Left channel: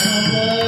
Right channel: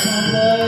कर्म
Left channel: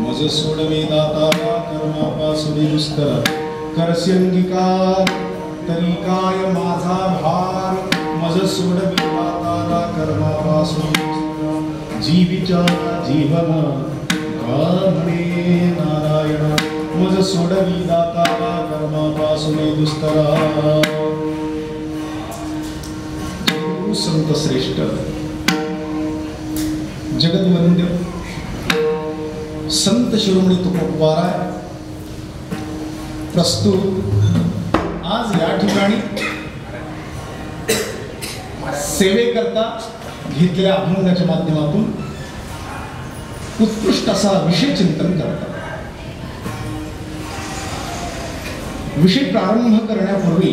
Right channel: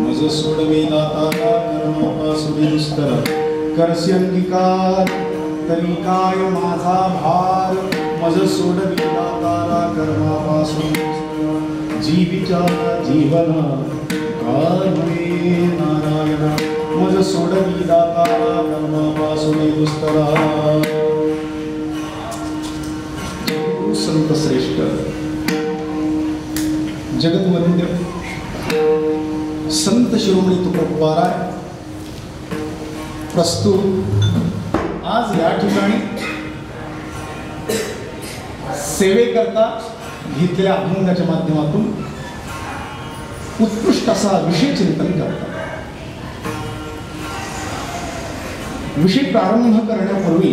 मज सोडवे दातारा कर्मापासुनी दुस्तर करसी अंगीकार तरी काय माझा भार मज सोडवे दातारा कर्मापासुनी दुस्तर जीविचा जीवन कामणे नारायणा मज सोडवी दातारा कर्मापासुनी दुस्तर संत श्रेष्ठ जगद्वंद्य संत शिरोमणी तुकोबाराय प्रस्तुत आज या ठिकाणी सेवेकरता घेतलेल्या अभंगाच्या माध्यमातून उत्कृष्ट असा विषय चिंतन करतात. विषय प्रारंभ करण्यापूर्वी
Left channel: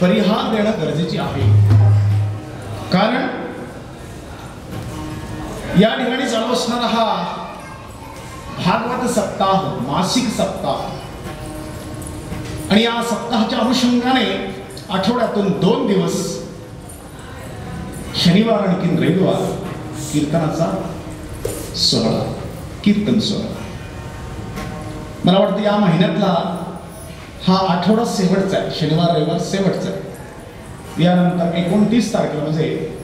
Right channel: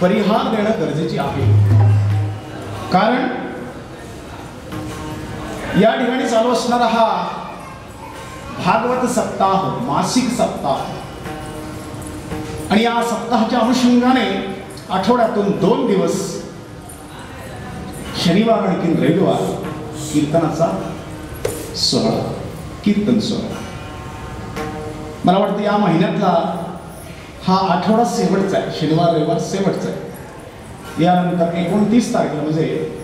परिहार देणं गरजेचे आहे. कारण या ठिकाणी चालू असणारा हा भागवत सप्ताह मासिक सप्ताह आणि या सप्ताहाच्या अनुषंगाने आठवड्यातून 2 दिवस शनिवार आणि रविवार कीर्तनाचा सोहळा कीर्तन सोहळा. मला वाटतं या महिन्यातला हा आठवडा शेवटचा आहे. शनिवार रविवार शेवटचा आहे. यानंतर 29 तारखेला म्हणजे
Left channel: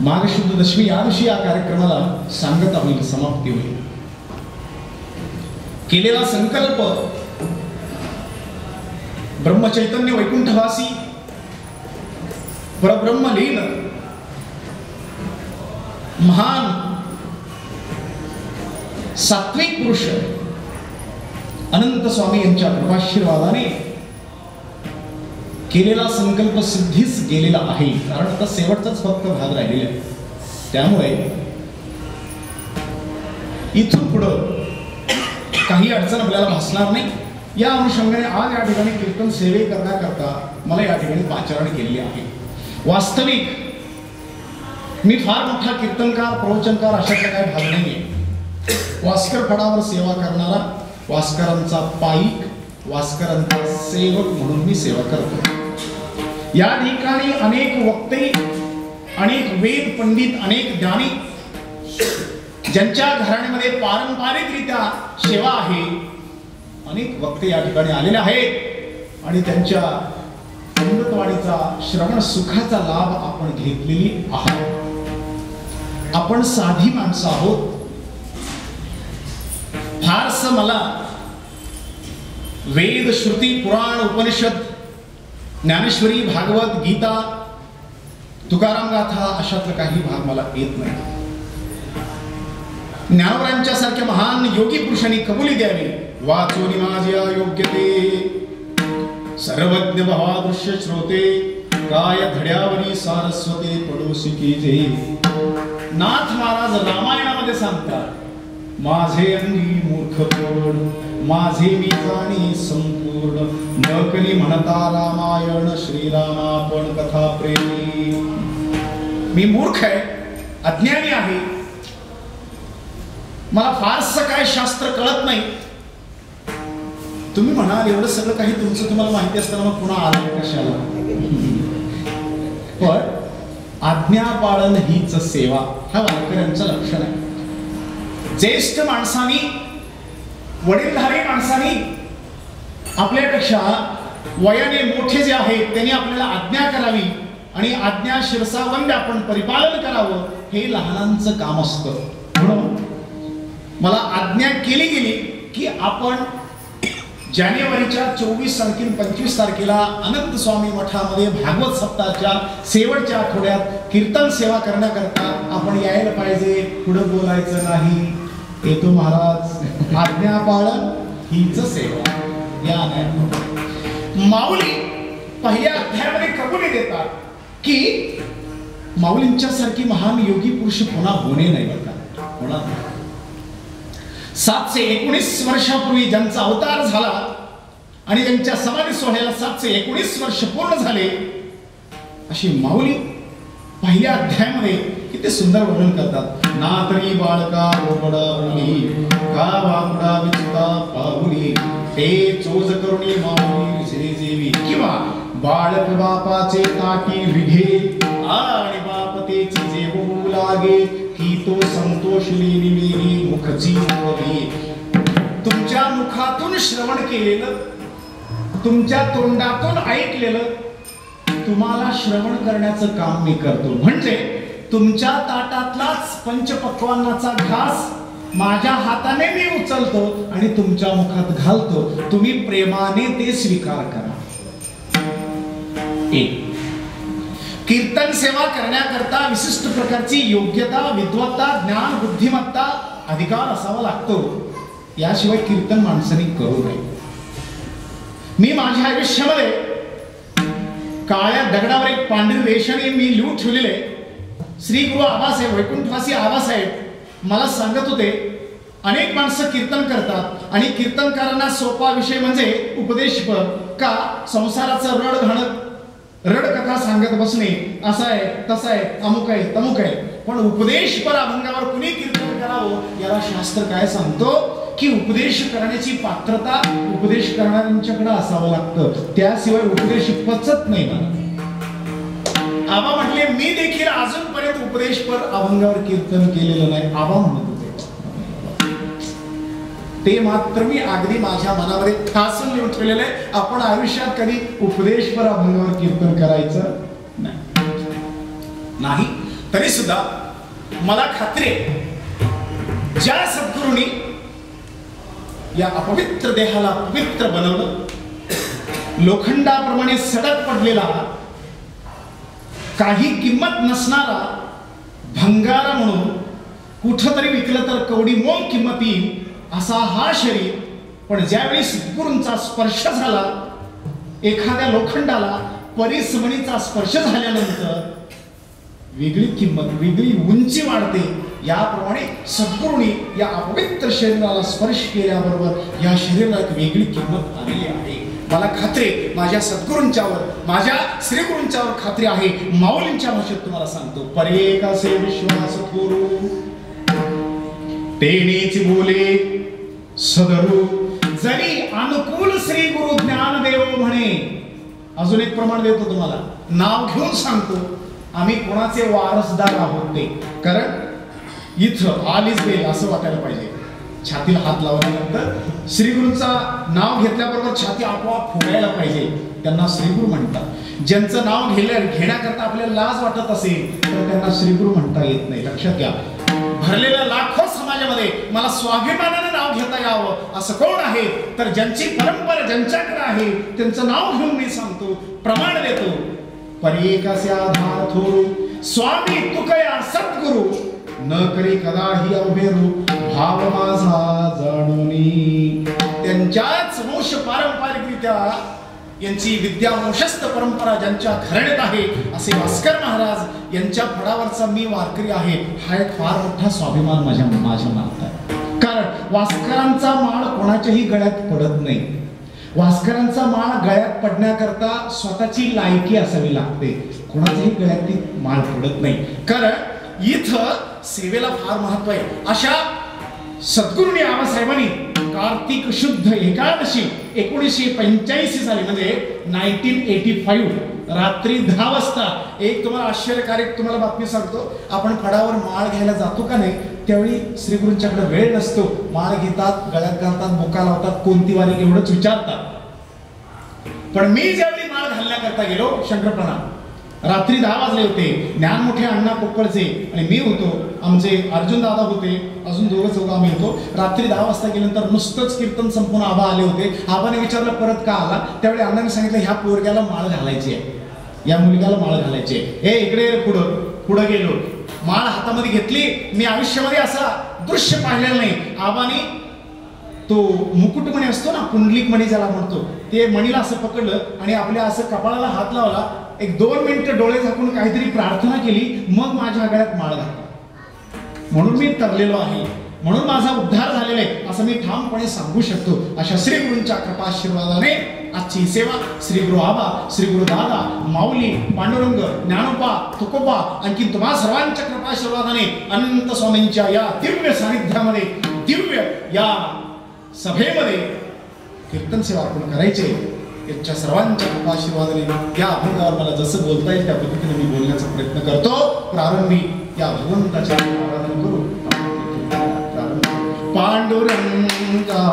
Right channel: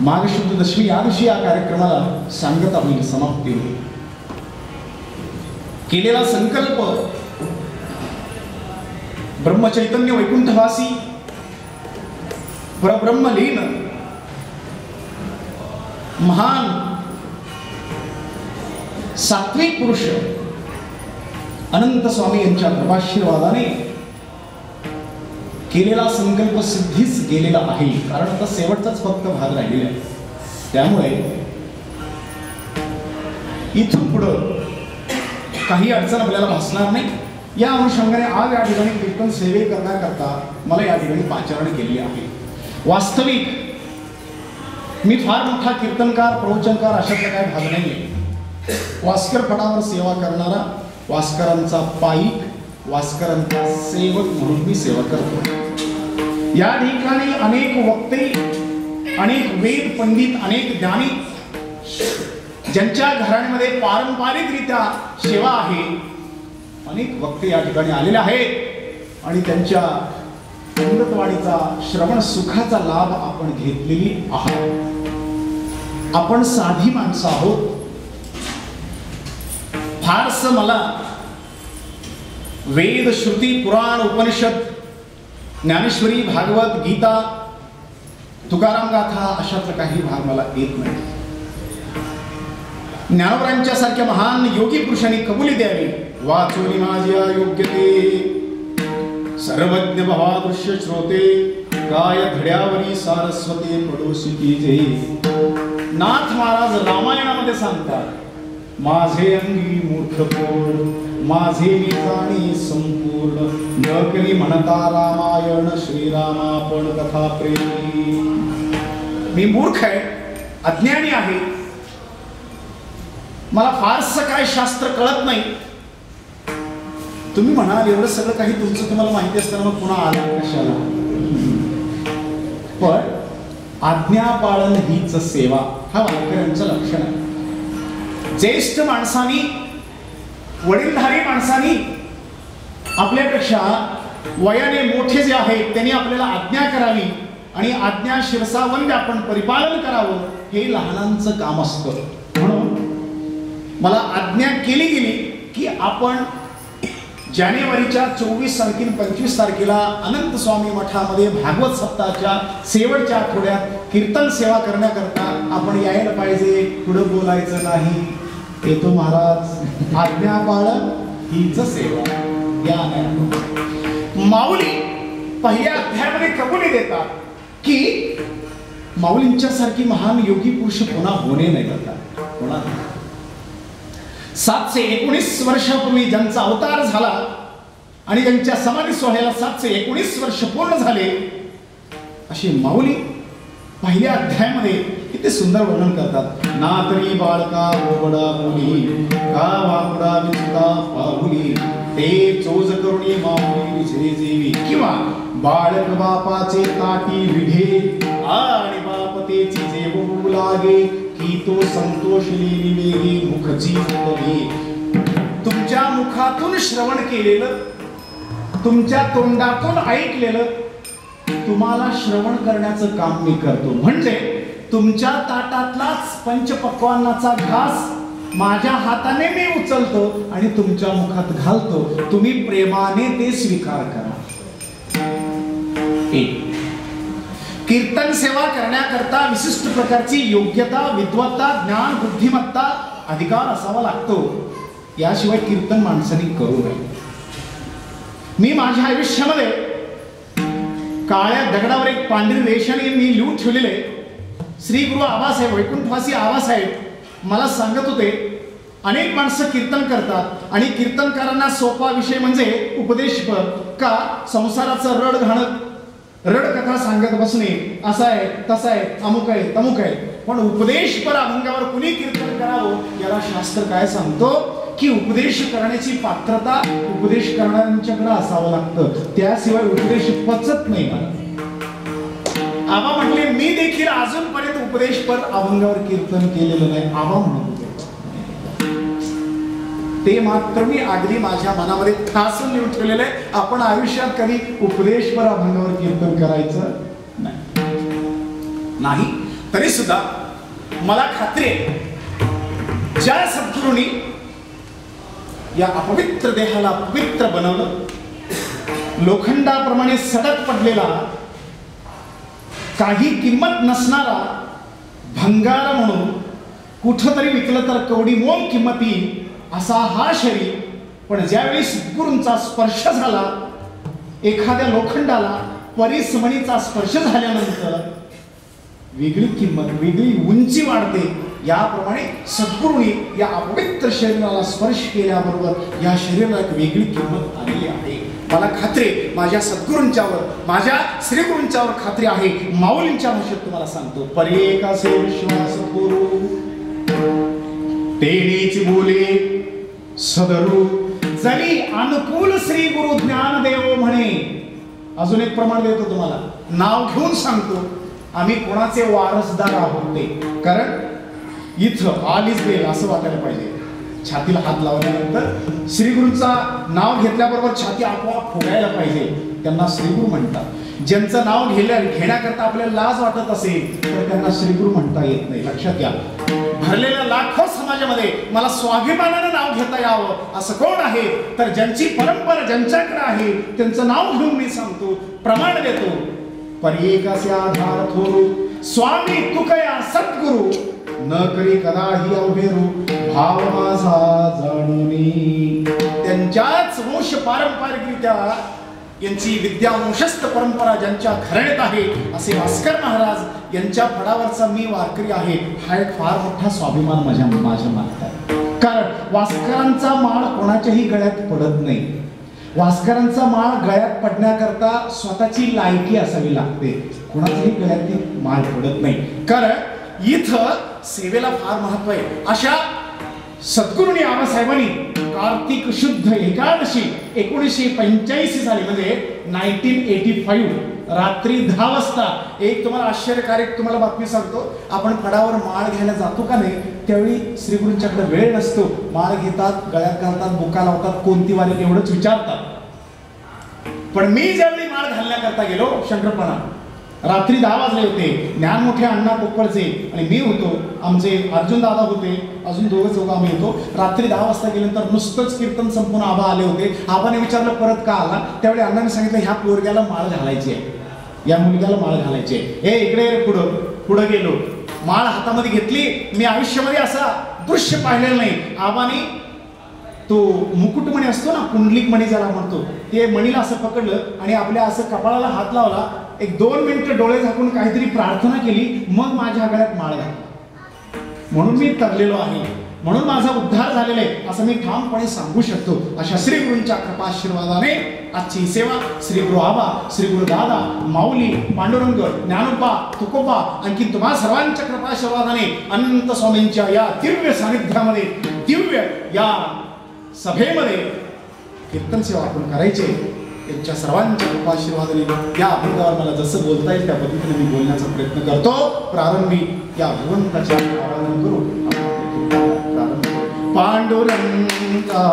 माघ शुद्ध दशमी या दिवशी या कार्यक्रमाला सांगता होईल, समाप्ती होईल. केलेला संकल्प ब्रह्मचैतन्य वैकुंठवासी परब्रह्मलीन महान सात्विक पुरुष अनंत स्वामी यांच्या कृपाशीर्वादाने केलेला संकल्प सिद्धीच गेलेला आहे. कारण आता शेवटचाच फक्त भाग राहिलेला आहे. त्यामुळे इथून पुढं काही अडचण आपल्याला भासणार नाही. या अनुषंगाने आज या ठिकाणी कीर्तन सेवे करण्याकरता मला या ठिकाणी पाचारण केलेली आहे. वास्तविक मी फार मोठा कीर्तनकार प्रवचनकार अशातला काही भाग नाहीये. वास्कर फडावर सेवा करणारा वास्करांचा पाईक वास्करांचा सेवक म्हणून मी सेवा करतो. या ठिकाणी अनेक वक्ते अनेक वेद पंडित अनेक ज्ञानी ज्यांच्या घराण्यामध्ये पारंपरिकरित्या सेवा आहे अनेक वक्ते या ठिकाणी आलेले आहेत आणि त्यांच्या अमृतवाणीचा श्रवण सुखाचा लाभ आपण घेतलेली आहात. आपण साधी माणसं आहोत. फारस मला वेद श्रुती पुराण उपनिषद ज्ञानेश्वरी भागवत गीता तुकाराम गाथा अशातला काही भाग मला येत नाही. ज्ञानवरांच्या सारख्या महान योगी पुरुषांनी कबुली द्यावी वाचोनी माझ्या योग्यते सर्वज्ञ भवादृश्य श्रोते काय धड्यावरी सारस्वते पडोसी की जे. नाथ महाराज रामायणामध्ये सांगतात माझे अंगी मूर्खपण माझे मी जाणी संपूर्ण नकली म्हणता रामायण श्रीरामापण कथा प्रेमी. मी मूर्ख आहे अज्ञानी आहे. मला फारसं काय शास्त्र कळत नाही. तुम्ही म्हणाल एवढं सगळं काही तुमचं तुम्हाला माहिती असताना मग पुन्हा आलं कशाला. पण आज्ञा पाळन हीच सेवा हा वारकऱ्यांचं लक्षण आहे. ज्येष्ठ माणसांनी वडीलधारी माणसांनी आपल्यापेक्षा वयाने मोठे जे आहेत त्यांनी आपल्याला आज्ञा करावी आणि आज्ञा शिरसावंद आपण परिपालन करावं हे लहानांचं काम असतं. म्हणून मला आज्ञा केली गेली की आपण जानेवारीच्या 24 तारखेला 25 तारखेला अनंत स्वामी मठामध्ये भागवत सप्ताहाच्या शेवटच्या आठवड्यात कीर्तन सेवा करण्याकरता आपण यायला पाहिजे. पुढं बोलायचं नाही. येतो महाराज आज्ञा पाळन हीच सेवा. या माऊली पहिल्या अध्यायामध्ये कबुली देतात की माऊलींच्या सारखी महान योगी पुरुष पुन्हा होणे नाही बघा होणार. 719 वर्षापूर्वी ज्यांचा अवतार झाला आणि ज्यांच्या समाधी सोहळ्याला 719 वर्ष पूर्ण झाले अशी माऊली पहिल्या अध्यायामध्ये किती सुंदर वर्णन करतात. ना तरी बाळका बोबडा बोली का वाकुडा विचुता पाहुली ते चोज करुणी माऊली विसरे जेवी. किंवा बाळक बापाचे ताटी विघे आणि बापतेची जेवू लागे की तो संतोष लेनी मेरी मुखजी बोली. तुमच्या मुखातून श्रवण केलेलं, तुमच्या तोंडातून ऐकलेलं तुम्हाला श्रवण करण्याचं काम मी करतो. म्हणजे तुमच्या ताटातलाच पंचपक्वान्नाचा घास माझ्या हाताने मी उचलतो आणि तुमच्या मुखात घालतो. तुम्ही प्रेमाने ते स्वीकार करा. एक, कीर्तन सेवा करण्याकरता विशिष्ट प्रकारची योग्यता, विद्वत्ता, ज्ञान, बुद्धिमत्ता, अधिकार असावा लागतो. याशिवाय कीर्तन माणसाने करू नये. मी माझ्या आयुष्यामध्ये काळ्या दगडावर एक पांढरी रेषाने मी लिहून ठेवलेले श्री गुरु आबासाहेब, वैकुंठवासी आबासाहेब मला सांगत होते, अनेक माणसं कीर्तन करतात आणि कीर्तनकारांना सोपा विषय म्हणजे उपदेशपर का संसाराचं रडकथा सांगत बसणे, असं आहे तसं आहे, अमुक आहे तमुक आहे. पण उपदेशपर अभंगावर कुणी कीर्तन करावं याला शास्त्र काय सांगतो की उपदेश करण्याची पात्रता उपदेश करणाऱ्यांच्याकडे असावं लागतं. त्याशिवाय उपदेश पचत नाही. आबा म्हटले मी देखील अजूनपर्यंत उपदेशपर अभंगावर कीर्तन केलेलं नाही. आबा म्हणत होते ते मात्र मी अगदी माझ्या मनामध्ये ठासून लिहून ठेवलेलं आहे. आपण आयुष्यात कधी उपदेशपर अभंगावर कीर्तन करायचं नाही. तरी सुद्धा मला खात्री आहे ज्या सद्गुरूंनी या अपवित्र देहाला पवित्र बनवलं, लोखंडाप्रमाणे सडक पडलेला, काही किंमत नसणारा भंगार म्हणून कुठंतरी विकलं तर कवडी मोल किंमत येईल असा हा शरीर, पण ज्यावेळी सद्गुरूंचा स्पर्श झाला, एखाद्या लोखंडाला परिसमणीचा स्पर्श झाल्यानंतर वेगळी किंमत, वेगळी उंची वाढते. याप्रमाणे सद्गुरूंनी या अपवित्र शरीराला स्पर्श केल्याबरोबर या शरीराला एक वेगळी किंमत आलेली आहे. मला खात्री माझ्या सद्गुरूंच्यावर, माझ्या श्रीगुरूंच्यावर खात्री आहे. माऊलींच्या भाषेत तुम्हाला सांगतो, परेकासे विश्वास करू तेनेच बोले सदरू, जरी अनुकूल श्री गुरु ज्ञानदेव म्हणे. अजून एक प्रमाण देतो तुम्हाला, नाव घेऊन सांगतो, आम्ही कोणाचे वारसदार आहोत ते. कारण इथं आलीच बेल असं वाटायला पाहिजे. छातीला हात लावल्यानंतर श्रीगुरूंचा नाव घेतल्याबरोबर छाती आपोआप फुगायला पाहिजे. त्यांना श्रीगुरु म्हणतात. ज्यांचं नाव घेण्याकरता आपल्याला लाज वाटत असेल तर त्यांना श्रीगुरु म्हणता येत नाही. लक्षात घ्या. भरलेल्या लाखो समाजामध्ये मला स्वाभिमानाने नाव घेता यावं असं कोण आहे तर ज्यांची परंपरा ज्यांच्याकडे आहे त्यांचं नाव घेऊन मी सांगतो, प्रमाण देतो. परेकासे आधार थोरू स्वामी तुकया सद्गुरु, न करी कदाही अभेरू भाव माझा जाणूनी. त्यांच्याच वंश पारंपरिकरित्या यांची विद्या वंशस्थ परंपरा ज्यांच्या घराण्यात आहे असे भास्कर महाराज यांच्या फडावरचा मी वारकरी आहे. हा एक फार मोठा स्वाभिमान माझ्या मनात आहे. कारण वास्करांचा माळ कोणाच्याही गळ्यात पडत नाही. वास्करांचा माळ गळ्यात पडण्याकरता स्वतःची लायकी असावी लागते. कोणाच्याही गळ्यात ती माळ पडत नाही. कारण इथं सेवेला फार महत्व आहे. अशा सद्गुरूंनी आबासाहेबांनी कार्तिक शुद्ध एकादशी 1985 साली म्हणजे 1985 रात्री 10 वाजता एक तुम्हाला आश्चर्यकारक तुम्हाला बातमी सांगतो. आपण फडावर माळ घ्यायला जातो का नाही त्यावेळी श्रीगुरूंच्याकडे वेळ नसतो. माळ घेतात, गळ्यात घालतात, बुका लावतात, कोणती वारी एवढंच विचारतात. पण मी ज्यावेळी माळ घालण्याकरता गेलो शंकरपणा, रात्री 10 वाजले होते. ज्ञानमोठे अण्णा कोप्पळचे आणि मी होतो, आमचे अर्जुन दादा होते, अजून दोघं चौघं आम्ही होतो. रात्री 10 वाजता गेल्यानंतर नुसतंच कीर्तन संपून आबा आले होते. आबाने विचारलं परत का आला, त्यावेळी अण्णाने सांगितलं ह्या पोरग्याला माळ घालायची आहे, या मुलग्याला माळ घालायची आहे. हे इकडे पुढं गेलो, माळ हातामध्ये घेतली. मी आयुष्यामध्ये असा दृश्य पाहिलेलं नाही. आबाने तो मुकुटमणी असतो ना, पुंडलिक मणी ज्याला म्हणतो, ते मणीला असं पकडलं आणि आपल्या असं कपाळाला हात लावला. एक 2 मिनिटं डोळे झाकून काहीतरी प्रार्थना केली, मग माझ्या गळ्यात माळ घातली. म्हणून मी तरलेलो आहे, म्हणून माझा उद्धार झालेला आहे असं मी ठामपणे सांगू शकतो. अशा श्री गुरूंच्या कृपाशीर्वादाने आजची सेवा श्री गुरु आबा, श्री गुरु दादा, माऊली, पांडुरंग, ज्ञानोबा, तुकोबा, आणखी तुम्हा सर्वांच्या कृपाशीर्वादाने अनंत स्वामींच्या या दिव्य सानिध्यामध्ये, दिव्य या सभेमध्ये कीर्तन सेवा आपण करायचे. यांच्या सर्वांच्या कृपाशीर्वादाने या अभंगावर मला जसं बोलता येईल त्या पद्धतीने मी बोलण्याचा प्रयत्न करतो. प्रारंभी या भगवंताच्या आराधना करू. पांडुरंगा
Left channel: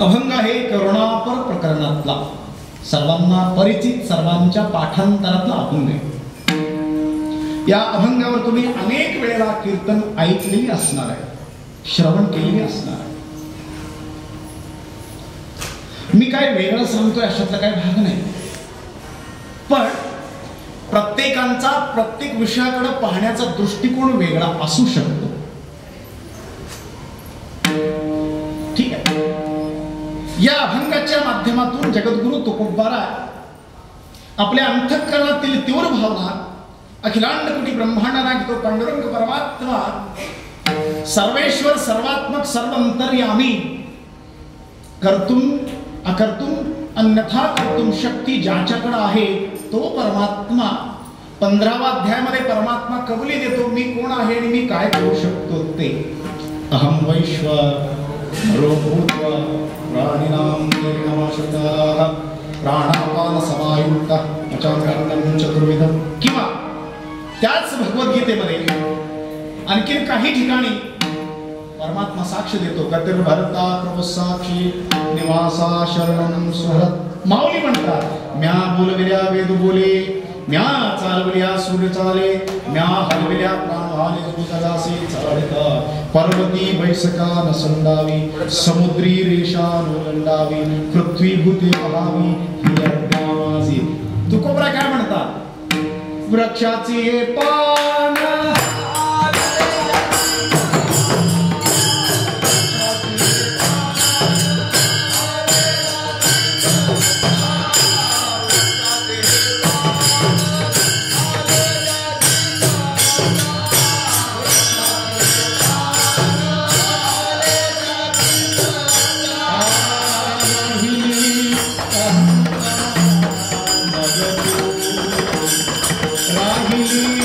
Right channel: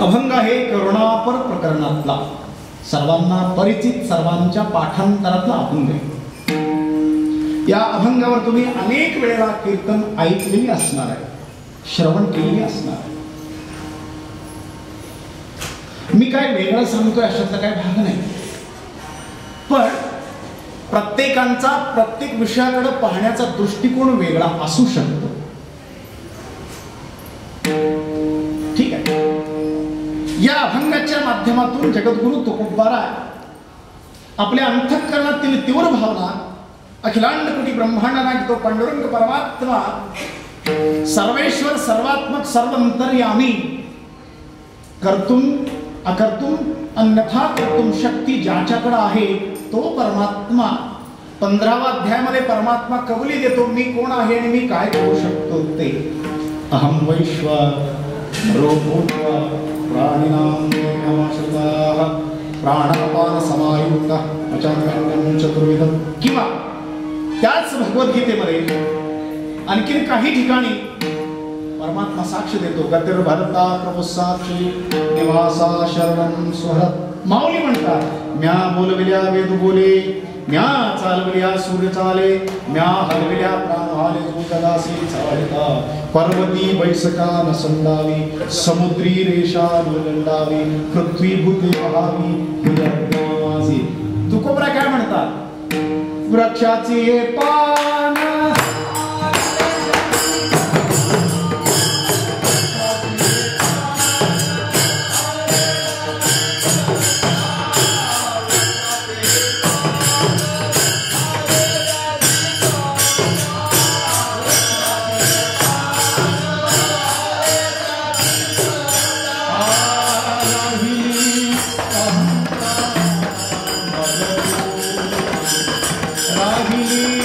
अभंग हे करुणापर प्रकरणातला सर्वांना परिचित सर्वांच्या पाठांतरातला अभंग आहे. या अभंगावर तुम्ही अनेक वेळेला कीर्तन ऐकलेली असणार आहे, श्रवण केलेली असणार आहे. मी काय वेगळं सांगतोय अशातला काही भाग नाही, पण प्रत्येकांचा प्रत्येक विषयाकडे पाहण्याचा दृष्टिकोन वेगळा असू शकतो. ठीक आहे. या अभंगाच्या माध्यमातून जगद्गुरु तुकोबारा आपल्या अंतःकरणातील तीव्र भावना अखिलांड कोटी ब्रह्मांडाला तो पांडुरंग परमात्मा सर्वेश्वर सर्वात्मक सर्वंतर्यामी कर्तुम अकर्तुम अन्यथा कर्तुम शक्ती ज्याच्याकडे आहे तो परमात्मा 15व्या अध्यायामध्ये परमात्मा कबुली देतो, मी कोण आहे आणि मी काय करू शकतो ते. अहम वैश्वानरो भूत्वा प्राणिनां देहमाश्रिताः प्राणापान समायुक्तः अचानकं चतुर्विधं. किंवा त्याच भगवद्गीतेमध्ये आणखीन काही ठिकाणी परमात्मा साक्ष देतो. गतिर्भरता प्रभू साक्षी निवासा शरणं सुहृत. माऊली म्हणतात, म्या बोलविल्या वेद बोले, म्या चालविल्या सूर्य चाले, म्या हलविल्या प्राण आले जगासी चालिता. पर्वती बैसका नसंदावी, समुद्री रेषा नोलंडावी, पृथ्वी भूते पहावी माझी. तुकोबरा काय म्हणतात, वृक्षाचे पान राहिली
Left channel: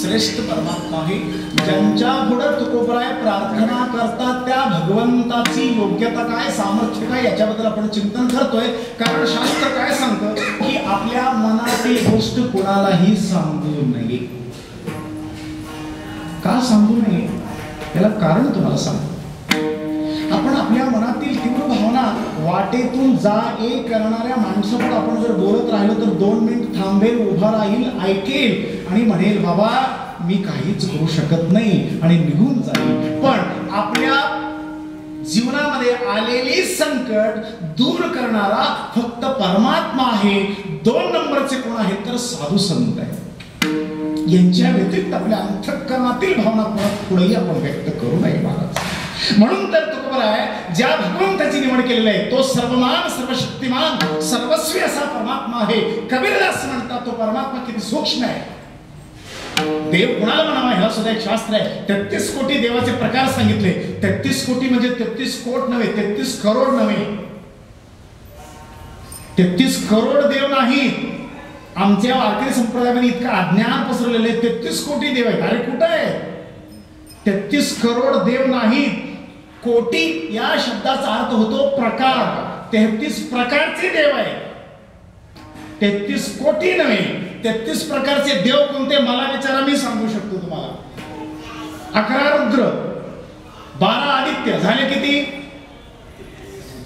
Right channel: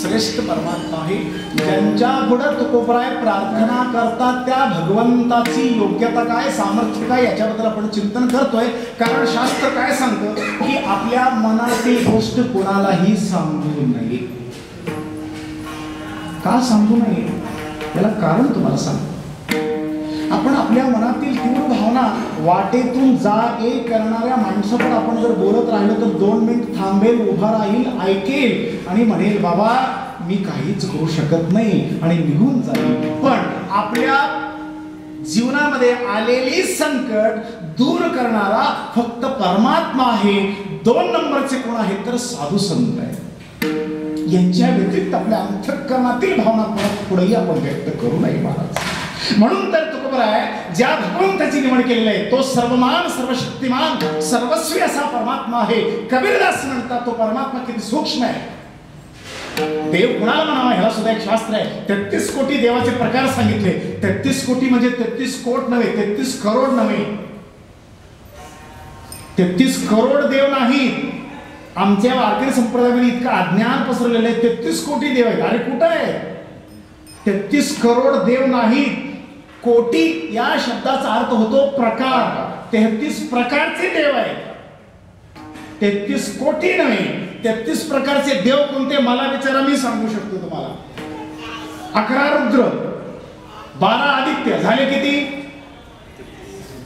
श्रेष्ठ परमात्मा आहे. ज्यांच्या पुढे तुकोबराय प्रार्थना करतात त्या भगवंताची योग्यता काय, सामर्थ्य काय, याच्याबद्दल आपण चिंतन करतोय. कारण शास्त्र काय सांगतं की आपल्या मनातील गोष्ट कोणालाही सांगू नये. का सांगू नये याला कारण तुम्हाला सांगतो. आपण आपल्या मनातील तीव्र भावना वाटेतून जा ये करणाऱ्या माणसाकडे आपण जर बोलत राहिलो तर 2 मिनिट थांबेल, उभा राहील, ऐकेल आणि म्हणेल बाबा मी काहीच करू शकत नाही आणि निघून जाईल. पण आपल्या जीवनामध्ये आलेली संकट दूर करणारा फक्त परमात्मा आहे. 2 नंबरचे कोण आहेत तर साधू संत आहेत. यांच्या व्यतिरिक्त आपल्या अंतःकरणातील भावना पुढेही आपण व्यक्त करू नये महाराज. म्हणून तर तुकोबराय ज्या भगवंताची निवड केलेली आहे तो सर्वमान सर्वशक्तिमान सर्वस्वी असा परमात्मा आहे. कबीरदास म्हणतात तो परमात्मा किती सूक्ष्म आहे. देव कुणाला म्हणावा ह्याला सुद्धा एक शास्त्र आहे. 33 कोटी देवाचे प्रकार सांगितले. 33 कोटी म्हणजे 33 कोट नव्हे, 33 करोड नव्हे, 33 करोड देव नाहीत. आमच्या वारकरी संप्रदायामध्ये इतकं अज्ञान पसरलेलं आहे. 33 कोटी देव आहेत. अरे कुठं आहे? 33 करोड देव नाहीत. कोटी या शब्दाचा अर्थ होतो प्रकार. 33 प्रकारचे देव आहेत. 33 कोटी नव्हे, 33 प्रकारचे देव कोणते मला विचारा, मी सांगू शकतो तुम्हाला. 11 रुद्र, 12 आदित्य झाले किती?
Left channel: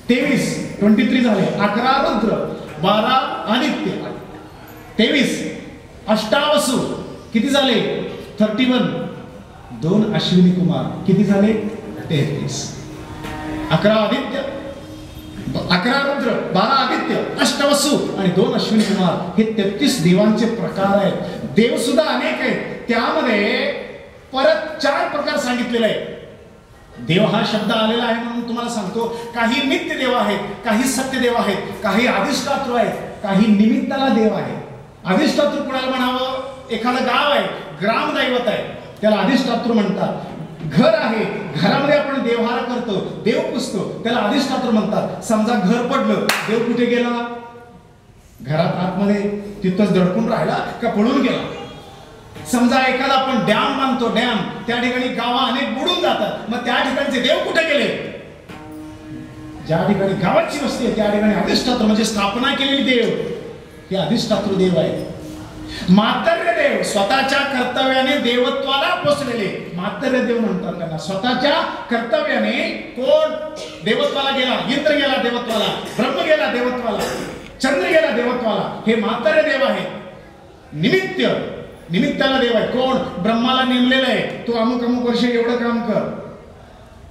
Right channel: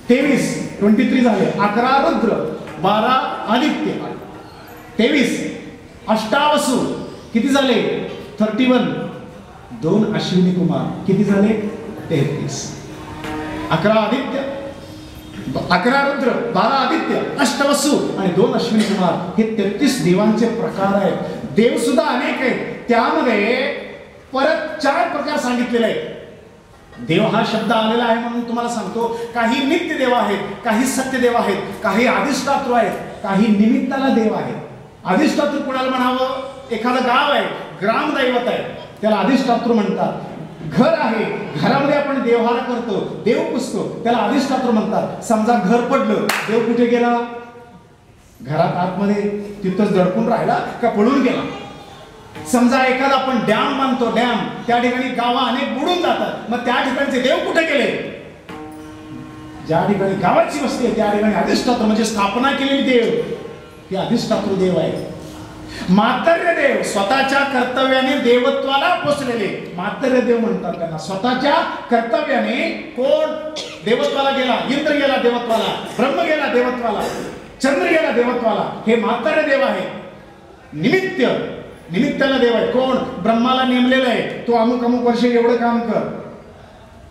23 झाले. 11 रुद्र, 12 आदित्य, 23 अष्टावसु किती झाले? 31. 2 अश्विनी कुमार किती झाले? 33. 11 आदित्य, 11 रुद्र, 12 आदित्य, अष्टवसु आणि 2 अश्विनी कुमार हे 33 देवांचे प्रकार आहेत. देव सुद्धा अनेक आहेत. त्यामध्ये परत 4 प्रकार सांगितलेले आहेत. देव हा शब्द आलेला आहे म्हणून तुम्हाला सांगतो. काही नित्य देव आहेत, काही सत्य देव आहेत, काही अधिष्ठातृ आहेत, काही निमित्ताला देव आहेत. अधिष्ठातृ कुणाला म्हणावं? एखादं गाव आहे, ग्रामदैवत आहे, त्याला अधिष्ठातृ म्हणतात. घर आहे, घरामध्ये आपण देवहारा करतो, देव पुजतो, त्याला अधिष्ठातृ म्हणतात. समजा घर पडलं, देव कुठे गेला? घरात आतमध्ये तिथंच दडपून राहिला का पळून गेला? समजा एखादा आपण डॅम बांधतो, डॅम, त्या ठिकाणी गावा अनेक बुडून जातात, मग त्या ठिकाणचे देव कुठे गेले? ज्या ठिकाणी गावाची वस्ती आहे त्या ठिकाणी अधिष्ठातृ म्हणजे स्थापना केलेली देव हे अधिष्ठातृ देव आहे. मातर्य देव स्वतःच्या कर्तव्याने देवत्वाला पोचलेले मातर्य देव म्हणतात त्यांना. स्वतःच्या कर्तव्याने कोण देवत्वाला गेला? इंद्र गेला देवत्वाला, ब्रह्म गेला देवत्वाला, चंद्र गेला देवत्वाला, हे मातर्य देव आहे. निमित्ताला देव आहे. कोण? ब्रह्माला नेमलेलं आहे, तू अमुक अमुक वर्ष एवढं काम कर.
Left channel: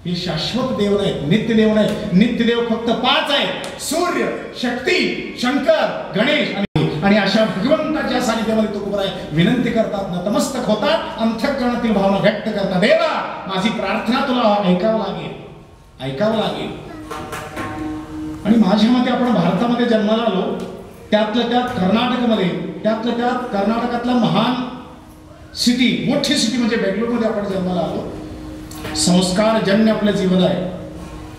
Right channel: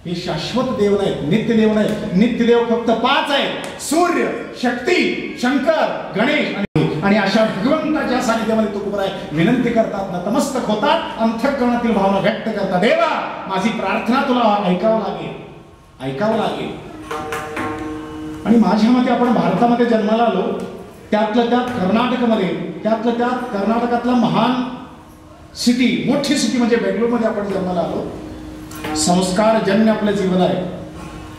हे शाश्वत देव नाहीत, नित्य देव नाहीत. नित्य देव फक्त 5 आहेत: सूर्य, शक्ती, शंकर, गणेश आणि अशा भगवंताच्या सानिध्यामध्ये तुकोबराय विनंती करतात, नतमस्तक होतात, अंतःकरणातील भावना व्यक्त करतात. देवा माझी प्रार्थना तुला ऐकावं लागेल. आणि माझ्या मते आपण भारतामध्ये जन्माला आलो, त्यातल्या त्यात कर्नाटकातला महान सिटी, मोठी सिटी म्हणजे बेंगलोरमध्ये आपण जन्माला आलो. संस्कारजन्य आपलं जीवन आहे.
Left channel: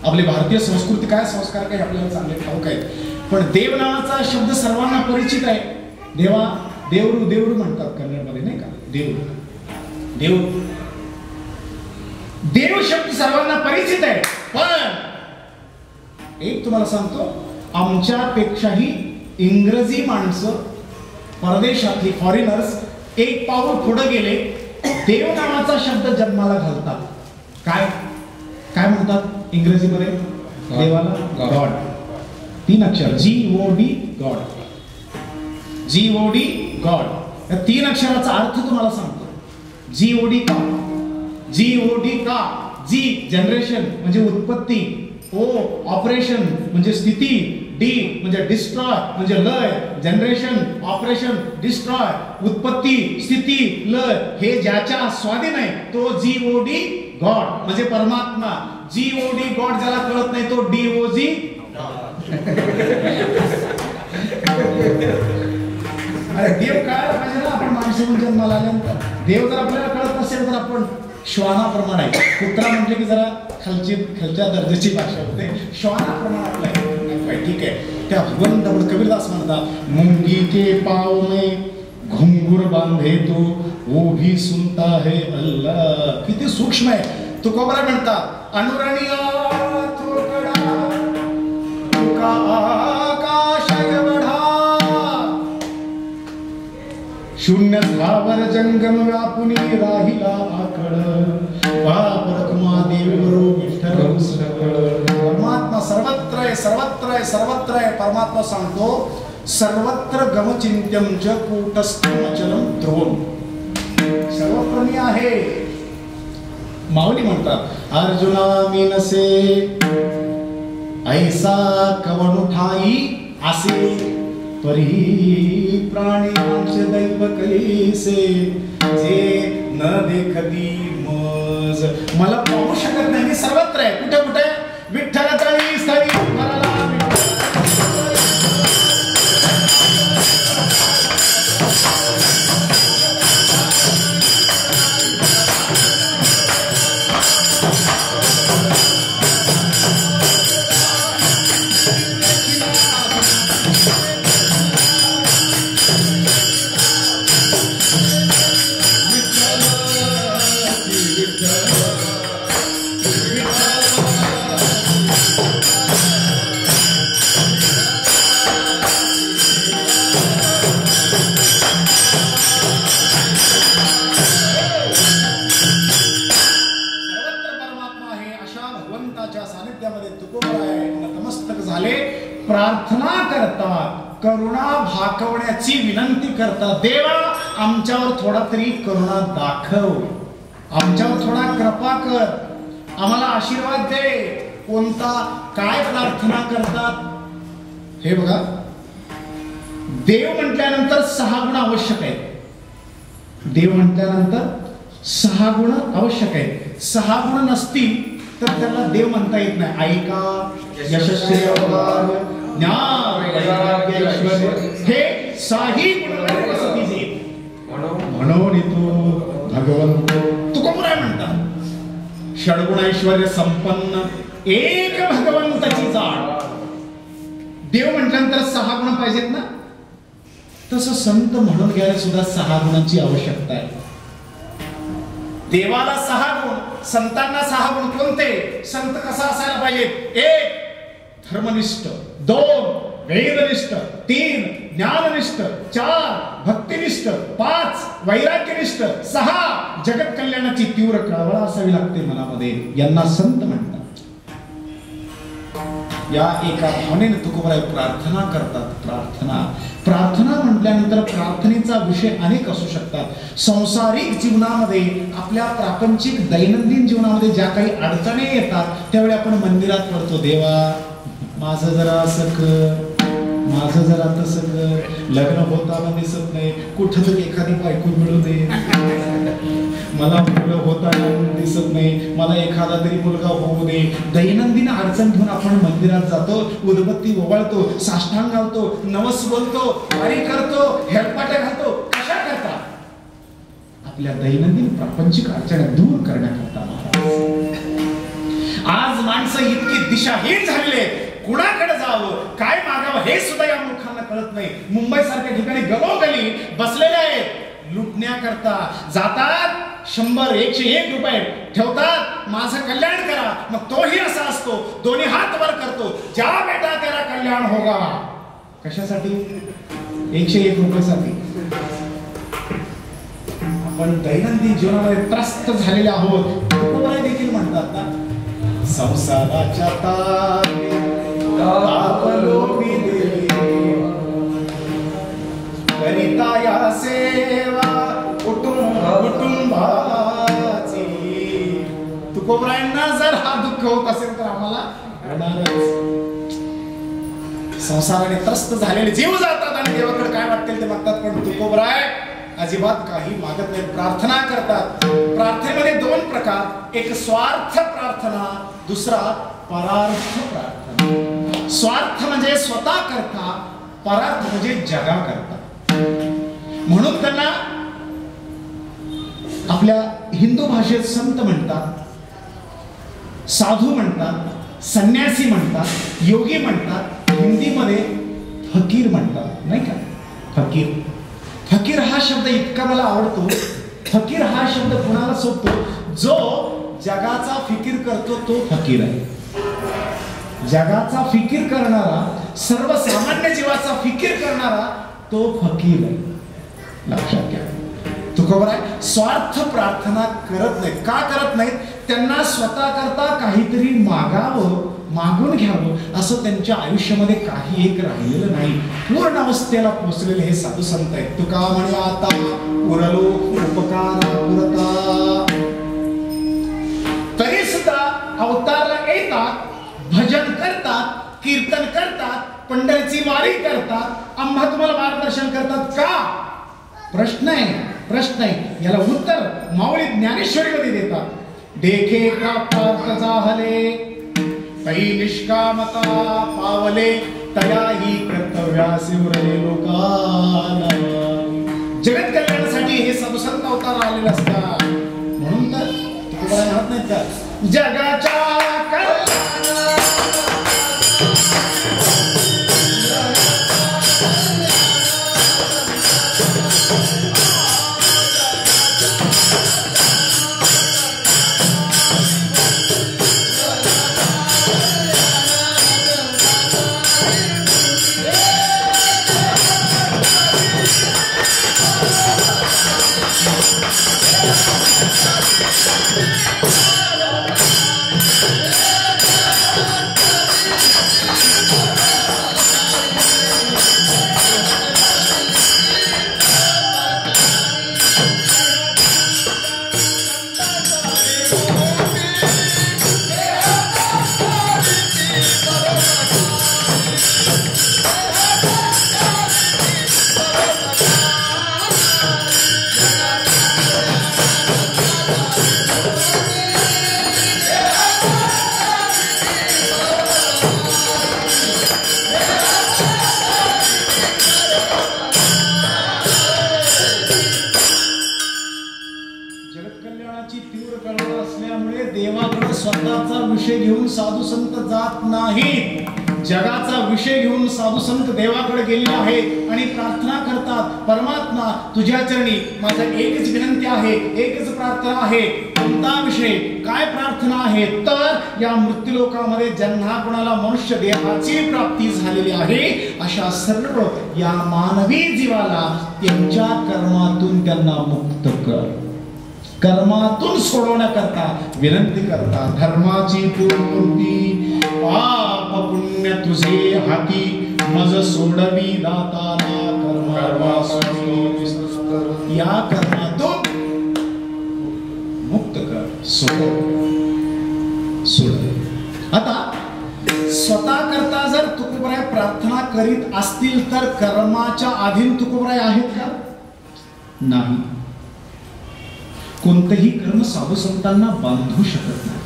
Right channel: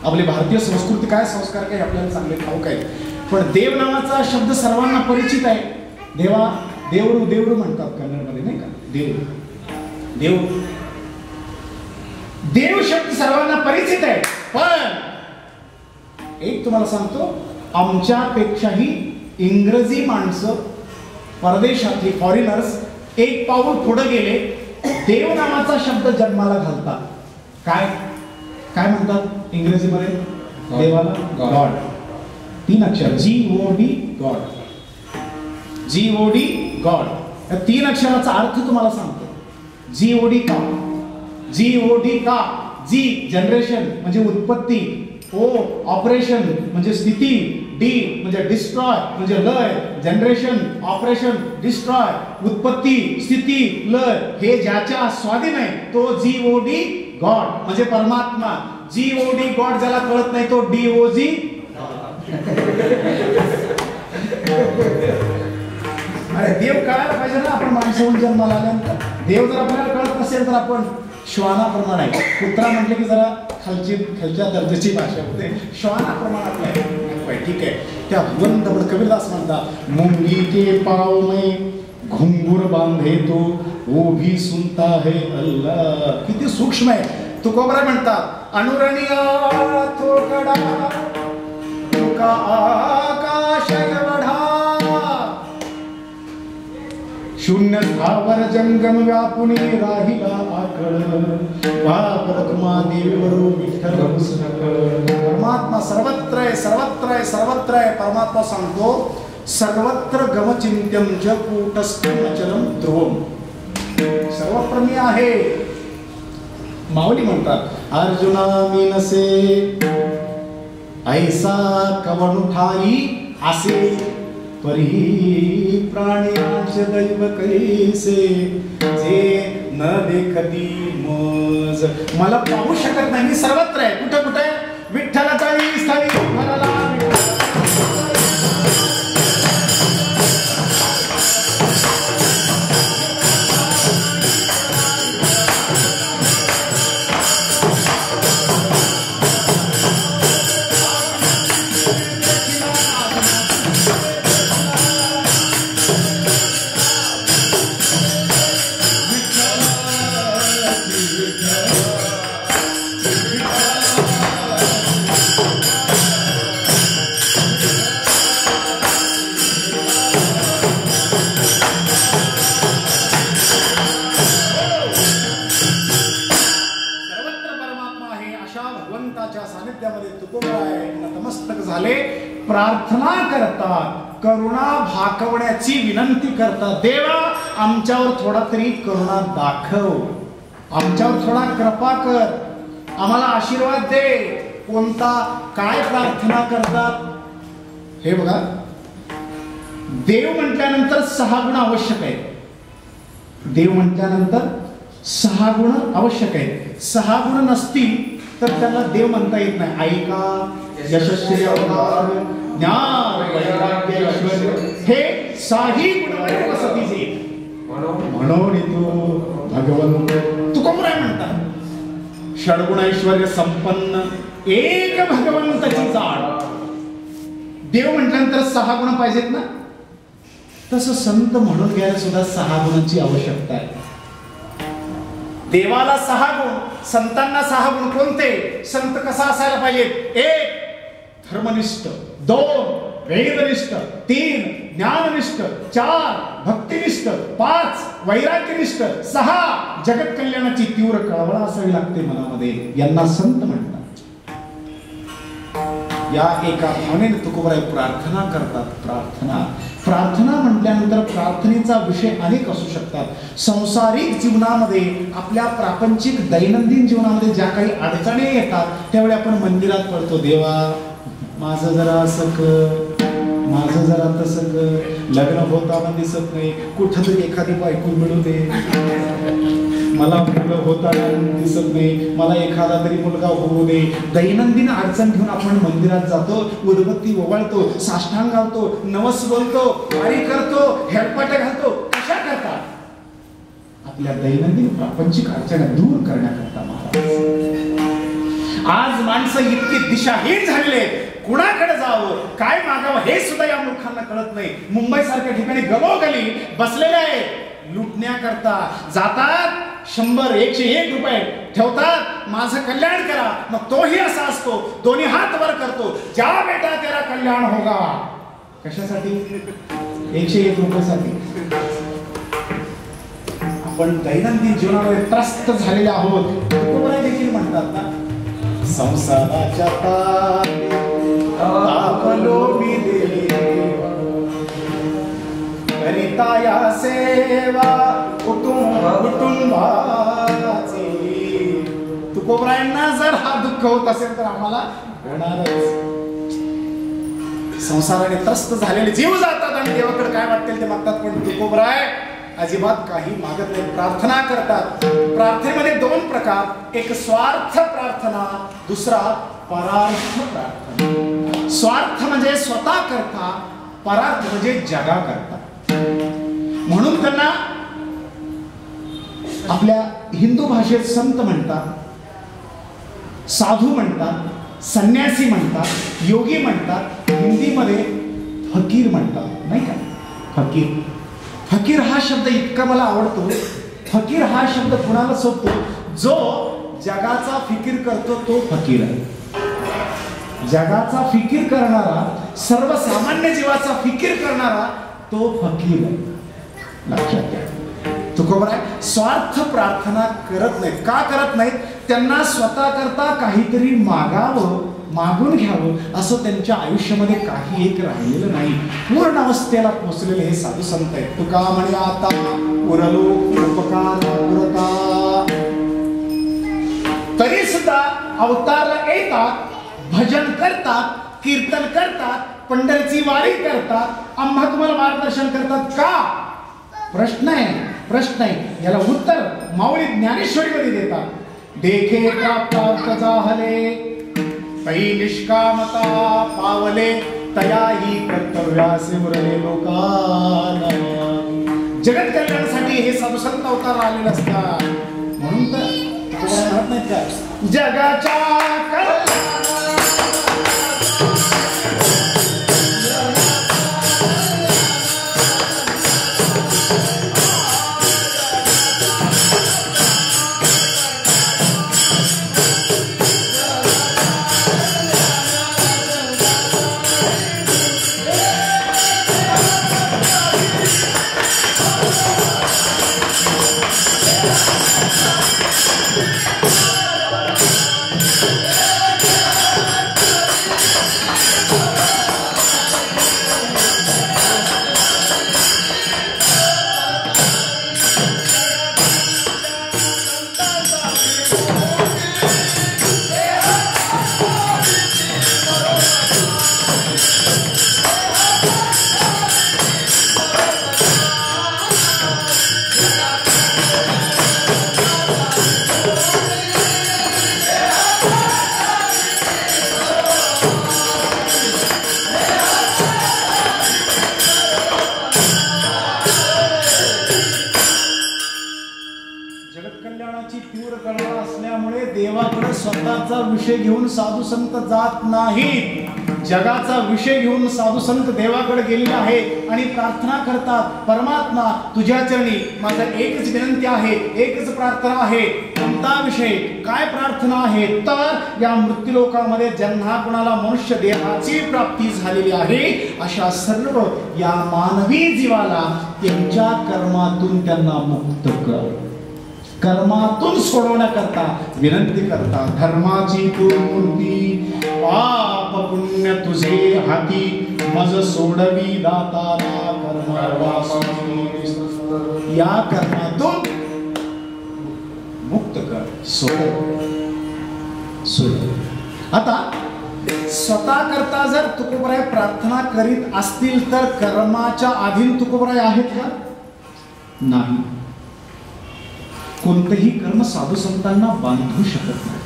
आपली भारतीय संस्कृती काय, संस्कार काय आपल्याला चांगले ठाऊक आहेत. पण देव नावाचा शब्द सर्वांना परिचित आहे. देवरू म्हणतात कन्नडमध्ये, नाही का? देव शब्द सर्वांना परिचित आहे. पण एक तुम्हाला सांगतो, आमच्यापेक्षाही इंग्रजी माणसं, परदेशातली फॉरेनर्स एक पाऊल पुढे गेले. देव नावाचा शब्द जन्माला घालतात. काय म्हणतात इंग्रजीमध्ये देवाला? गॉड. 3 अक्षर, GOD, गॉड. GOD, God. या 3 अक्षराचा अर्थ तुम्हाला सांगतो. GOD का? G जनरेशन म्हणजे उत्पत्ती, O ऑपरेशन म्हणजे स्थिती, D म्हणजे डिस्ट्रॉय म्हणजे लय. जनरेशन, ऑपरेशन, डिस्ट्रॉय, उत्पत्ती, स्थिती, लय हे ज्याच्या स्वाधीन आहे तो GOD, गॉड म्हणजे परमात्मा. GOD, गॉड ज्याला कळत नाही तो DOG. अरे देव कळायला पाहिजे ना. आपण माणसाहून जन्माला आल्यानंतर देव जर आपल्याला कळत नसेल तर आपण श्वानाप्रमाणे आहे. कुत्रा म्हटलं की जरा खालच्या दर्जाची भाषा होते. श्वानाप्रमाणे आपलं आहे. ठीक आहे. त्या भगवंत कबीरदास म्हणतात, मुंगी के पाव में घुंगूर बांधे तो वो भी सुनता है अल्लाह. किती सूक्ष्म आहे. तुकोबरा म्हणतात अनुरणिया थोकडा तुका आकाश एवढा शून्य स्थावर जंगम व्यापुनी राहिला आकळ पापरकमा देवरो विठ्ठल परमात्मा सर्वत्र आहे, सर्वत्र आहे, सर्वत्र आहे. परमात्मा सांगतो सर्वत्र गमचिंत्यम च कूटस्थं अचलम ध्रुवम. सर्वत्र मी आहे. माऊली म्हणतात अर्जुना मी नसे ऐसा कवन ठाई असे परी प्राण्यांचे दैव कैसे जे न देखती मज. मला पाहू शकत नाही, मी सर्वत्र आहे. कुठे कुठे विठ्ठलाच्या स्थळी घराला प्रार्थना करतात, करुणा भाकवण्याची विनंती करतात. देवा आमच्यावर थोडा तरी करुणा दाखव, आमच्यावर थोडा कृपा कर, आम्हाला आशीर्वाद दे. कोणता काय प्रार्थना करतात हे बघा. देव म्हटल्यानंतर 6 गुण आवश्यक आहेत. देव म्हटल्यानंतर 6 गुण आवश्यक आहेत. 6 गुण नसतील तर त्याला देव म्हणता येत नाही. ऐका, यशस्वी अवतार, ज्ञान, वैराग्य, ऐश्वर्य हे 6ही गुण वसतीचे म्हणून तो भगवंत तुकोबरा म्हणतात षडगुण ऐश्वर्य संपन्न एक भगवंताची जाण. देव म्हटल्यानंतर 6 गुण पाहिजेत ना. तसं संत म्हणून घ्यायला सुद्धा 6 गुणांची आवश्यकता आहे. देवाला 6 गुण, संतांना 6 गुण. कोणते? संत कसा असायला पाहिजेत? 1 धर्मनिष्ठ, 2 वेदनिष्ठ, 3 ज्ञाननिष्ठ, 4 भक्तिनिष्ठ, 5 वैराग्यनिष्ठ, 6 जगत कल्याणाची तीव्र कळवळ असावी लागते मनामध्ये. यांना संत म्हणतात. या एका भावनेने तुकोबराय प्रार्थना करतात. प्रार्थना म्हटल्यानंतर प्रार्थनेचा विषय अनेक असू शकतात. सांसारिक जीवनामध्ये, आपल्या प्रापंचिक दैनंदिन जीवनामध्ये ज्या काही अडचणी येतात त्यावेळी आपण मंदिरात पडतो. देवा माझं जरा असं कर, माझं जरा तसं कर, लग्न होताना दिसत नाही, कुठं तरी एखादी बायको मिळू दे, मला मुलं होताना दिसत नाही, मला एखादा तरी मुलगा होऊ दे. दैनंदिन अडचण घेऊन आपण मंदिरात जातो, उदबत्ती ओवाळतो, साष्टांग घालतो, नवस बोलतो, वारी करतो, हेलपाटे घालतो. कशा करता? आपल्या दैनंदिन प्रापंचिक अडचणी दूर करण्याकरता. आज माणसं इतकी दिशाहीन झालेली आहेत. कुणाकडे जावं, काय मागावं हे सुद्धा या मूर्खांना कळत नाही. मुंबई सारख्या ठिकाणी गलोगली बसलेले आहेत लुटण्याकरता. जातात 100, 101 रुपये ठेवतात, माझं कल्याण करा. मग तोही असा असतो, दोन्ही हात वर करतो, जा बेटा तेरा कल्याण होगा. कशासाठी? 101 रुपयासाठी. आपण दैनंदिन जीवनामध्ये त्रस्त झालेले आहोत. तुकोबराय देखील म्हणतात ना, संसाराच्या तापलो मी देवा करिता या सेवा कुटुंबाची. तुकोबरायांना जर हा दुःख होत असेल तर आम्हाला होणारच. संसाराने त्रस्त झालेले जीव जातात आणि देवाकडे काय वाटतील ते मागतात. पण तुकोबराय अजिबात काही मागत नाही, प्रार्थना करतात. प्रार्थनेमध्ये 2 प्रकार, एक स्वार्थ प्रार्थना, दुसरा परार्थ प्रार्थना. स्वार्थ म्हणजे स्वतः करता, परार्थ म्हणजे जगा करता. म्हणून त्यांना आपल्या हिंदू भाषेत संत म्हणतात, साधू म्हणतात, संन्यासी म्हणतात, योगी म्हणतात, हिंदीमध्ये फकीर म्हणतात, नाही का? फकीर फकीर हा शब्द इतका मला आवडतो. फकीर हा शब्द कुणाला सोबतो? जो जगाचा फिकीर करतो तो फकीर आहे. जगाचा फिकीर करणारा, सर्वसामान्य जीवाचा फिकीर करणारा तो फकीर आहे. लक्षात घ्या. तुकोबर आहे, स्वार्थ प्रार्थना करत नाहीत. का करत नाहीत? त्यांना स्वतः करता काहीतरी मागावं, मागून घ्यावं असं त्यांच्या आयुष्यामध्ये काही एक राहिलेलं नाही. पूर्ण अवस्थेला पोचलेले हे साधू संत आहेत. तुका म्हणे आता उरलो उपकार पुरता, तरी सुद्धा अवतारला येतात, भजन करतात, कीर्तन करतात, पंढरीची वारी करतात, आम्हा तुम्हाला मार्गदर्शन करतात. का? प्रश्न आहे. याला उत्तर माऊली ज्ञानेश्वरीमध्ये देतात. देखे प्राप्त झाले पै निष्कामता पावले, तयाही कर्तव्यासी उरले लोकांना. जगत कल्याणासाठी हे साधू संत अवतार आलेले असतात. म्हणून तर म्हणत नाहीत का, जगाच्या स्वतःचा विषय घेऊन साधू संत जात नाहीत. जगाचा विषय घेऊन साधू संत देवाकडे गेलेले आहेत आणि प्रार्थना करतात, परमात्मा तुझ्या चरणी माझा एकच विनंती आहे, एकच प्रार्थना आहे. कोणता विषय, काय प्रार्थना आहे? तर या मृत्यूलोकामध्ये ज्यांना कोणाला मनुष्य देहाची प्राप्ती झालेली आहे अशा सर्व या मानवी जीवाला त्यांच्या कर्मातून त्यांना मुक्त कर, कर्मातून सोडवण्याकरता विनंती करता. धर्माची तू मूर्ती, पाप पुण्य तुझे हाती, मज सोडवी दाताना कर्मावासी. या कर्मातून मुक्त कर, सोड. आता स्वतः करता जर तुकोबराय प्रार्थना करीत असतील तर कर्माच्या अधीन तुकोबराय आहेत का? नाही. कोणतेही कर्म साधू संतांना बांधू शकत नाही,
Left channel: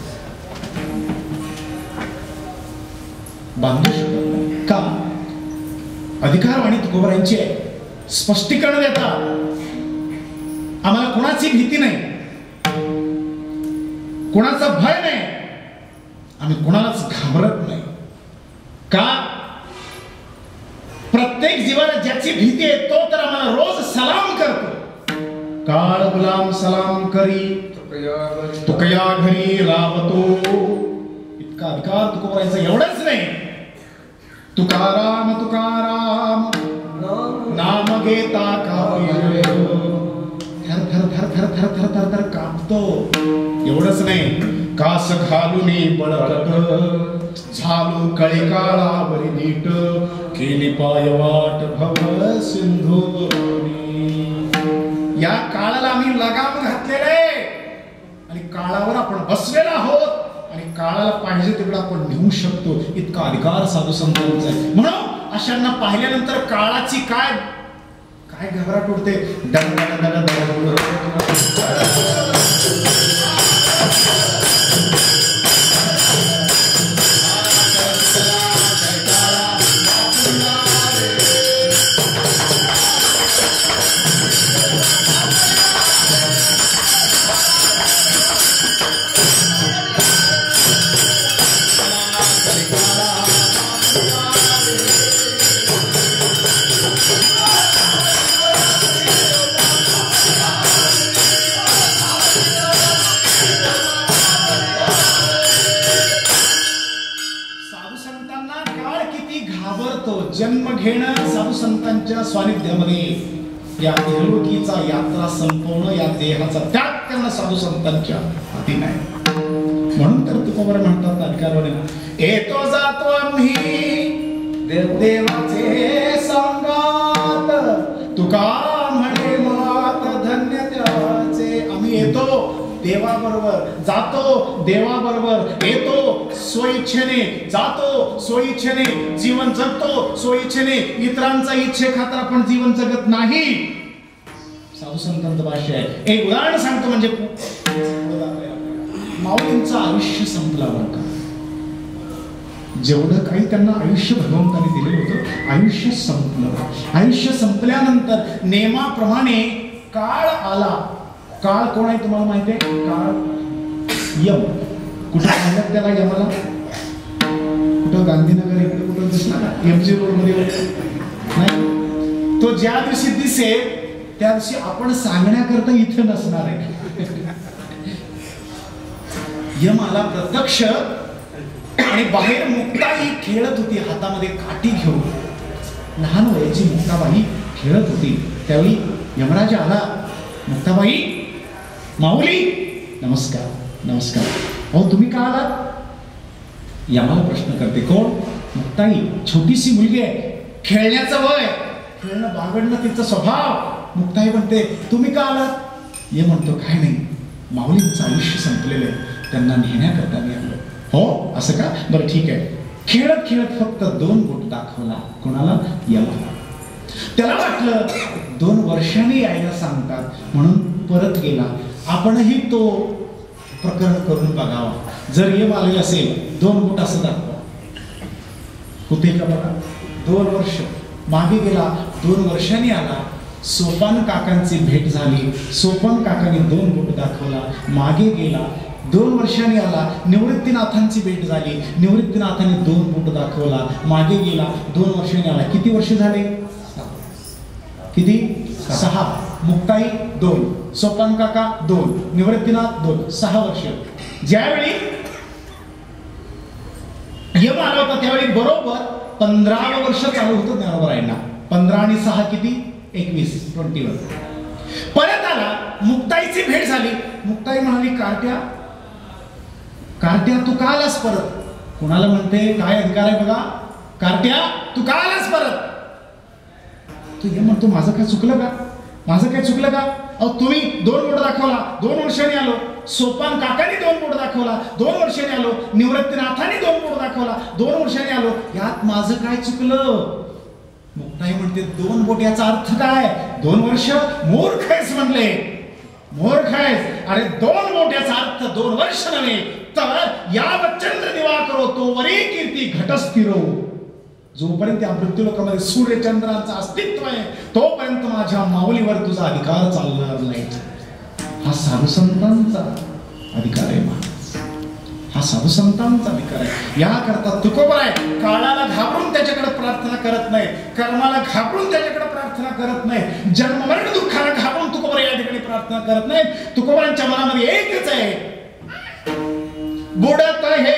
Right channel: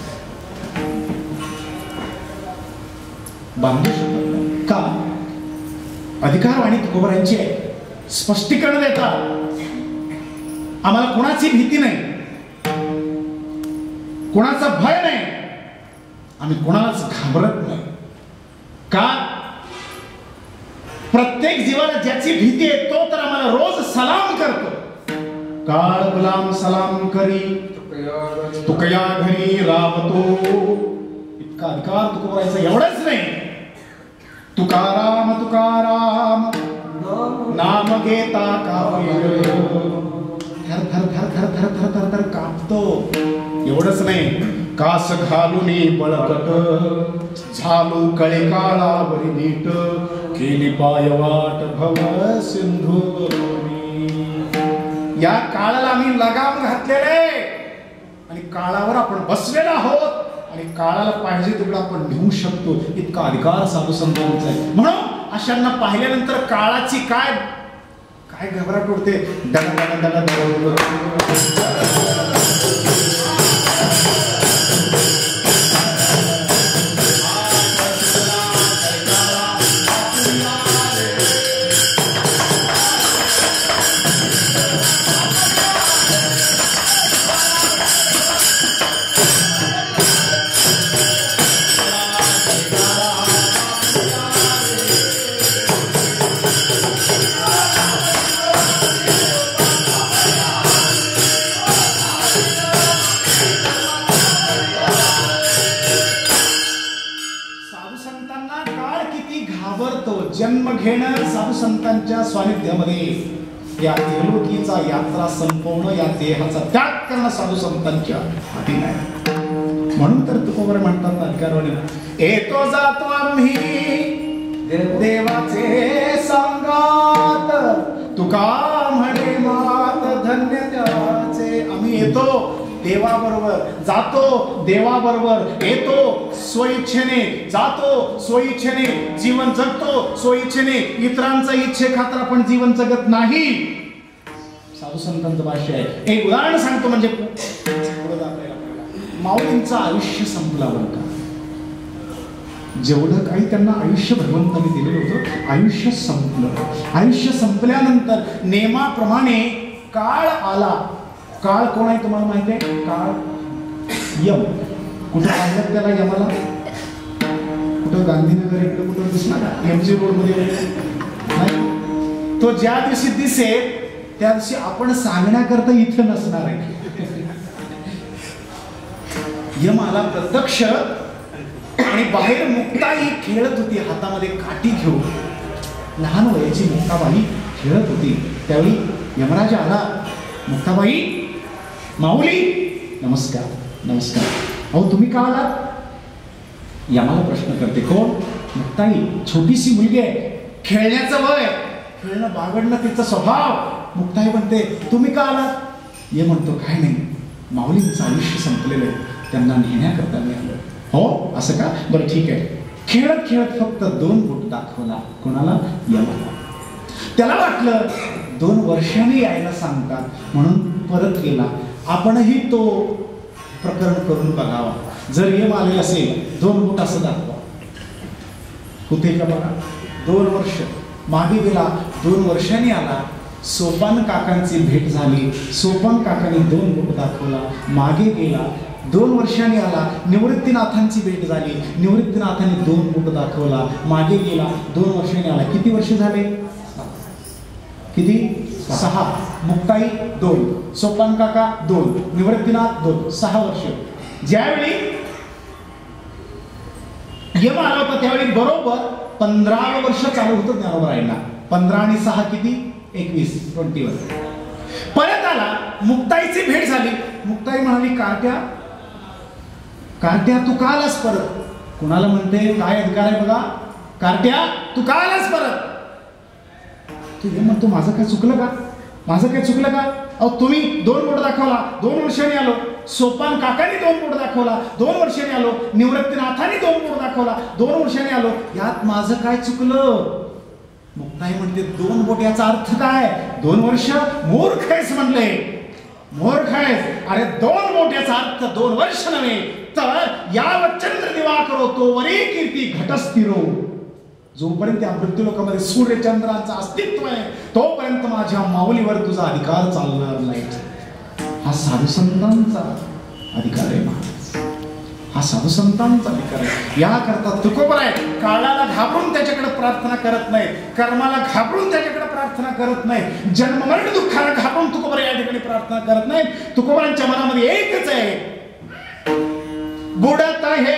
बांधू शकत नाही. का? अधिकारवाणी तुकोबरायांची आहे, स्पष्टीकरण देतात. आम्हाला कोणाची भीती नाही, कोणाचा भय नाही, आम्ही कोणालाच घाबरत नाही. का? प्रत्येक जीवाला ज्याची भीती आहे तो तर आम्हाला रोज सलाम करतो. काळ गुलाम सलाम करी, तुकया घरी रावतो. इतका अधिकार तुकोबरायांचा. एवढंच नाही, तुकाराम तुकाराम नाम घेता काव्य थर थर थर थर थर थर थर थर कापतो. एवढंच नाही, कास घालून बळकट झालो कळे काळावरी नीट, केली पायवाट भव सिंधू. या काळाला आम्ही लगाम घातलेले आणि काळावर आपण बसलेलो आहोत आणि काळाला पाहिजे तेवढं आपण नेऊ शकतो. इतका अधिकार साधू संतांचा आहे. म्हणून अशांना पाहिल्यानंतर काळाची काय काय घबराट उडते. संतांच्या सानिध्यामध्ये या इहलोकीचा यात्रा संपवणं, या देहाचा त्याग करणं साधू संतांच्या हाती नाही. म्हणून तर तुकोबर म्हणतात अधिकारवाणी, येतो जातो आम्ही देवाचे सांगात, तुका म्हणे मात धन्य त्याचे. आम्ही येतो देवाबरोबर, जातो देवाबरोबर, येतो स्वइच्छेने, जातो स्वइच्छेने, जीवन जगतो स्वइच्छेने. इतरांचा इच्छे खातर आपण जीवन जगत नाही. साधू संतांचं भाष्य आहे. एक उदाहरण सांगतो, म्हणजे माऊलींचं आयुष्य संपलं बरं का. जेवढं काही त्यांना आयुष्य भगवंताने दिलेलं होतं, आयुष्य संपलं. आयुष्य संपल्यानंतर नेमाप्रमाणे काळ आला. काळ कोण आहे तुम्हाला माहिती आहे? काळ यम. कुठं पाहिलं त्याला यमाला? कुठं गांधीनगर इकडे कुठं दिसणार का? एमजी रोड मध्ये नाही. तो ज्या दिवशी दिसेल त्या दिवशी आपण सांगण्याकरता इथे नसणार आहे. यम आला प्रत्यक्ष, आणि बाहेर मुक्ताई खेळत होती हातामध्ये काठी घेऊन. लहान वयाची मुक्ताबाई खेळत होती. त्यावेळी यमराज आला. मुक्ताबाई, माऊली, नमस्कार नमस्कार. अहो तुम्ही का आलात? यमाला प्रश्न करते. कोण? मुक्ताई. छोटीशी मुलगी आहे, खेळण्याचं वय, खेळणं बागडणं तिचा स्वभाव. मुक्ताई म्हणते तुम्ही का आलात? ये म्हणतो काय नाही, माऊलींचं आयुष्य संपलेलं आहे, त्यांना नेण्याकरता मी आलो. हो असं का? बरं ठीक आहे. खेळत खेळत फक्त 2 बोट दाखवला. कोणाला? यमाला. त्याला वाटलं 2 वर्षांनी यायला सांगतात म्हणून परत गेला. आपणही तो प्रकरण करून बघावा. जर यम आलेला असेल 2 बोट असं दाखवा, होते का बघा. 2 वर्ष मागे गेला, 2 वर्षांनी आला. सोपान काकांची भेट झाली. सोपान काकांनी 2 बोट दाखवला. मागे गेला, 2 वर्षांनी आला. निवृत्तीनाथांची भेट झाली. निवृत्तीनाथांनी 2 बोट दाखवला. मागे गेला, 2 वर्षांनी आला. किती वर्ष झाले? किती? 6. मुक्ताई 2, सोपान काका 2, निवृत्तीनाथ 2, 6 वर्ष. ज्यावेळी यम आला होता त्यावेळी बरोबर 15 वर्ष चालू होतं ज्ञानोबरायांना. 15 आणि 6 किती? 21, 21. परत आला, मुक्ताईची भेट झाली. मुक्ताई म्हणाली कार्ट्या, कार्ट्या तू का आलास परत? कुणाला म्हणते? काय अधिकार आहे बघा. कार्ट्या तू का आलास परत? तू हे म्हणतो माझं काय चुकलं का? माझं काय चुकलं का? अहो तुम्ही 2 बोट दाखवला, 2 वर्षांनी आलो. सोपान काकांनी 2 बोट दाखवला, 2 वर्षांनी आलो. निवृत्तीनाथांनी 2 बोट दाखवला, 2 वर्षांनी आलो. यात माझं काय चुकलं? मुक्ताई म्हणते 2 बोट याचा अर्थ काय? 2 वर्ष? मूर्ख आहेस म्हणले, मूर्ख आहेस. अरे 2 बोट याचा अर्थ 2 वर्ष नव्हे, तर यावत चंद्र दिवाकरो तोवरी कीर्ती घटस्थिरो. जोपर्यंत या मृत्यूलोकामध्ये सूर्यचंद्रांचं अस्तित्व आहे तोपर्यंत माझ्या माऊलीवर तुझा अधिकार चालणार नाही. हा साधू संतांचा अधिकार आहे महाराज. हा साधू संतांचा अधिकार आहे. याकरता तुकोबर आहे. काळाला घाबरून त्याच्याकडे प्रार्थना करत नाही, कर्माला घाबरून त्याच्याकडे प्रार्थना करत नाही, जन्ममरण दुःखाला घाबरून तुकोबर या ठिकाणी प्रार्थना करत नाही. तुकोबरांच्या मनामध्ये एकच आहे, बुडत हे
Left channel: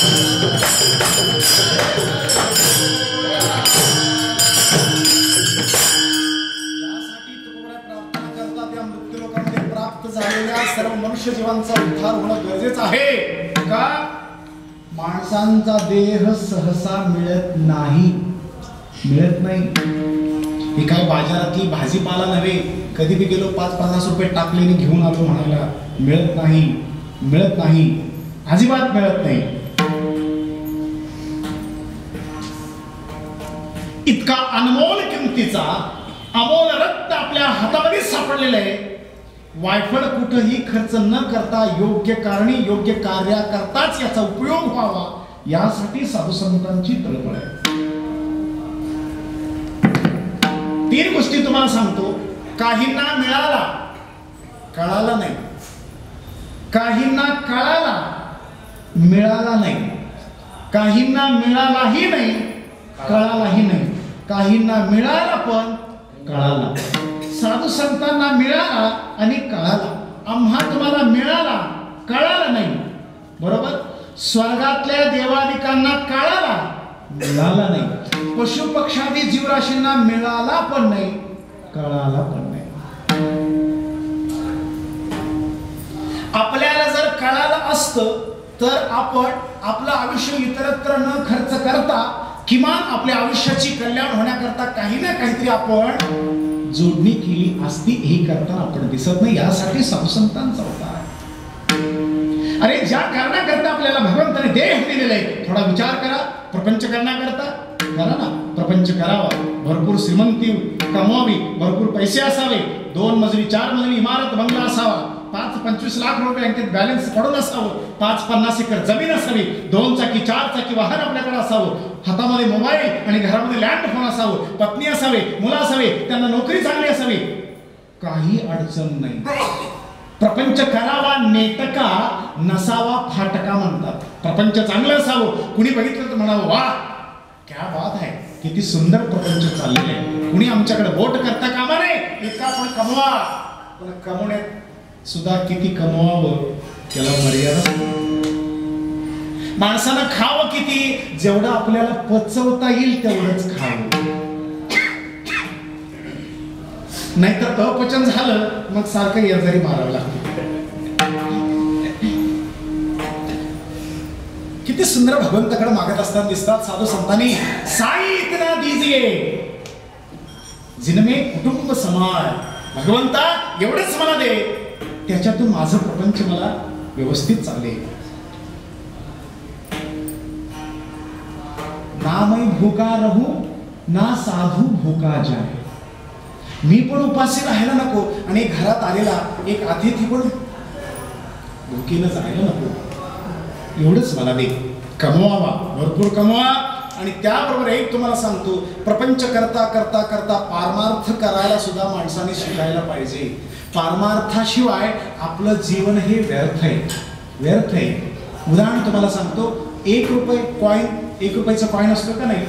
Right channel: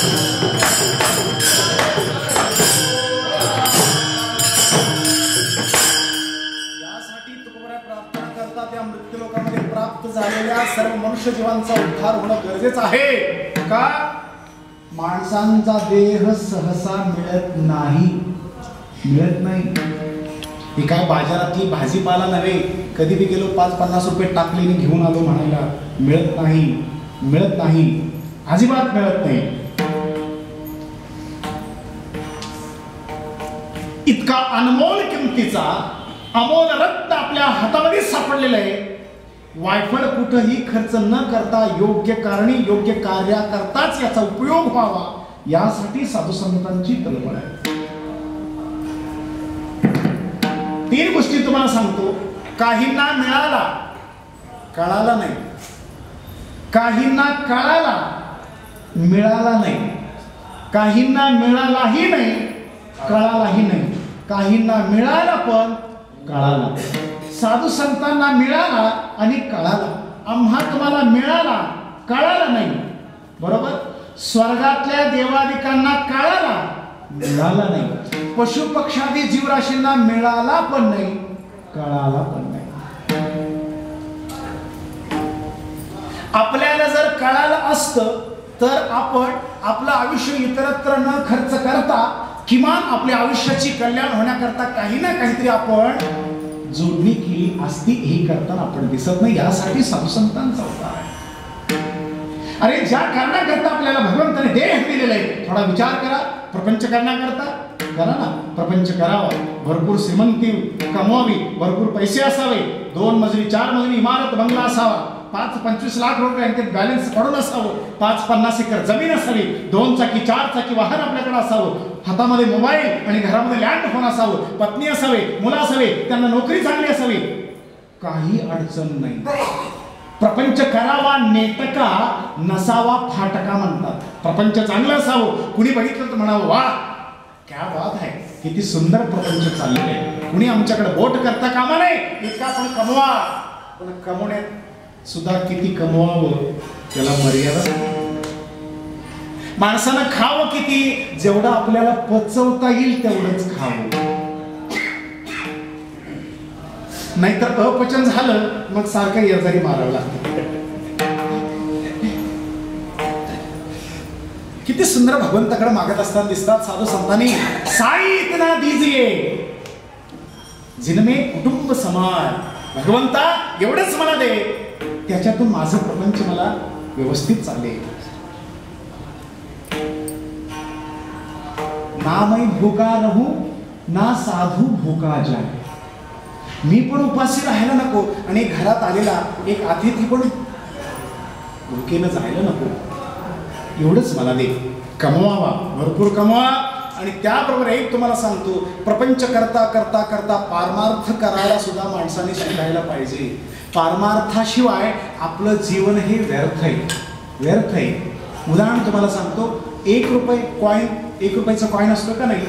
प्रार्थना करता त्या मृत्यू लोकांमध्ये प्राप्त झालेल्या सर्व मनुष्य जीवांचा उद्धार होणं गरजेचं आहे का? माणसांचा देह सहसा मिळत नाही. ही काय बाजारातली भाजीपाला नव्हे, कधी बी गेलो 5-50 रुपये टाकलीने घेऊन आलो म्हणायला. मिळत नाही, अजिबात मिळत नाही. इतका अनमोल किमतीचा अमोल रत्न आपल्या हातामध्ये सापडलेलं आहे. वायफळ कुठेही खर्च न करता योग्य कारणी योग्य कार्याकरताच याचा उपयोग व्हावा यासाठी साधू संतांची तळमळ आहे. 3 गोष्टी तुम्हाला सांगतो. काहींना मिळाला, कळाला नाही. काहींना कळाला, मिळाला नाही. काहींना मिळालाही नाही, कळालाही नाही. काहींना मिळाला पण कळाला. साधू संतांना मिळाला आणि कळाला. आम्हा तुम्हाला मिळाला, कळाला नाही. बरोबर. स्वर्गातल्या देवादिकांना कळाला, मिळाला नाही. पशु पक्षादी जीवराशींना मिळाला पण नाही, कळाला पण नाही. आपल्याला जर कळालं असतं तर आपण आपलं आयुष्य इतरत्र न खर्च करता किमान आपल्या आयुष्याची कल्याण होण्याकरता काही ना काहीतरी आपण जोडणी केली असती. ही करताना आपण दिसत नाही. यासाठी साधू संतांचा अवतार आहे. अरे ज्या कारणाकरता आपल्याला भगवंताने देह दिलेला आहे, थोडा विचार करा. प्रपंच करण्याकरता करा ना, प्रपंच करावा. भरपूर श्रीमंती कमवावी, भरपूर पैसे असावे, 2 मजली 4 मजली इमारत बंगला असावा, 5-25 लाख रुपये बँकेत बॅलन्स पडून असावं, 5-50 एकर जमीन असावी, 2 चाकी 4 चाकी वाहन आपल्याकडे असावं, हातामध्ये मोबाईल आणि घरामध्ये लँडफोन असावं, पत्नी असावे, मुलं असावे, त्यांना नोकरी चांगली असावी. काही अडचण नाही. प्रपंच करावा नेटका, नसावा फाटका म्हणतात. प्रपंच चांगलं असावं, कुणी बघितलं तर म्हणावं वा क्या बात आहे, किती सुंदर प्रपंच चाललेलं आहे. कुणी आमच्याकडे बोट करता कामा नाही. इतका आपण कमवा, पण कमवण्यात सुद्धा किती कमवावं त्याला मर्यादा. माणसानं खावं किती, जेवढं आपल्याला पचवता येईल तेवढंच खावं. नाहीतर अपचन झालं मग सारखं येजारी मारावं लागतं. किती सुंदर भगवंताकडे मागत असताना दिसतात साधू संतांनी. साई इतना दीजिए जिनमे कुटुंब समाज. भगवंता एवढंच मला दे, त्याच्यातून माझं प्रपंच मला व्यवस्थित चालेल. ना मैं भूका रहू ना साधू भूका जाए. मी पण उपाशी राहायला नको आणि घरात आलेला एक अतिथी पण भुकेनं जायला नको. एवढंच मला दे. कमवावा, भरपूर कमवा. आणि त्याबरोबर एक तुम्हाला सांगतो, प्रपंच करता करता करता पारमार्थ करायला सुद्धा माणसाने शिकायला पाहिजे. पारमार्थाशिवाय आपलं जीवन हे व्यर्थ आहे. उदाहरण तुम्हाला सांगतो. 1 रुपयाचा कॉईन असतो का नाही,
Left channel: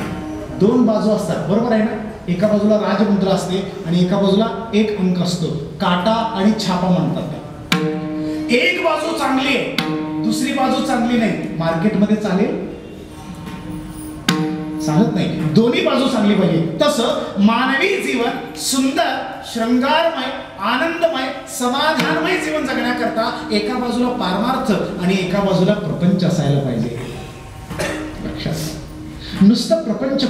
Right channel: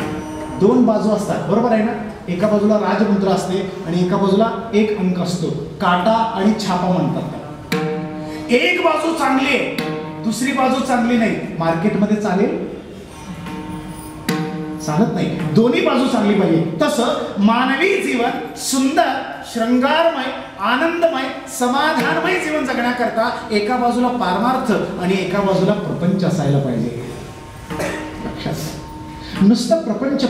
2 बाजू असतात, बरोबर आहे ना. एका बाजूला राजमुद्रा असते आणि एका बाजूला एक अंक असतो, काटा आणि छापा म्हणतात. एक बाजू चांगली आहे, दुसरी बाजू चांगली नाही. मार्केटमध्ये चालत नाही. दोन्ही बाजू चांगली पाहिजे. तसं मानवी जीवन सुंदर, श्रृंगारमय, आनंदमय, समाधानमय जीवन जगण्याकरता एका बाजूला पारमार्थ आणि एका बाजूला प्रपंच असायला पाहिजे. लक्षात. नुसतं प्रपंच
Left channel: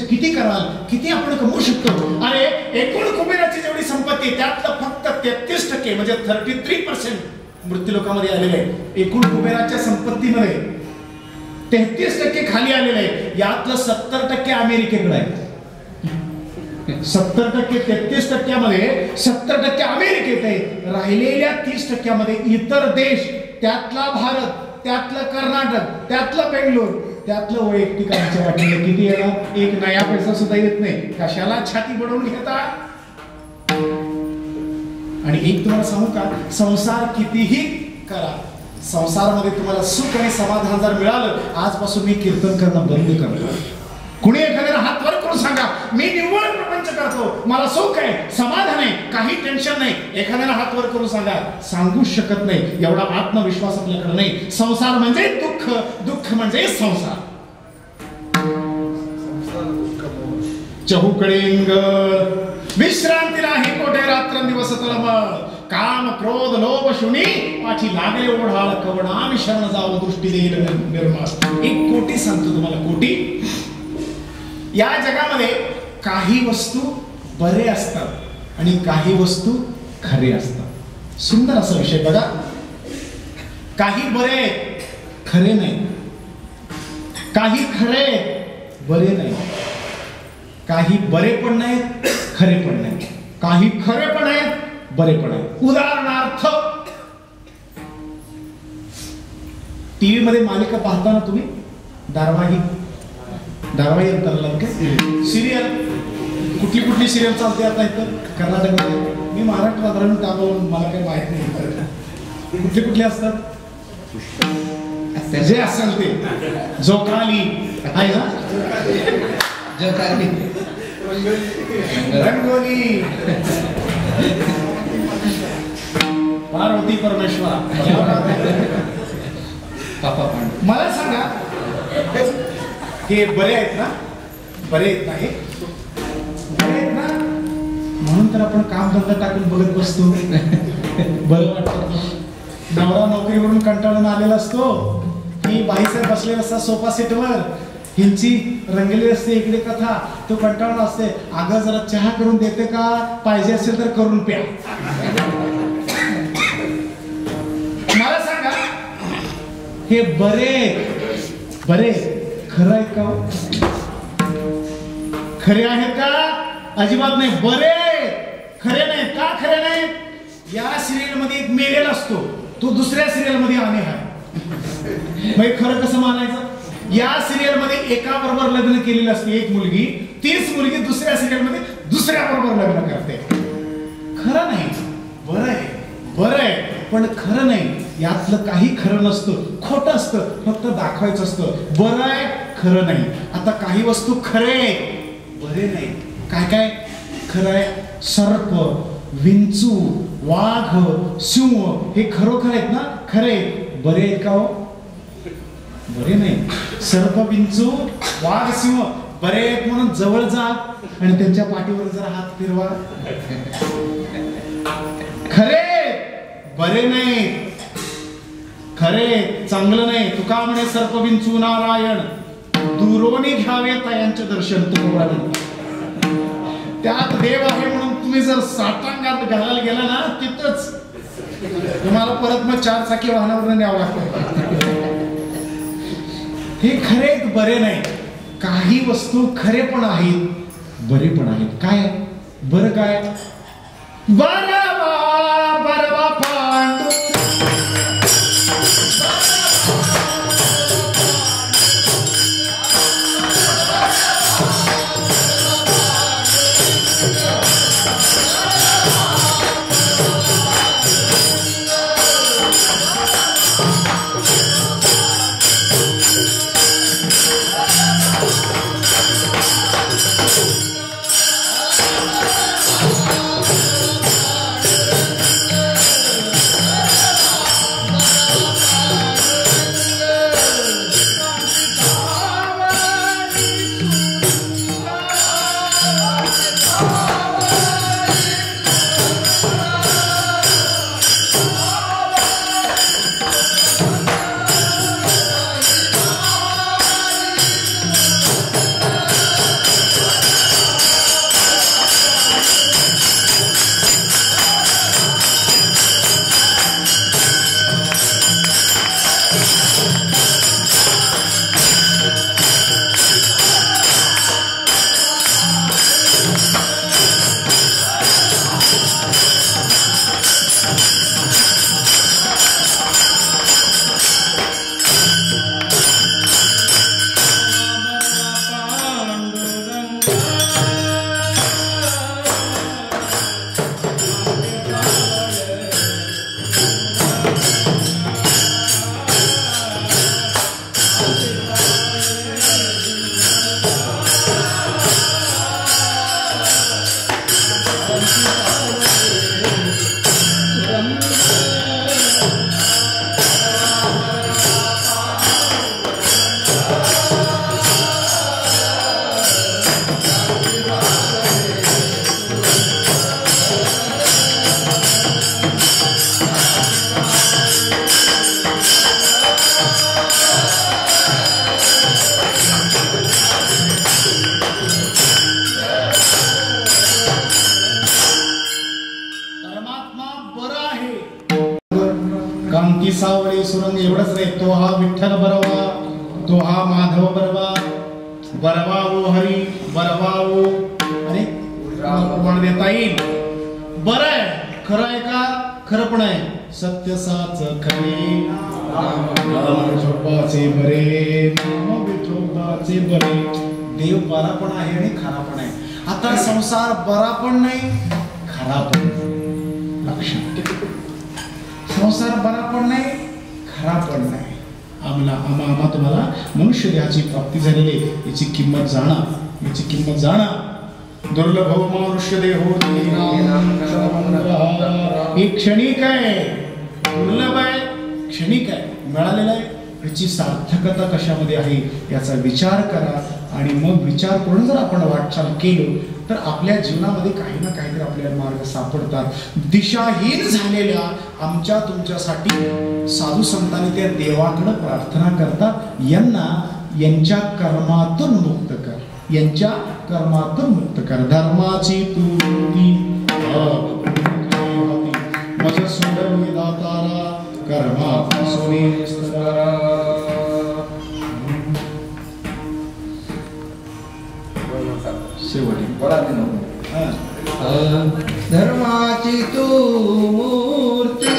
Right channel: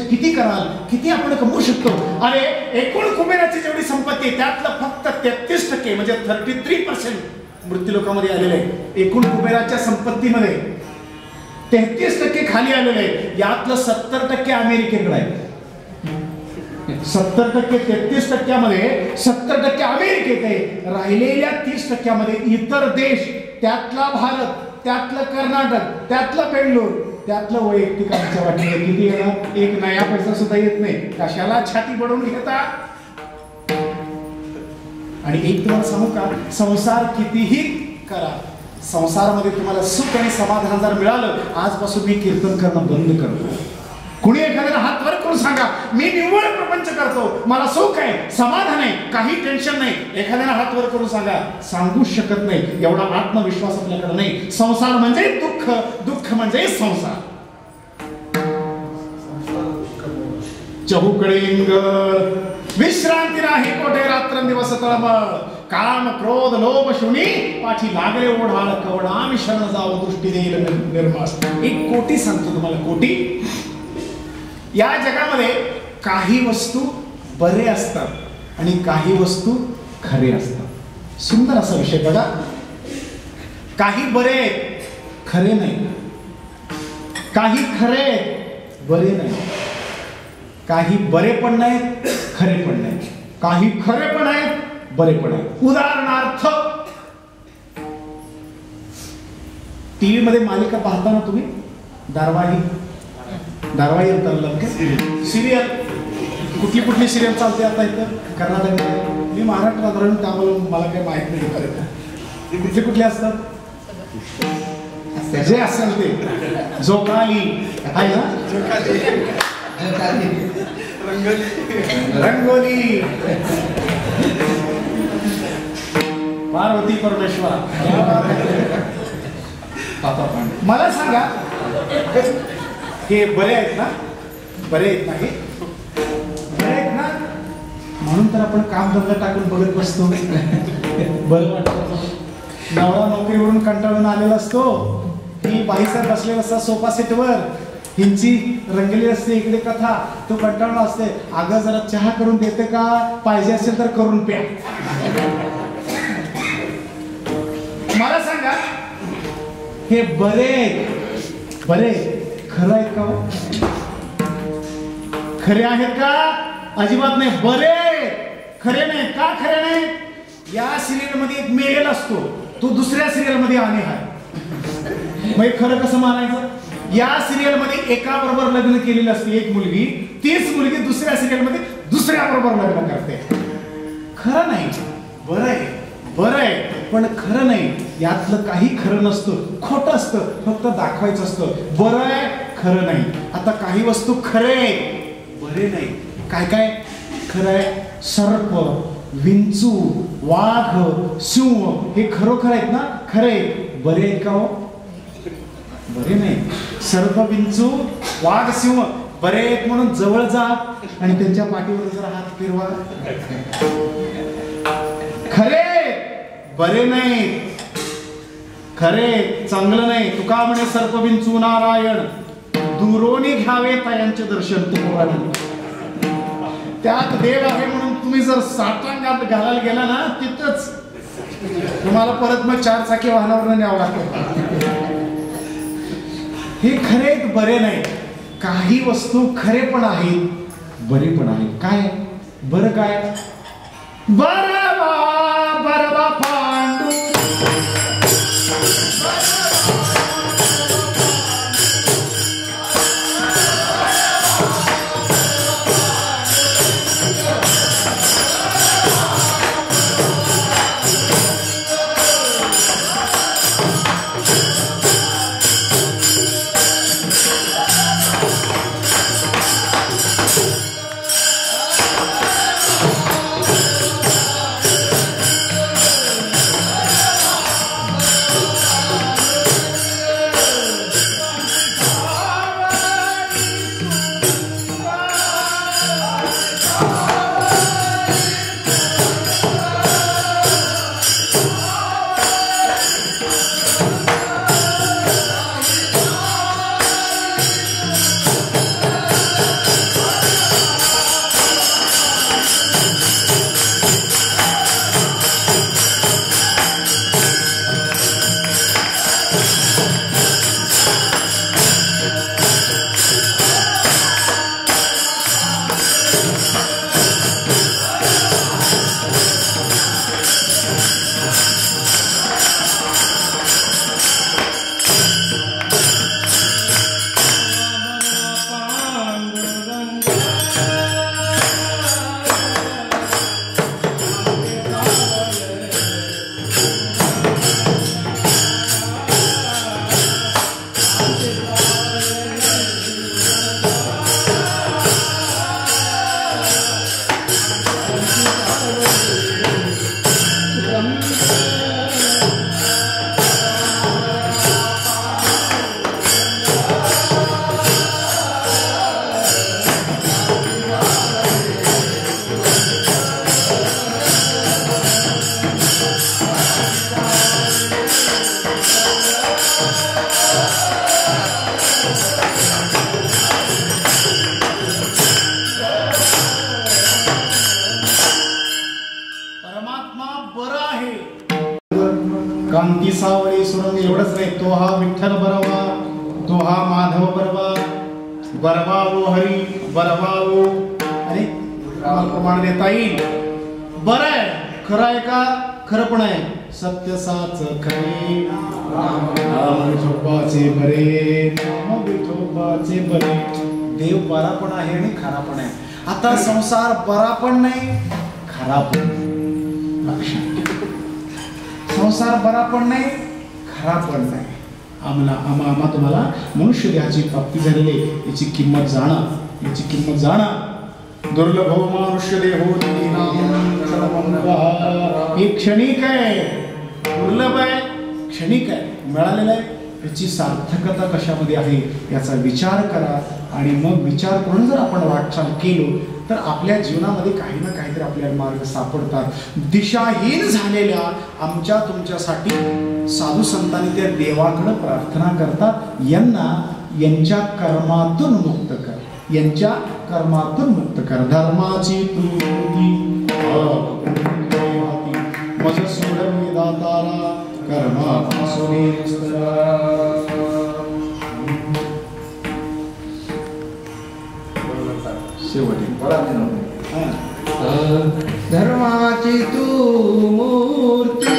किती कराल, किती आपण कमवू शकतो. अरे एकूण कुबेराची जेवढी संपत्ती त्यातलं फक्त 33% म्हणजे 33% मृत्यू लोकांमध्ये आलेले आहे. एकूण कुबेराच्या संपत्तीमध्ये 33% खाली आलेले आहे. यातलं 70% अमेरिकेकडे आहे. 70% 33%मध्ये 70% अमेरिकेत आहे. राहिलेल्या 30%मध्ये इतर देश, त्यातला भारत, त्यातलं कर्नाटक, त्यातलं बेंगलोर, त्यातलं वैयक्तिक आमच्या वाटलं किती येणार, 1 नया पैसा सुद्धा येत नाही. कशाला छाती बडवून घेतात. आणि एक तुम्हाला सांगू का, संसार कितीही करा, संसारामध्ये तुम्हाला सुख आणि समाधान जर मिळालं, आजपासून मी कीर्तन करणं बंद करतो. कुणी एखाद्याला हात वर करून सांगा, मी निव्वळ प्रपंच करतो, मला सुख आहे, समाधान आहे, काही टेन्शन नाही. एखाद्याला हात वर करून सांगा, सांगूच शकत नाही, एवढा आत्मविश्वास आपल्याकडे नाही. संसार म्हणजे दुःख, दुःख म्हणजे संसार. चहूकडे विश्रांती नाही, कोठे रात्रंदिवस तळमळ. काम क्रोध लोभ शुनी पाठी लागले ओढाळ, कवडामी शरण जाऊ दृष्टी देईल निर्माण. 1 कोटी सांगतो तुम्हाला, कोटी. या जगामध्ये काही वस्तू बरे असतात आणि काही वस्तू खरे असतात. सुंदर असा विषय बघा. काही बरे खरे नाही, काही खरे बरे नाही, काही बरे पण नाहीत खरे पण नाहीत, काही खरे पण आहेत बरे पण आहेत. उदाहरणार्थ, टीव्ही मध्ये मालिका पाहताना तुम्ही धारावाही सिरियल, कुठली कुठली सिरियल चालते आता इथं कर्नाटकमध्ये? मी महाराष्ट्रात राहून त्यामुळे मला काही माहित नाही. कुठले कुठले असतात? जे असेल ते जोकाली आहे ना, रंगोली, पार्वती परमेश्वरा. मला सांगा, हे बरे आहेत ना? बरे आहेत ना? हे बरे आहेत ना? म्हणून तर आपण काम धंदा टाकून बघत बसतो. बरं वाटतं. नवरा नोकरीवरून कंटाळून आलेला असतो, ही बाईसाहेब बसलेला असता सोफा सेटवर, हिंची रंगली असते इकडे कथा, तो कंटाळून असते. अगं जरा चहा करून देते का? पाहिजे असेल तर करून प्या. मला सांगा, हे बरे बरे खरं आहेत का? खरे आहेत का? अजिबात नाही. बरे खरे नाही. का खरे नाही? या सिरियल मध्ये एक मेलेला असतो, तो दुसऱ्या सिरियल मध्ये आणे आहे. मग खरं कसं मानायचं? या सिरियल मध्ये एका बरोबर लग्न केलेलं असते एक मुलगी, तीच मुलगी दुसऱ्या सिरियल मध्ये दुसऱ्या बरोबर लग्न करते. खरं नाही. बरं आहे, बरं आहे, पण खरं नाही. यातलं काही खरं नसतं, खोटं असतं, फक्त दाखवायचं असतं. बरं आहे, खरं नाही. आता काही वस्तू खरे बरे नाही. काय काय खरं आहे? सर्प, विंचू, वाघ, सिंह हे खरोखर आहेत ना? खरे. बरे आहेत का हो? बरे नाही. सर्प, विंचू, वाघ, सिंह बरे आहेत म्हणून जवळ जा आणि त्यांच्या पाठीवर जरा हात फिरवा. खरे बरे नाही, खरे चांगलं नाही. तुका म्हणे सर्प विंचू नारायण दुरोनी घ्यावे यांचे दर्शन तुम्हाला. त्यात देव आहे म्हणून तुम्ही जर साठांगात घालायला गेला ना, तिथंच तुम्हाला परत मग 4 चाकी वाहनावर न्यावं लागतं. हे खरे बरे नाही. काही वस्तू खरे पण आहेत, बरे पण आहेत. काय बरं? काय बरवा बरवा पांडू परमात्मा बरा आहे. कांती सावळे सुरंग एवढंच नाही, तो हा विठ्ठल बरवा, तो हा माधव बरवा, बरवा ओ हरी बरवा ओ. अरे प्रमाण देता येईल. बरं आहे, खरं आहे का? खरं पण आहे. सत्य साच खरे, नाम विठोबाचे बरे, नाम विठोबाचे बरे. देव बरा पण आहे आणि खरा पण आहे. आता संसार बरा पण नाही, खरा पण नाही. लक्षात ठेवा. संसार बरा पण नाही, खरा पण नाही. आम्हा तुम्हाला मनुष्य देहाची प्राप्ती झालेली आहे, याची किंमत जाणा, याची किंमत जाणा. दुर्लभ मनुष्य देहो हे क्षणिक आहे, दुर्लभ आहे, क्षणिक आहे, मिळालेलं आहे. याची सार्थकता कशामध्ये आहे याचा विचार करा. आणि मग विचार करून जर आपण वाटचाल केलो तर आपल्या जीवनामध्ये काही ना काहीतरी आपल्याला मार्ग सापडतात. दिशाहीन झालेल्या आमच्या तुमच्यासाठी साधू संतांनी त्या देवाकडे प्रार्थना करतात, यांच्या कर्मातून मुक्त कर, यांच्या कर्मातून मुक्त कर. धर्माची तृप्ती मज सोडवी दातारा, कर्मापासून धर्माची तू मूर्ती,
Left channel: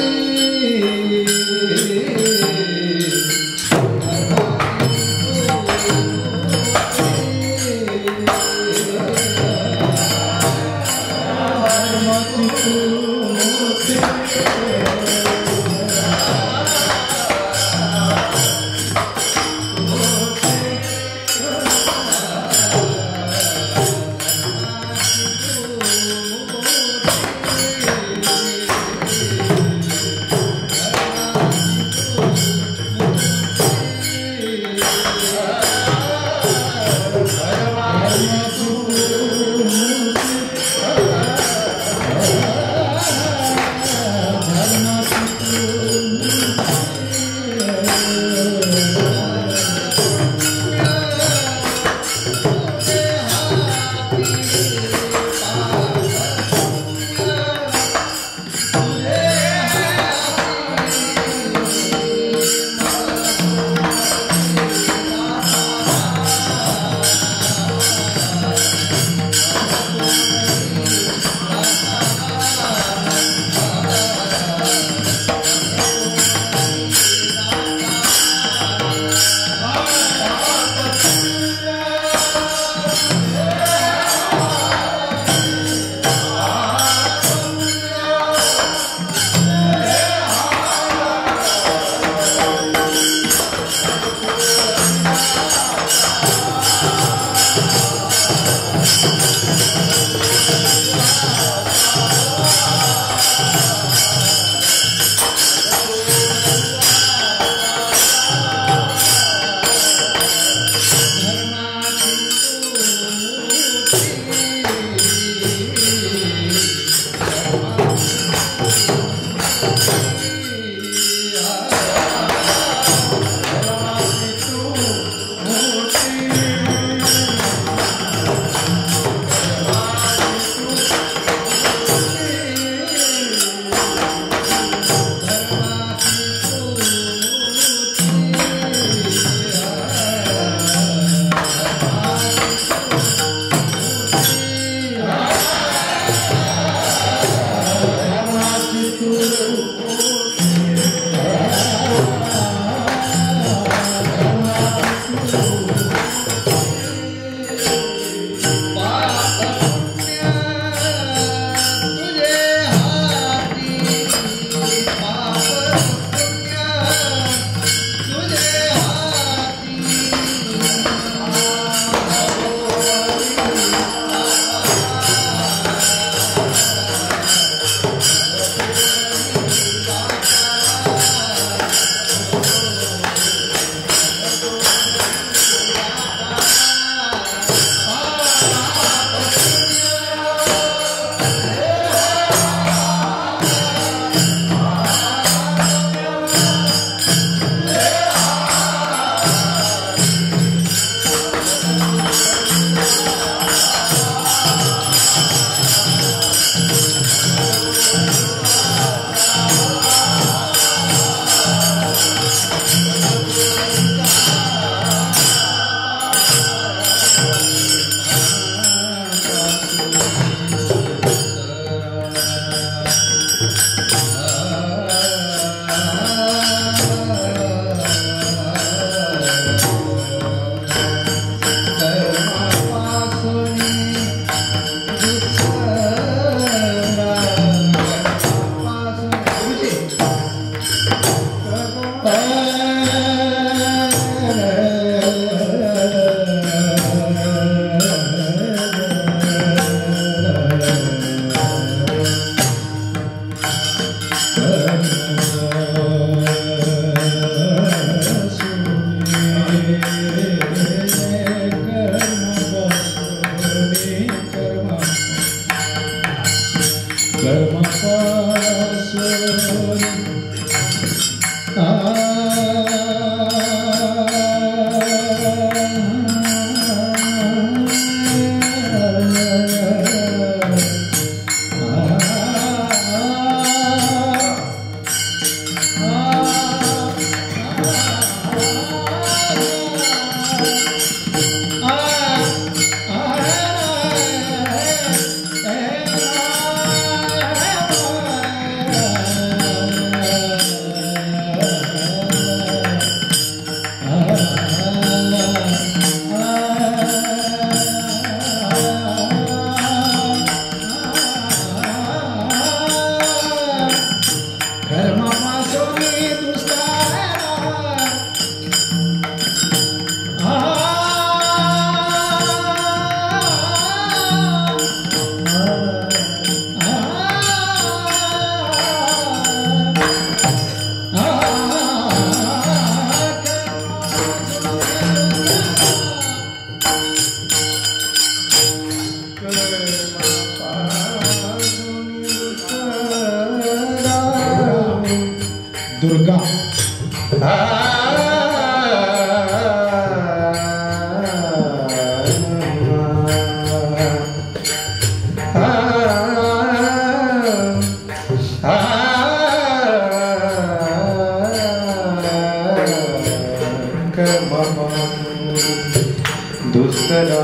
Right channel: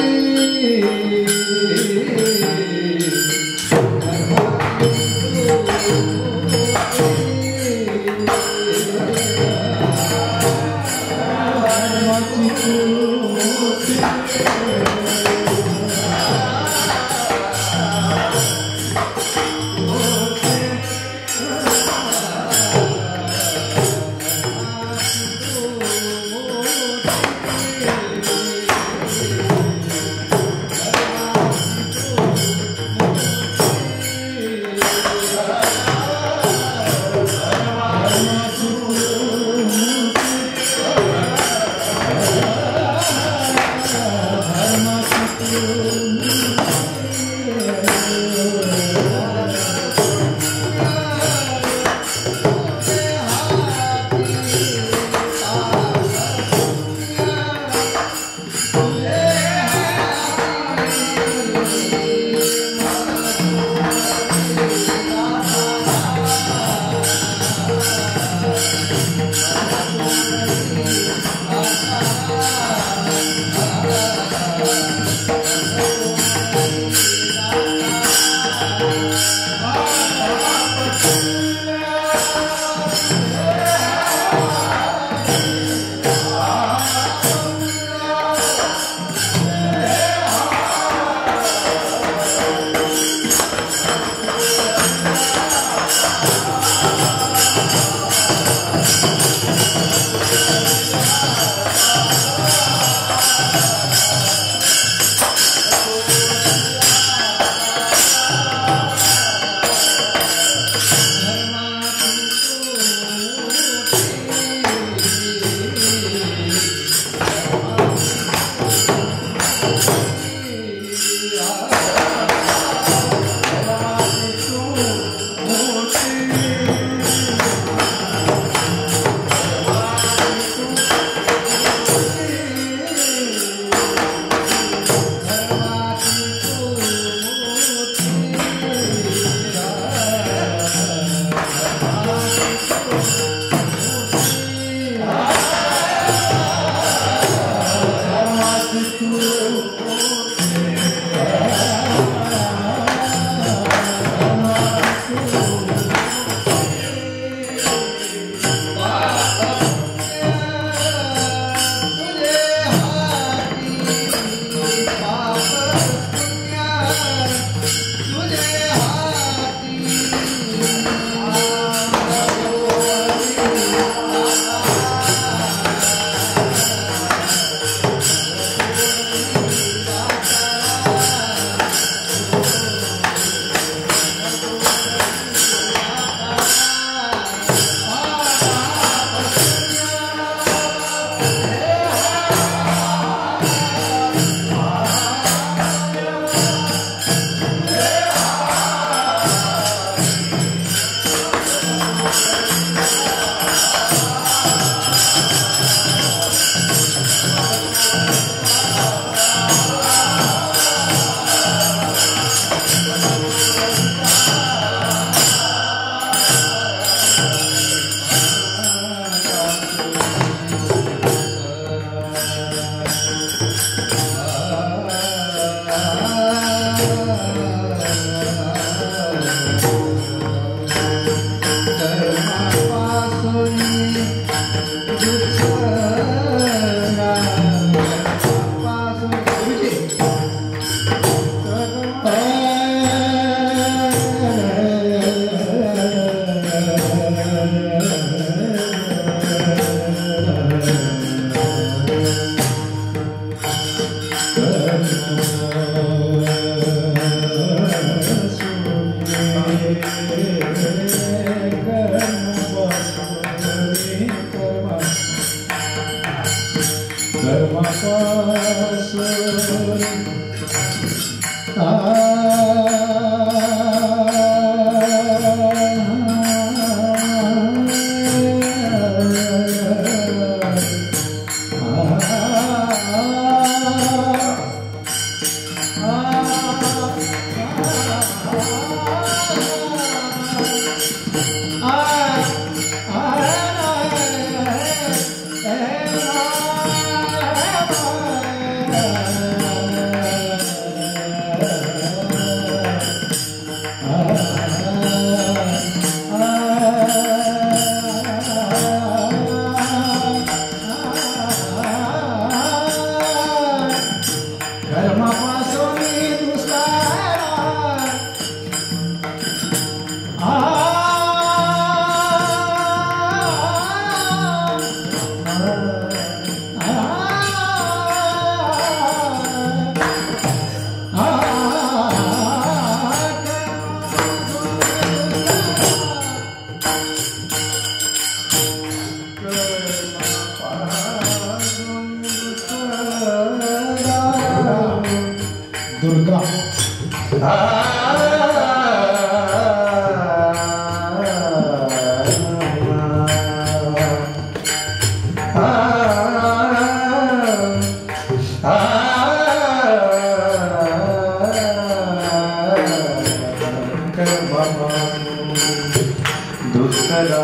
दुस्तरा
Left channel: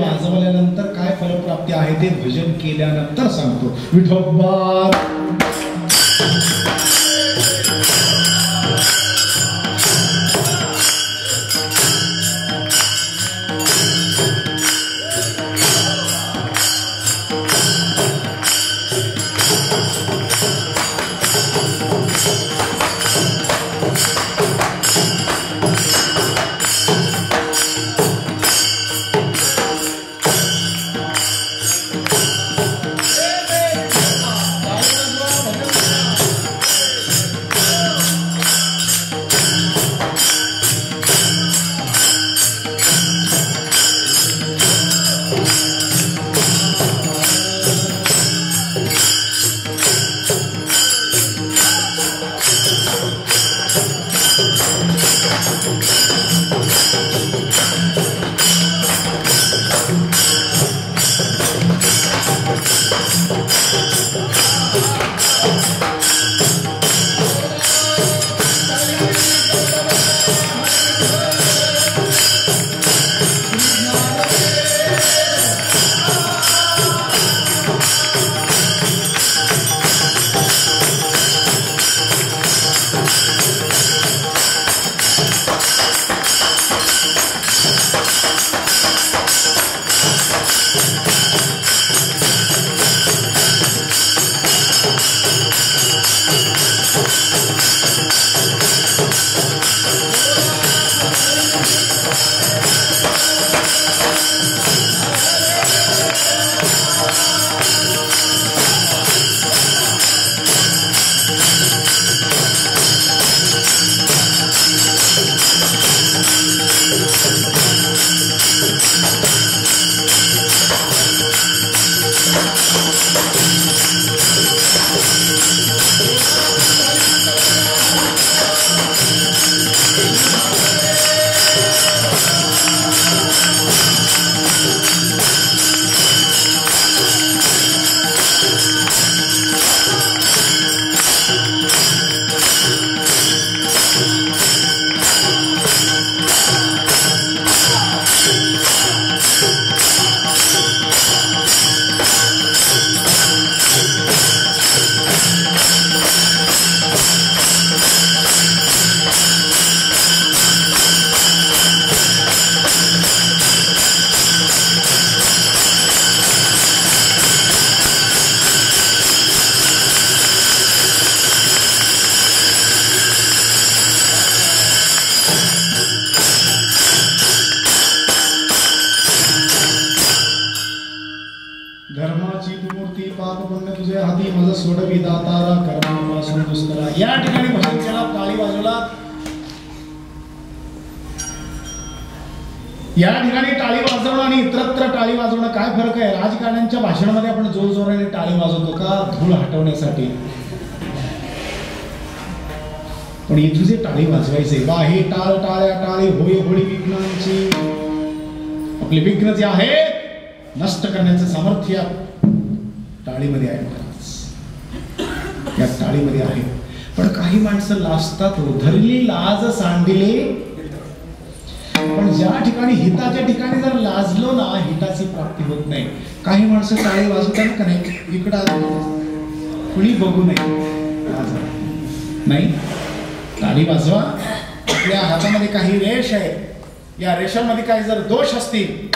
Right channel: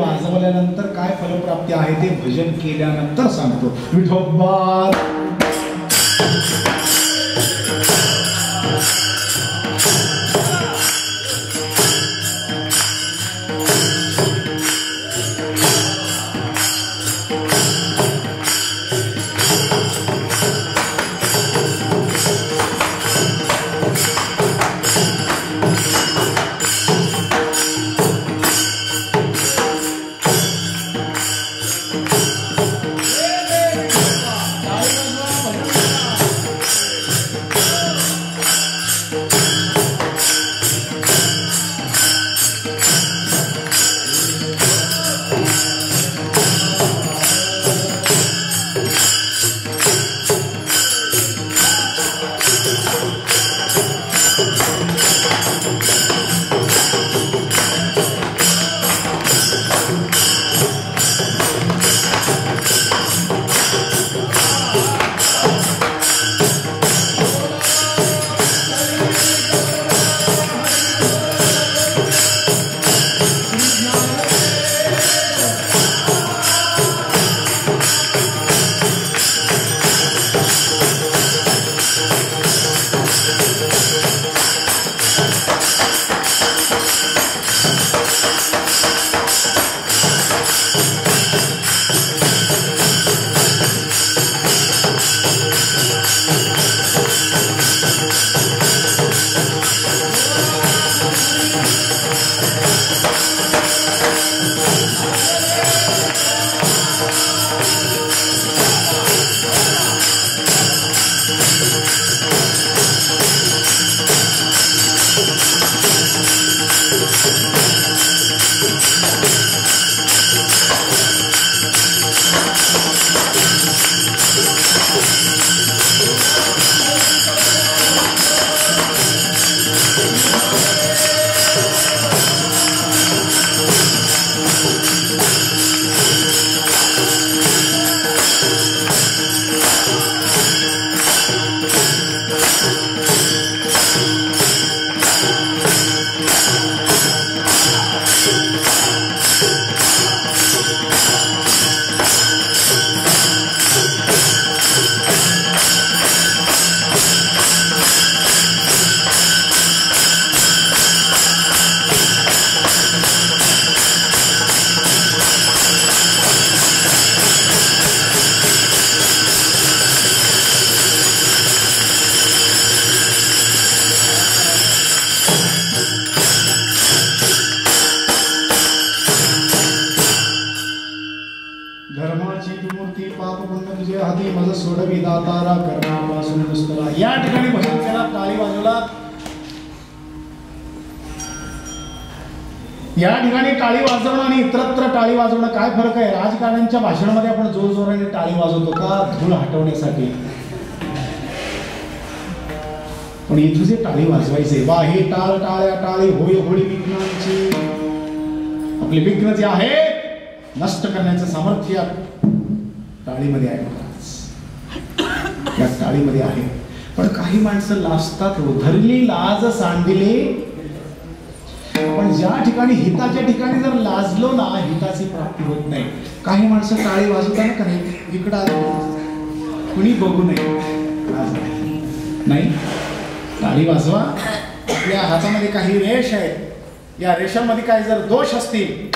वाजवल्यानंतर काय फलप्राप्ती आहे ते भजन केल्यानंतर सांगतो. विठोबा धर्माची तू मूर्ती पाप पुण्य तुझे हाती माझं सोडवी दातारा कर्मापासून दुष्करा. या ठिकाणी भजन केला, टाळी वाजवला. या ठिकाणी टाळी वाजवणं आणि इतरत्र टाळी वाजवणं काय फरक आहे? राजकारण्यांच्या भाषणामध्ये आपण जोरजोराने टाळी वाजवतो का? धूळ हटवण्यासाठी. पण इथं जे टाळी वाजवायचे, वा हे टाळ टाळ्या टाळी होळी होळी विघ्नांची. आपले विघ्न जे आहे नष्ट करण्याचं सामर्थ्य टाळीमध्ये आहे महाराज, या टाळीमध्ये आहे. पण काही माणसं लाजतात, धरली लाज सांडिले. पण ज्या ठिकाणी हिताच्या ठिकाणी जर लाजलो ना, हिताची प्राप्ती होत नाही. काही माणसं टाळी वाजवताना का नाही, इकडं कुणी बघू नये नाही, टाळी वाजवा. आपल्या हातामध्ये काही रेष आहेत, या रेषांमध्ये काही जर दोष असतील,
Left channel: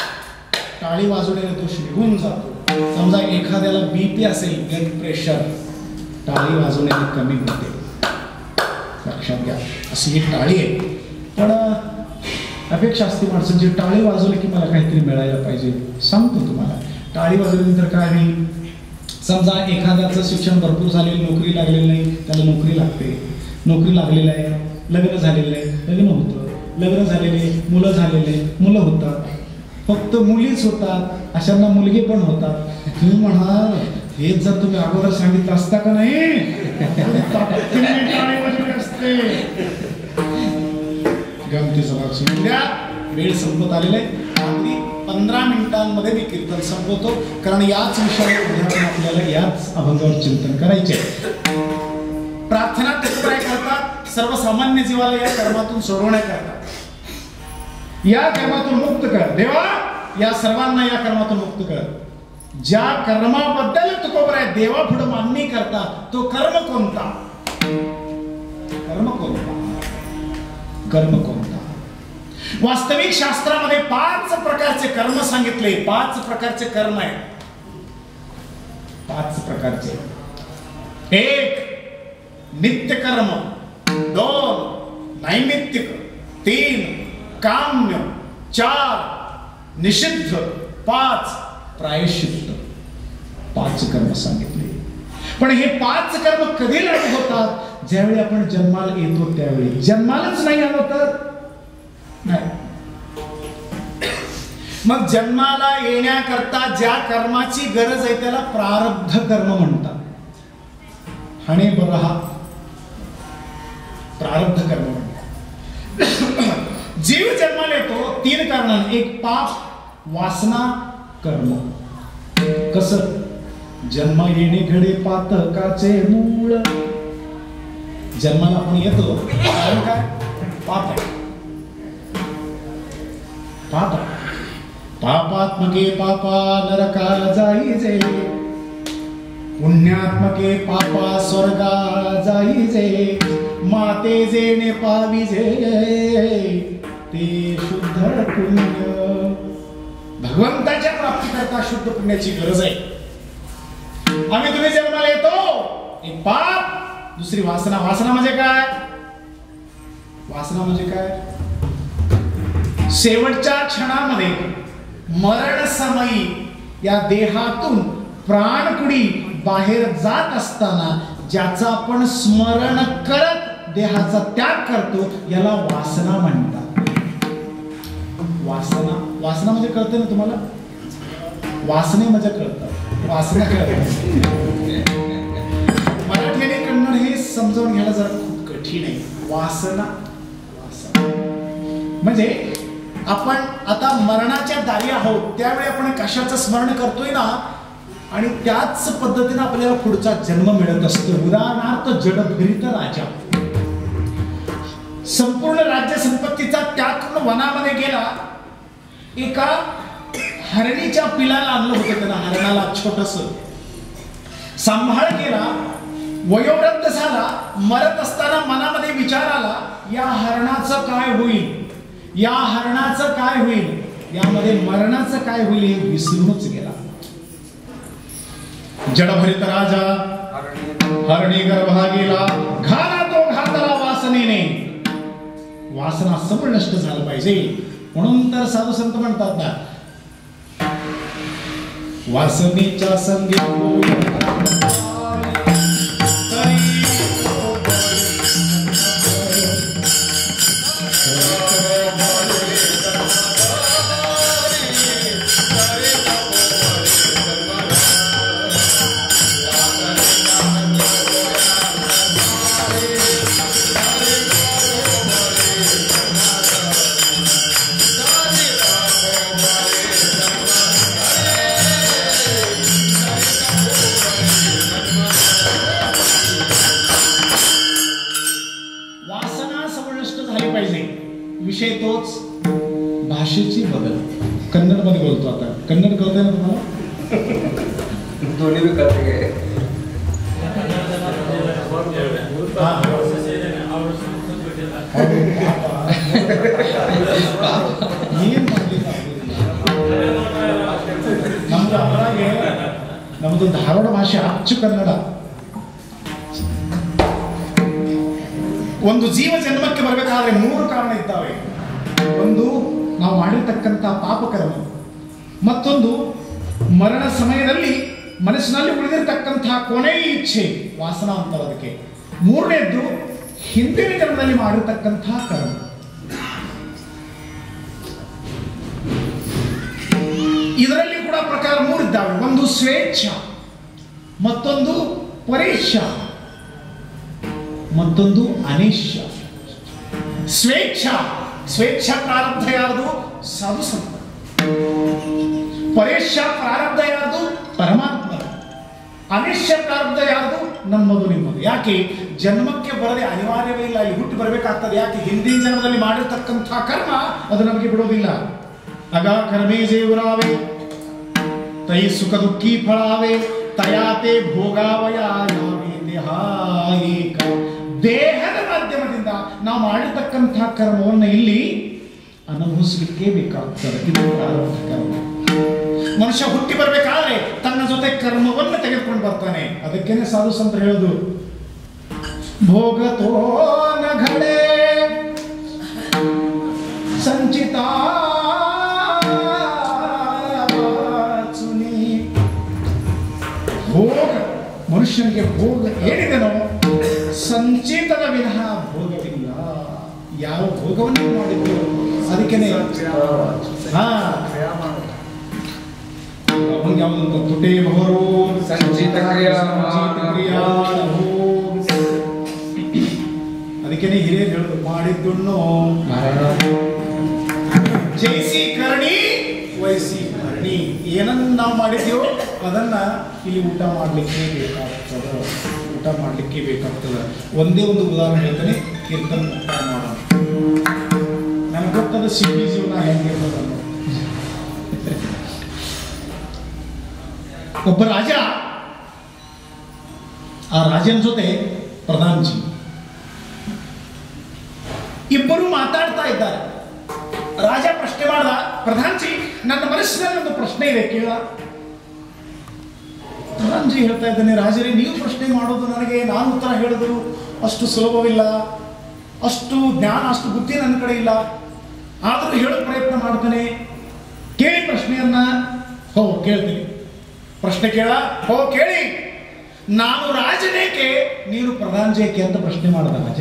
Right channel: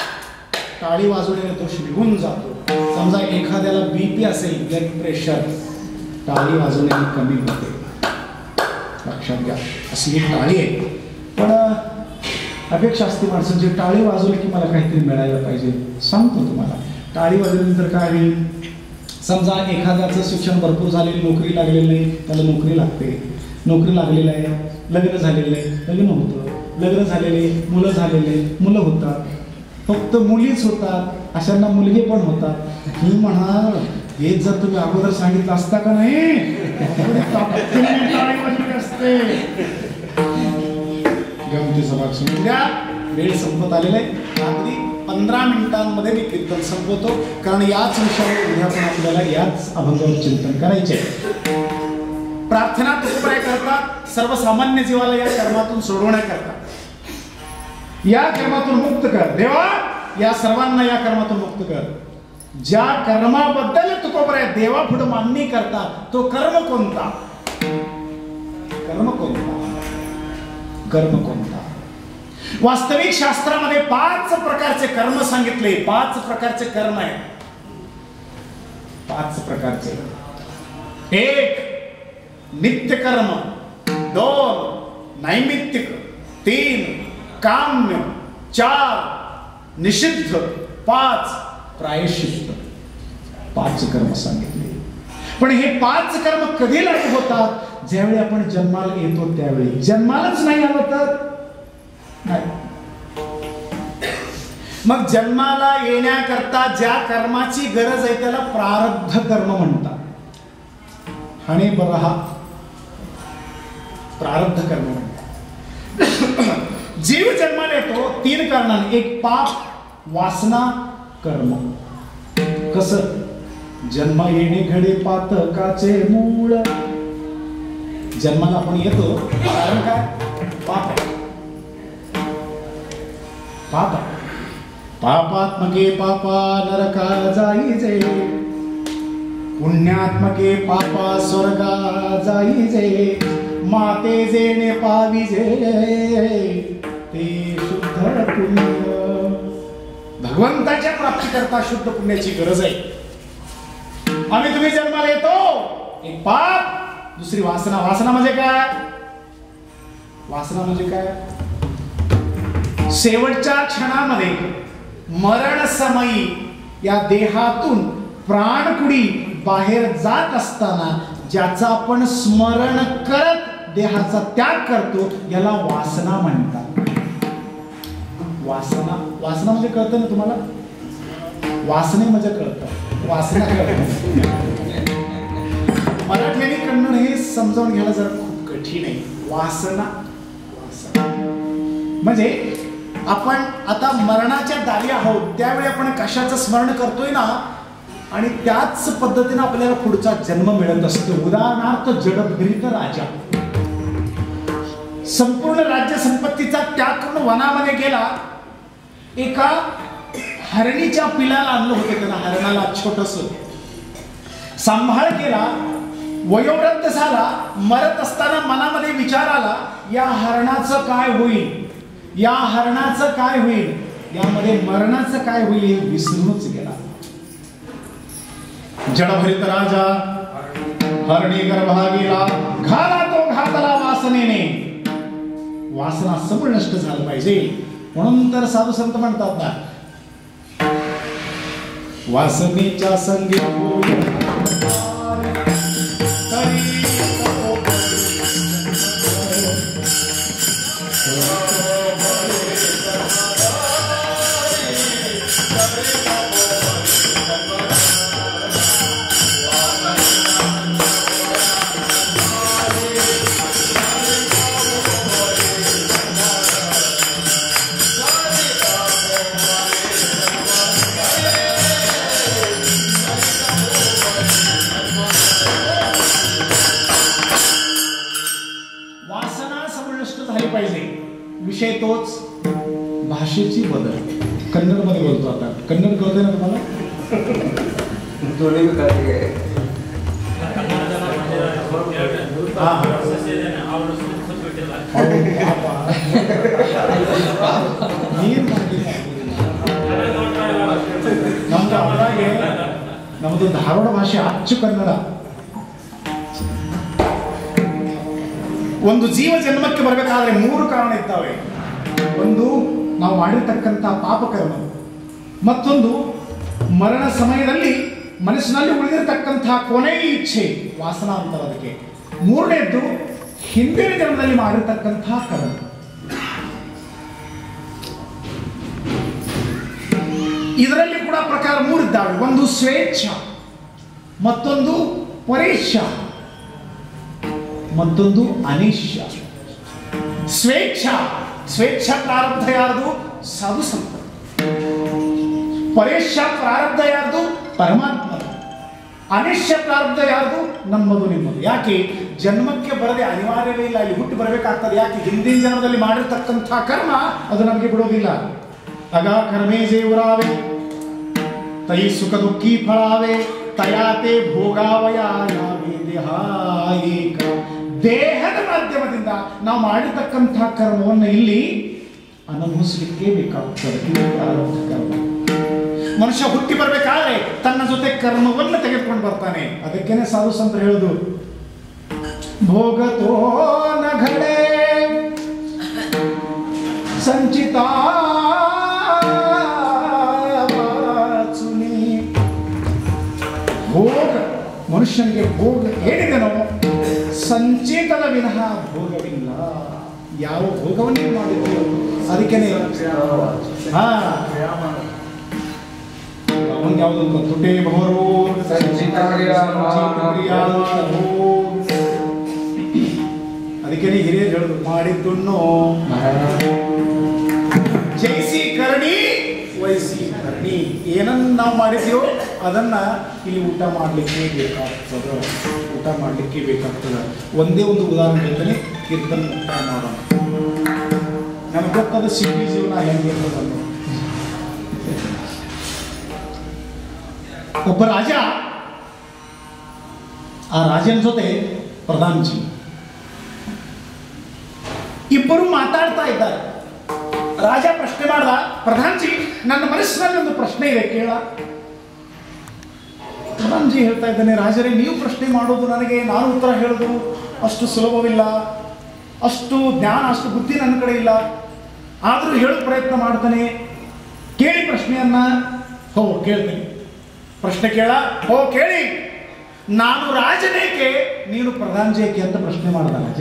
टाळी वाजवण्याने दोष निघून जातो. समजा एखाद्याला बीपी असेल, ब्लड प्रेशर, टाळी वाजवण्याने कमी होते. लक्षात घ्या, अशी एक टाळी आहे. पण अपेक्षा असते माणसांची, टाळी वाजवली की मला काहीतरी मिळायला पाहिजे. सांगतो तुम्हाला, टाळी वाजवल्यानंतर काय होईल? समजा एखाद्याचं शिक्षण भरपूर झालेलं, नोकरी लागलेली नाही, त्याला नोकरी लागते. नोकरी लागलेलं आहे, लग्न झालेलं आहे, लग्न होतं. लग्न झालेले, मुलं झालेले, मुलं होतात. फक्त मुलीच होतात, अशांना मुलगे पण होतात. तुम्ही म्हणा, हे जर तुम्ही अगोदर सांगितलं असता का नाही, असते. गमतीचा भाग सुरू द्या, वेळ संपत आलेला आहे. अगदी 15 मिनिटांमध्ये मी कीर्तन संपवतो, कारण याच विषयावर उद्या पण आपल्याला याच अभंगावर चिंतन करायचे. प्रार्थना तुकोबराय करतात, सर्वसामान्य जीवाला या कर्मातून सोडवण्याकरता, या कर्मातून मुक्त कर देवा, या सर्वांना या कर्मातून मुक्त कर. ज्या कर्माबद्दल तुकोबराय देवा पुढे मागणी करतात, तो कर्म कोणता? कर्म कोणता? कर्म कोणता? वास्तविक शास्त्रामध्ये 5 प्रकारचे कर्म सांगितले. 5 प्रकारचे कर्म आहेत. 5 प्रकारचे. 1 नित्य कर्म, 2 नैमित्तिक, 3 काम्य, 4 निषिद्ध, 5 प्रायश्चित्त. 5 कर्म सांगितले. पण हे 5 कर्म कधी लागू होतात? ज्यावेळी आपण जन्माला येतो त्यावेळी. जन्मालाच नाही आलं तर नाही. मग जन्माला येण्याकरता ज्या कर्माची गरज आहे त्याला प्रारब्ध कर्म म्हणतात. हणे बरहा प्रारब्ध कर्म म्हणतात. जीव जन्माला येतो 3 कारणाने. 1 पाप, वासना, कर्म. कसं? जन्म येणे घडे पातकाचे मूळ. जन्माला आपण येतो कारण काय? पाप आहे. पाप आहे. पापात्मके पापा नरका जाईजे, पुण्यात्मके पापा स्वर्गा जाईजे. माते जेणे पाविजे ते शुद्ध पुण्य. भगवंताच्या प्राप्ती करता शुद्ध पुण्याची गरज आहे. आम्ही तुम्ही जन्माला येतो, 1 पाप, 2 वासना. वासना म्हणजे काय? वासना म्हणजे काय? शेवटच्या क्षणामध्ये मरण समयी या देहातून प्राणकुडी बाहेर जात असताना ज्याचा आपण स्मरण करत देहाचा त्याग करतो, याला वासना म्हणतात. वासना. वासना म्हणजे कळतं ना तुम्हाला? वासने म्हणजे कळतं, वासना कळतं. मराठी आणि कन्नड हे समजावून घ्यायला जरा खूप कठीण आहे. वासना, वासना म्हणजे आपण आता मरणाच्या दारी आहोत त्यावेळी आपण कशाचं स्मरण करतोय ना, आणि त्याच पद्धतीने आपल्याला पुढचा जन्म मिळत असतो. उदाहरणार्थ जडभरीत राजा संपूर्ण राज्य संपत्तीचा त्याग करून वनामध्ये गेला. एका हरणीच्या पिलाला आणलं होतं त्यानं, हरणाला छोटस सांभाळ केला. वयोवृद्ध झाला. मरत असताना मनामध्ये विचार आला, या हरणाचं काय होईल, या हरणाचं काय होईल, यामध्ये मरणाचं काय होईल हे विसरूनच गेला. जडभरित राजा हरणी गर्भा गेला, घाला तो घातला वासनेने. वासना समूळ नष्ट झालं पाहिजे. म्हणून तर साधू संत म्हणतात ना, वासनेच्या संगी विषय तोच भाषेची बदल. कन्नडमध्ये बोलतो आता. कन्नड कळते ना तुम्हाला? दोन्ही भी करते ನಮ್ದು ಅವರಾಗೆ ನಮ್ದು ಧಾರವಾಡ ಭಾಷೆ ಅಚ್ಚು ಕನ್ನಡ. ಒಂದು ಜೀವ ಜನ್ಮಕ್ಕೆ ಬರಬೇಕಾದ್ರೆ 3 ಕಾರಣ ಇದ್ದಾವೆ. ಒಂದು ನಾವು ಮಾಡಿರ್ತಕ್ಕಂಥ ಪಾಪಕರ್ಮ, ಮತ್ತೊಂದು ಮರಣ ಸಮಯದಲ್ಲಿ ಮನಸ್ಸಿನಲ್ಲಿ ಉಳಿದಿರತಕ್ಕಂತಹ ಕೊನೆಯ ಇಚ್ಛೆ ವಾಸನಾ ಅಂತಾರೆ ಅದಕ್ಕೆ. 3ನೇದ್ದು ಹಿಂದಿನ ಜನ್ಮದಲ್ಲಿ ಮಾಡಿರ್ತಕ್ಕಂತಹ ಕರ್ಮ. ಇದರಲ್ಲಿ ಕೂಡ ಪ್ರಕಾರ 3 ಇದ್ದಾವೆ. ಒಂದು ಸ್ವೇಚ್ಛ, ಮತ್ತೊಂದು ಪರೇಚ್ಛ, ಮತ್ತೊಂದು ಅನಿಶ್ಯ. ಸ್ವೇಚ್ಛ ಪ್ರಾರಬ್ಧ ಯಾರ್ದು? ಸಾಧು ಸಂತ. ಪರೇಚ್ಛ ಪ್ರಾರಬ್ಧ ಯಾರ್ದು? ಪರಮಾತ್ಮ. ಅನಿಶ್ಯ ಪ್ರಾರಬ್ಧ ಯಾರ್ದು? ನಮ್ಮದು ನಿಮ್ಮದು. ಯಾಕೆ? ಜನ್ಮಕ್ಕೆ ಬರದೆ ಅನಿವಾರ್ಯವೇ ಇಲ್ಲ, ಇಲ್ಲಿ ಹುಟ್ಟಿ ಬರಬೇಕಾಗ್ತದೆ. ಯಾಕೆ? ಹಿಂದಿನ ಜನ್ಮದಲ್ಲಿ ಮಾಡಿರ್ತಕ್ಕಂಥ ಕರ್ಮ ಅದು ನಮಗೆ ಬಿಡೋದಿಲ್ಲ. ಅಗ ಕರ್ಮೇ ಜೇವರಾವೆ ತೈ ಸುಖ ದುಃಖಿ ಫಳಾವೆ ತಯಾತೆ ಭೋಗಾವಯಾವೆ ದೇಹಾಯಿಕ. ದೇಹದ ಮಾಧ್ಯಮದಿಂದ ನಾವು ಮಾಡಿರ್ತಕ್ಕಂತಹ ಕರ್ಮವನ್ನು ಇಲ್ಲಿ ಅನುಭವಿಸಲಿಕ್ಕೆ ಬೇಕಾಗ್ತದೆ. ಇದು ಪ್ರಾರಬ್ಧ ಕರ್ಮ. ಮನುಷ್ಯ ಹುಟ್ಟಿ ಬರಬೇಕಾದ್ರೆ ತನ್ನ ಜೊತೆ ಕರ್ಮವನ್ನು ತೆಗೆದುಕೊಂಡು ಬರ್ತಾನೆ. ಅದಕ್ಕೇನೆ ಸಾಧು ಸಂತ ಹೇಳುದು, ಭೋಗತೋ ನ ಘಡೆ ಸಂಚಿತ ಭೋಗ. ಮನುಷ್ಯನಿಗೆ ಭೋಗ ಏನಿದೆನೋ ಸಂಚಿತದ ವಿನಃ ಭೋಗವಿಲ್ಲ. ಯಾವ ಭೋಗವನ್ನು ಮಾಡಿದ್ರು ಅದಕ್ಕೇನೆ ಯಾವುದಂತ ತುಟೇ ಭವರು ಸಂಚಿತ ಅದಕ್ಕೇನೆ ಹಿರಿಯರು ಹೇಳುದು, ಮಾಡಿದ್ದುಣ್ಣು ಜೈಸಿ ಕರ್ಣಿ ವಯಸ್ಸಿ ಕರ್ಣಿ. ಏನನ್ನ ನಾವು ಮಾಡಿದ್ಯೋ ಅದನ್ನ ಇಲ್ಲಿ ಊಟ ಮಾಡಲಿಕ್ಕೆ ಬೇಕಾಗ್ತದೆ. ಒಂದೇ ಒಂದು ಉದಾಹರಣೆ ಹೇಳ್ತೇನೆ, ಕೀರ್ತನ ಮುಕ್ತಾಯ ಮಾಡೋಣ. ನಮ್ಗೆ ಗೊತ್ತದ ಸಿಟಿ ಜೀವನ ಹೆಂಗಿರ್ತದನ್ನು. ಒಬ್ಬ ರಾಜ, ಆ ರಾಜನ ಜೊತೆ ಪ್ರಧಾನಜಿ ಇಬ್ಬರು ಮಾತಾಡ್ತಾ ಇದ್ದಾರೆ. ರಾಜ ಪ್ರಶ್ನೆ ಮಾಡ್ದ, ಪ್ರಧಾನಜಿ ನನ್ನ ಮನಸ್ಸಿನಲ್ಲಿ ಒಂದು ಪ್ರಶ್ನೆ ಇದೆ ಕೇಳ. ಪ್ರಧಾನಜಿ ಹೇಳ್ತಾ ಇದ್ದಾನೆ, ರಾಜರೇ ನೀವು ಪ್ರಶ್ನೆ ಮಾಡೋದು ನನಗೆ ನಾನು ಉತ್ತರ ಹೇಳೋದು ಅಷ್ಟು ಸುಲಭವಿಲ್ಲ, ಅಷ್ಟು ಜ್ಞಾನ ಅಷ್ಟು ಬುದ್ಧಿ ನನ್ನ ಕಡೆ ಇಲ್ಲ. ಆದರೂ ಹೇಳೋ ಪ್ರಯತ್ನ ಮಾಡ್ತಾನೆ. ಕೇಳಿ ಪ್ರಶ್ನೆಯನ್ನ. ಕೇಳ್ತೀನಿ. ಪ್ರಶ್ನೆ ಕೇಳ. ಕೇಳಿ. ನಾನು ರಾಜನೇಕೆ ನೀನು ಪ್ರಧಾನಜೇಕೆ ಅಂತ ಪ್ರಶ್ನೆ ಮಾಡ್ದ ರಾಜ.